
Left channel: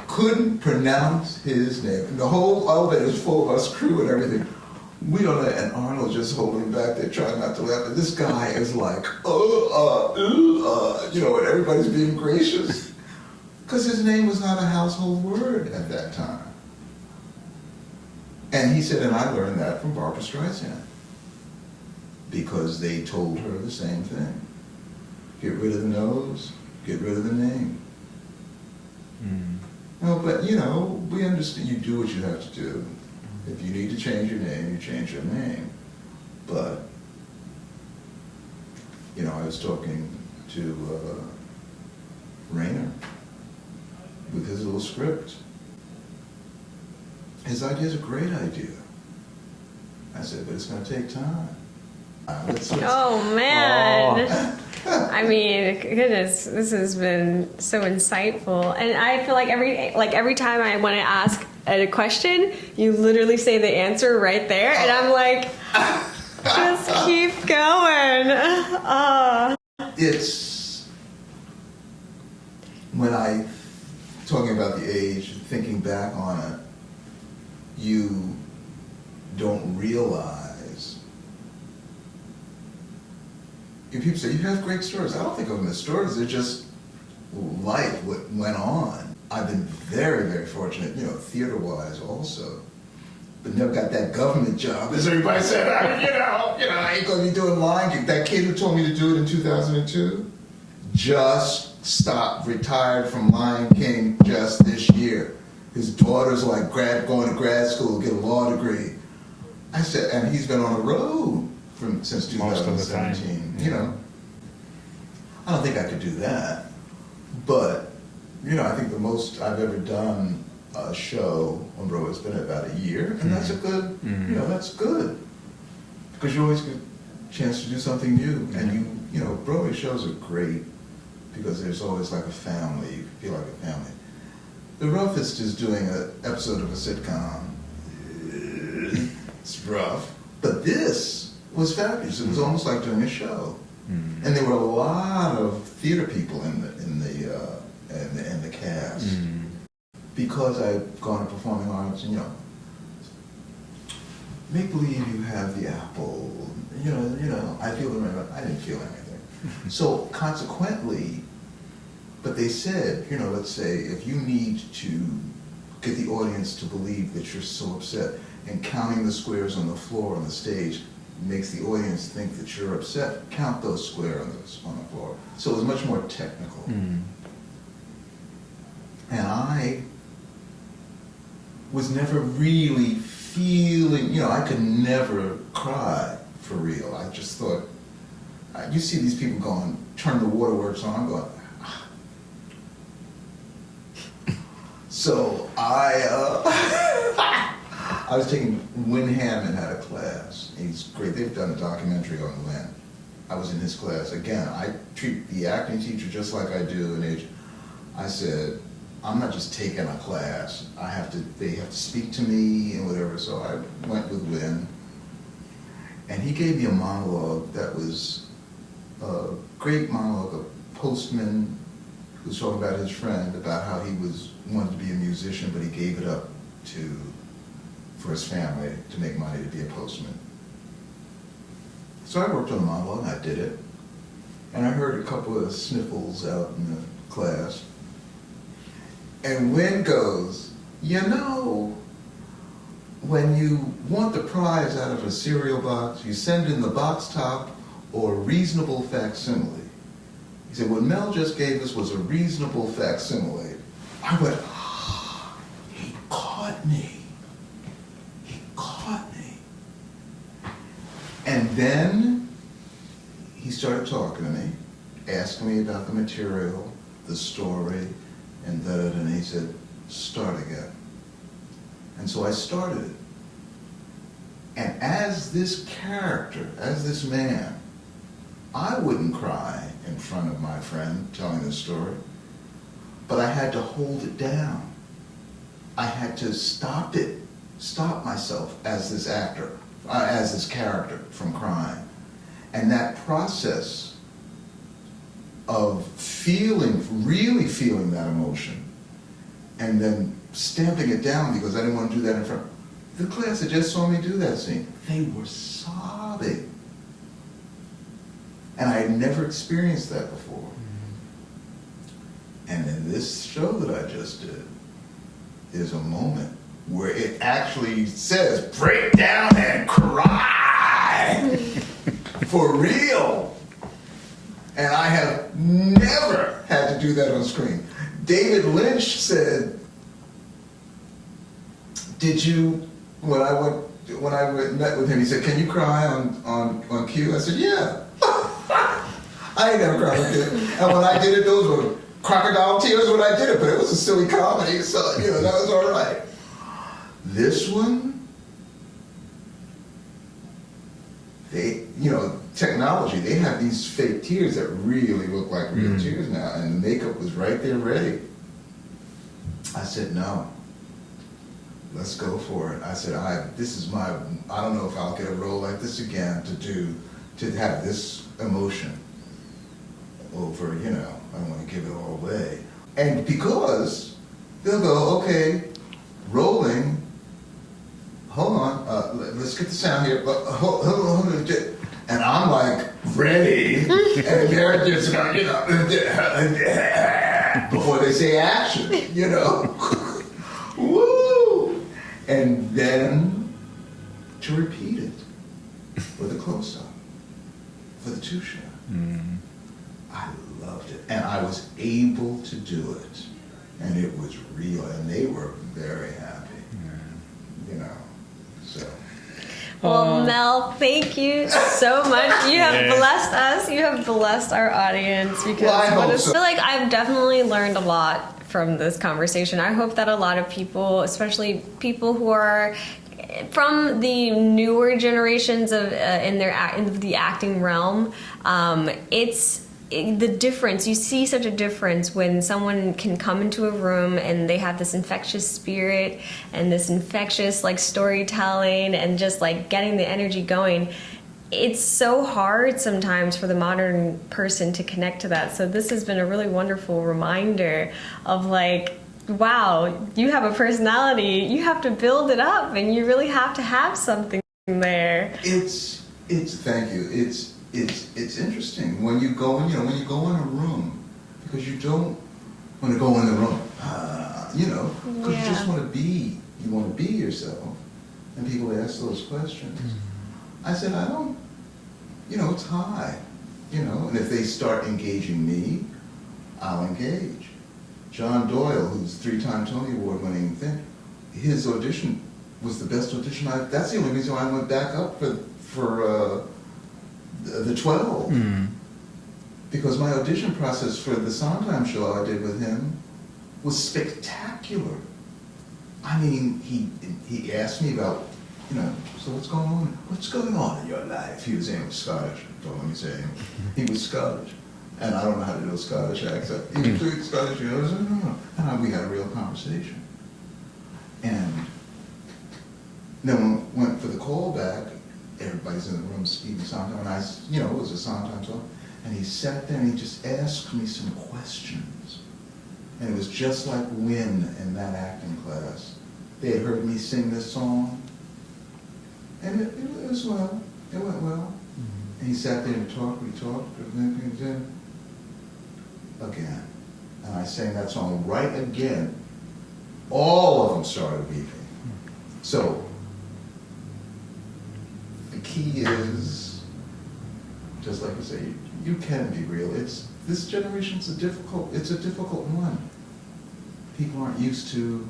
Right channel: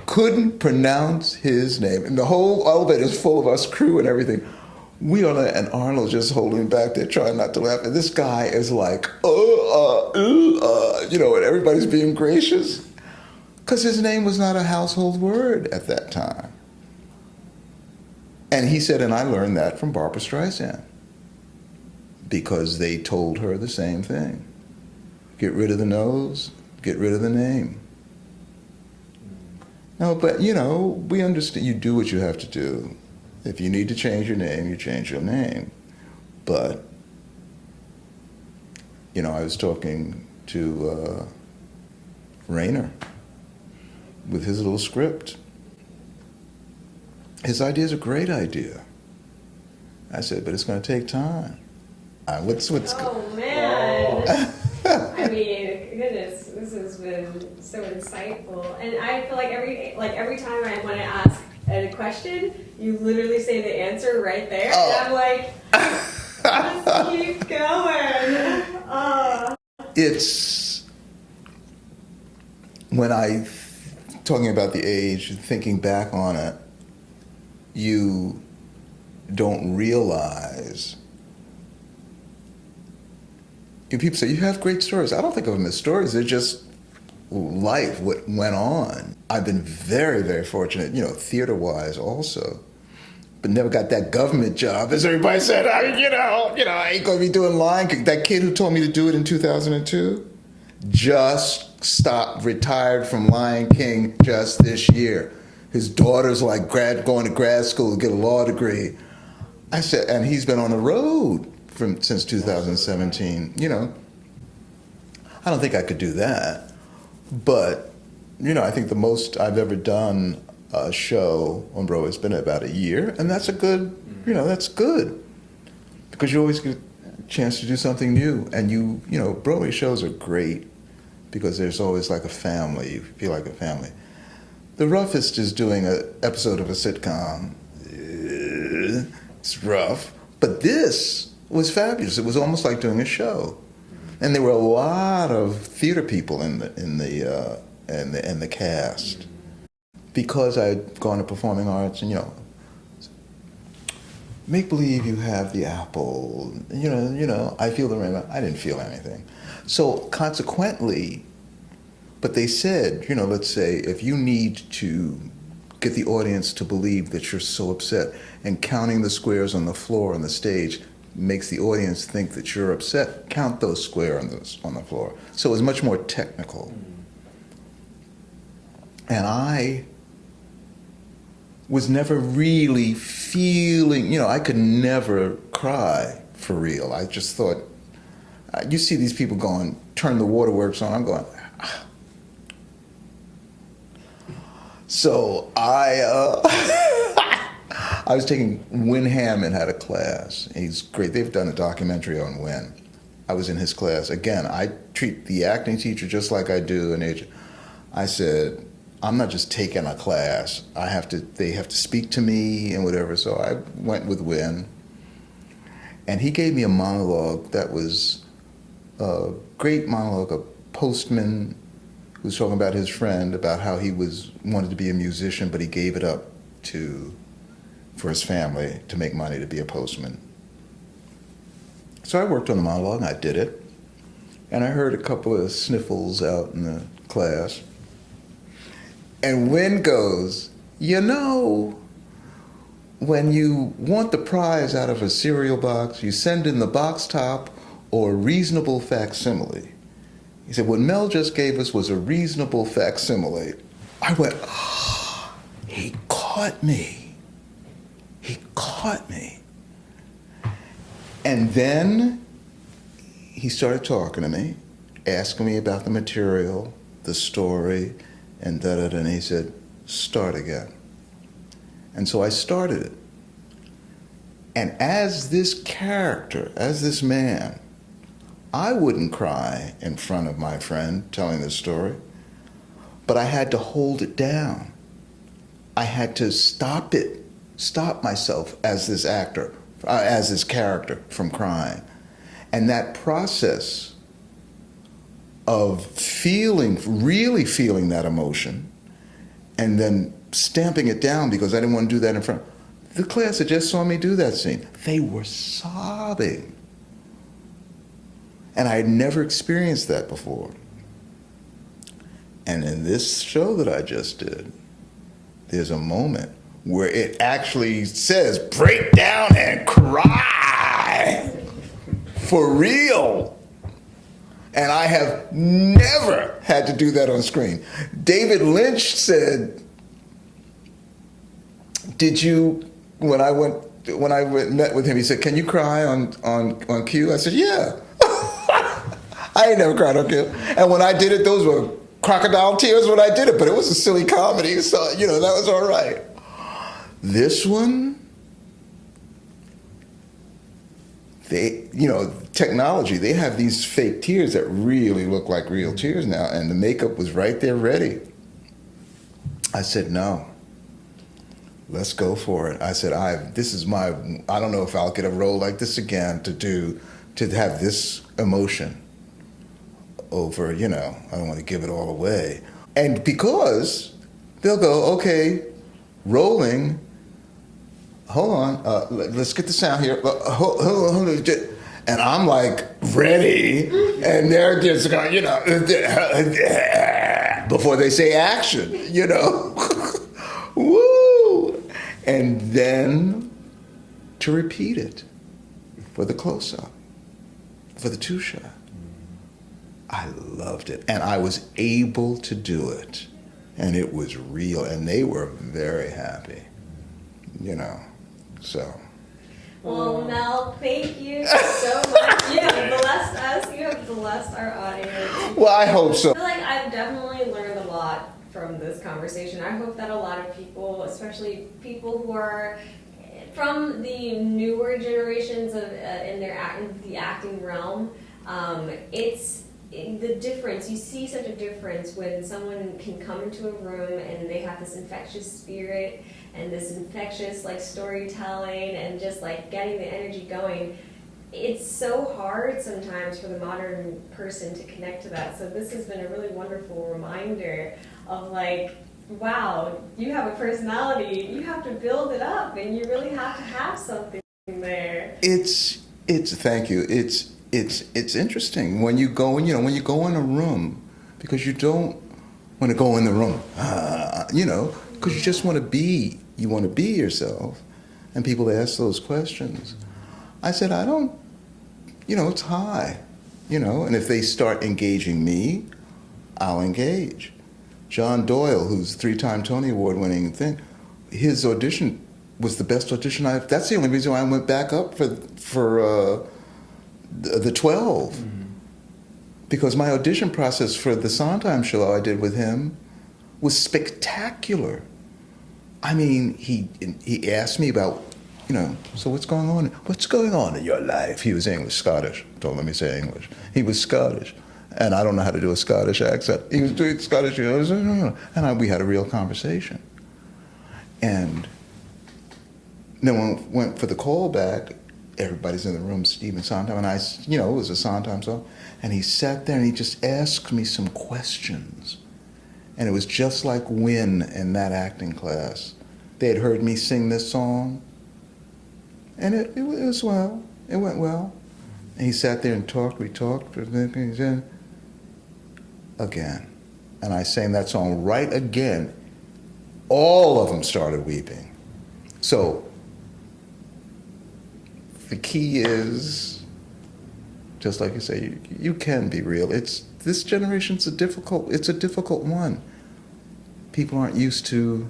couldn't pronounce his name. And the whole elevator is full of us crew and everything. We don't know, and Arnold's just holding back there, trying not to laugh. And this guy is like, you know, and everybody's being gracious. Because his name was not a household word at that time. And he said, and I learned that from Barbra Streisand. Because they told her the same thing. Get rid of the nose, get rid of the name. No, but you know, we understand you do what you have to do. If you need to change your name, you change your name. But, you know, I was talking to Rainer, with his little script. His idea is a great idea. I said, but it's going to take time. Oh man. I mean, goodness, this has been so insightful, and I feel like every time I want to ask a question, you literally say the answer right there, and I'm like, just keep going. It's when talking about the age, thinking back on it, you don't realize. People say, you have great stories. I don't think of them as stories. They're just life, what went on. I've been very, very fortunate, theater-wise also, but never got that government job. As everybody said, I ain't going to be doing line. That kid who told me to do it in 2002 just retired from Lion King just this year. His daughter's like going to grad school to get a law degree. I said, and he's been on the road since 2017. I don't think I could do that, but I think the most I've ever done a show on Broadway has been about a year, and that's a good, that's good, because you always get a chance to do something new, and Broadway shows are great because there's always like a family. You feel like a family. The roughest is doing an episode of a sitcom. It's rough, but this was fabulous. It was almost like doing a show, and there were a lot of theater people in the cast because I'd gone to performing arts, and make believe you have the apple. I feel the rainbow. I didn't feel anything, so consequently. But they said, let's say if you need to get the audience to believe that you're so upset, and counting the squares on the floor on the stage makes the audience think that you're upset, count those squares on the floor. So it was much more technical. And I was never really feeling, I could never cry for real. I just thought, you see these people going, turn the waterworks on, I'm going, ah. So I was taking, Win Hammond had a class. He's great. They've done a documentary on Win. I was in his class. Again, I treat the acting teacher just like I do an agent. I said, I'm not just taking a class. They have to speak to me and whatever. So I went with Win. And he gave me a monologue that was a great monologue. A postman who was talking about his friend, about how he wanted to be a musician, but he gave it up for his family to make money to be a postman. So I worked on the monologue, and I did it. And I heard a couple of sniffles out in the class. And Win goes, when you want the prize out of a cereal box, you send in the box top or a reasonable facsimile. He said, what Mel just gave us was a reasonable facsimile. I went, oh, he caught me. He caught me. And then he started talking to me, asking me about the material, the story, and da-da-da, and he said, start again. And so I started it. And as this character, as this man, I wouldn't cry in front of my friend telling this story, but I had to hold it down. I had to stop myself as this actor, as this character from crying. And that process of really feeling that emotion, and then stamping it down because I didn't want to do that in front. The class that just saw me do that scene, they were sobbing. And I had never experienced that before. And in this show that I just did, there's a moment where it actually says, break down and cry. For real. And I have never had to do that on screen. David Lynch said, when I met with him, he said, can you cry on cue? I said, yeah. I ain't never cried on cue. And when I did it, those were crocodile tears when I did it, but it was a silly comedy, so, you know, that was all right. This one, they, you know, technology, they have these fake tears that really look like real tears now, and the makeup was right there ready. I said, no, let's go for it. I said, I don't know if I'll get a role like this again to have this emotion over, you know, I don't want to give it all away. And because they'll go, okay, rolling, hold on, let's get the sound here, hold on, and I'm like, ready, and they're just going, you know, before they say action, you know, woo, and then to repeat it for the close-up, for the two-shot. I loved it, and I was able to do it, and it was real, and they were very happy, you know, so. Well, Mel, thank you so much. You have blessed us. You have blessed our audience. Well, I hope so. I feel like I've definitely learned a lot from this conversation. I hope that a lot of people, especially people who are from the newer generations of in the acting realm, it's the difference. You see such a difference when someone can come into a room and they have this infectious spirit and this infectious like storytelling and just like getting the energy going. It's so hard sometimes for the modern person to connect to that. So this has been a really wonderful reminder of like, wow, you have a personality. You have to build it up, and you really have to have something there. It's thank you. It's interesting when you go in, you know, when you go in a room, because you don't want to go in the room, you know, because you just want to be yourself, and people ask those questions. I said, I don't, you know, it's high, you know, and if they start engaging me, I'll engage. John Doyle, who's 3-time Tony Award winning thing, his audition was the best audition that's the only reason why I went back up for the 12. Because my audition process for the Sondheim show I did with him was spectacular. I mean, he asked me about, you know, so what's going on? What's going on in your life? He was English, Scottish. Don't let me say English. He was Scottish. And I don't know how to do a Scottish accent. He was doing Scottish, you know, and we had a real conversation. And then when I went for the callback, everybody's in the room, Stephen Sondheim, and I, you know, it was a Sondheim song, and he sat there and he just asked me some questions. And it was just like Wynn in that acting class. They had heard me sing this song, and it was well, it went well. And he sat there and talked, we talked, and then again. And I sang that song right again. All of them started weeping. So the key is, just like you say, you can be real. This generation's a difficult one. People aren't used to,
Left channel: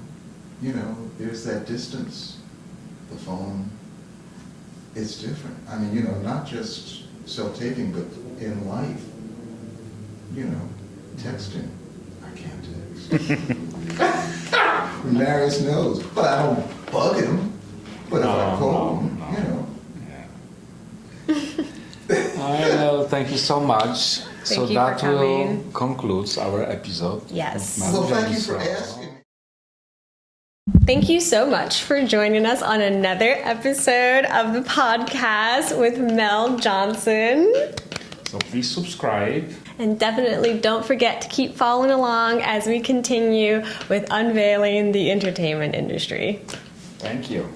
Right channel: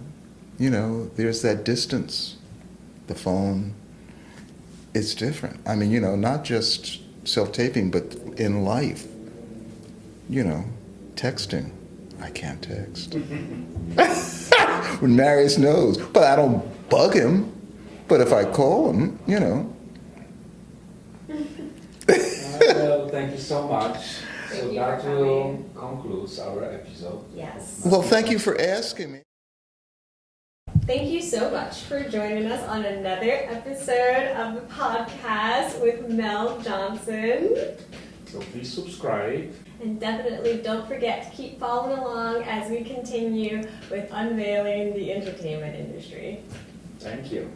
you know, there's that distance, the phone. It's different. I mean, you know, not just self-taping, but in life, you know, texting. I can't text. Marius knows, but I don't bug him. But if I call him, you know. Well, thank you so much. Thank you that for coming. will concludes our episode. Yes. of Well, Mel thank you for Johnson. asking me. Thank you so much for joining us on another episode of the podcast with Mel Johnson. So please subscribe. And definitely don't forget to keep following along as we continue with unveiling the entertainment industry. Thank you.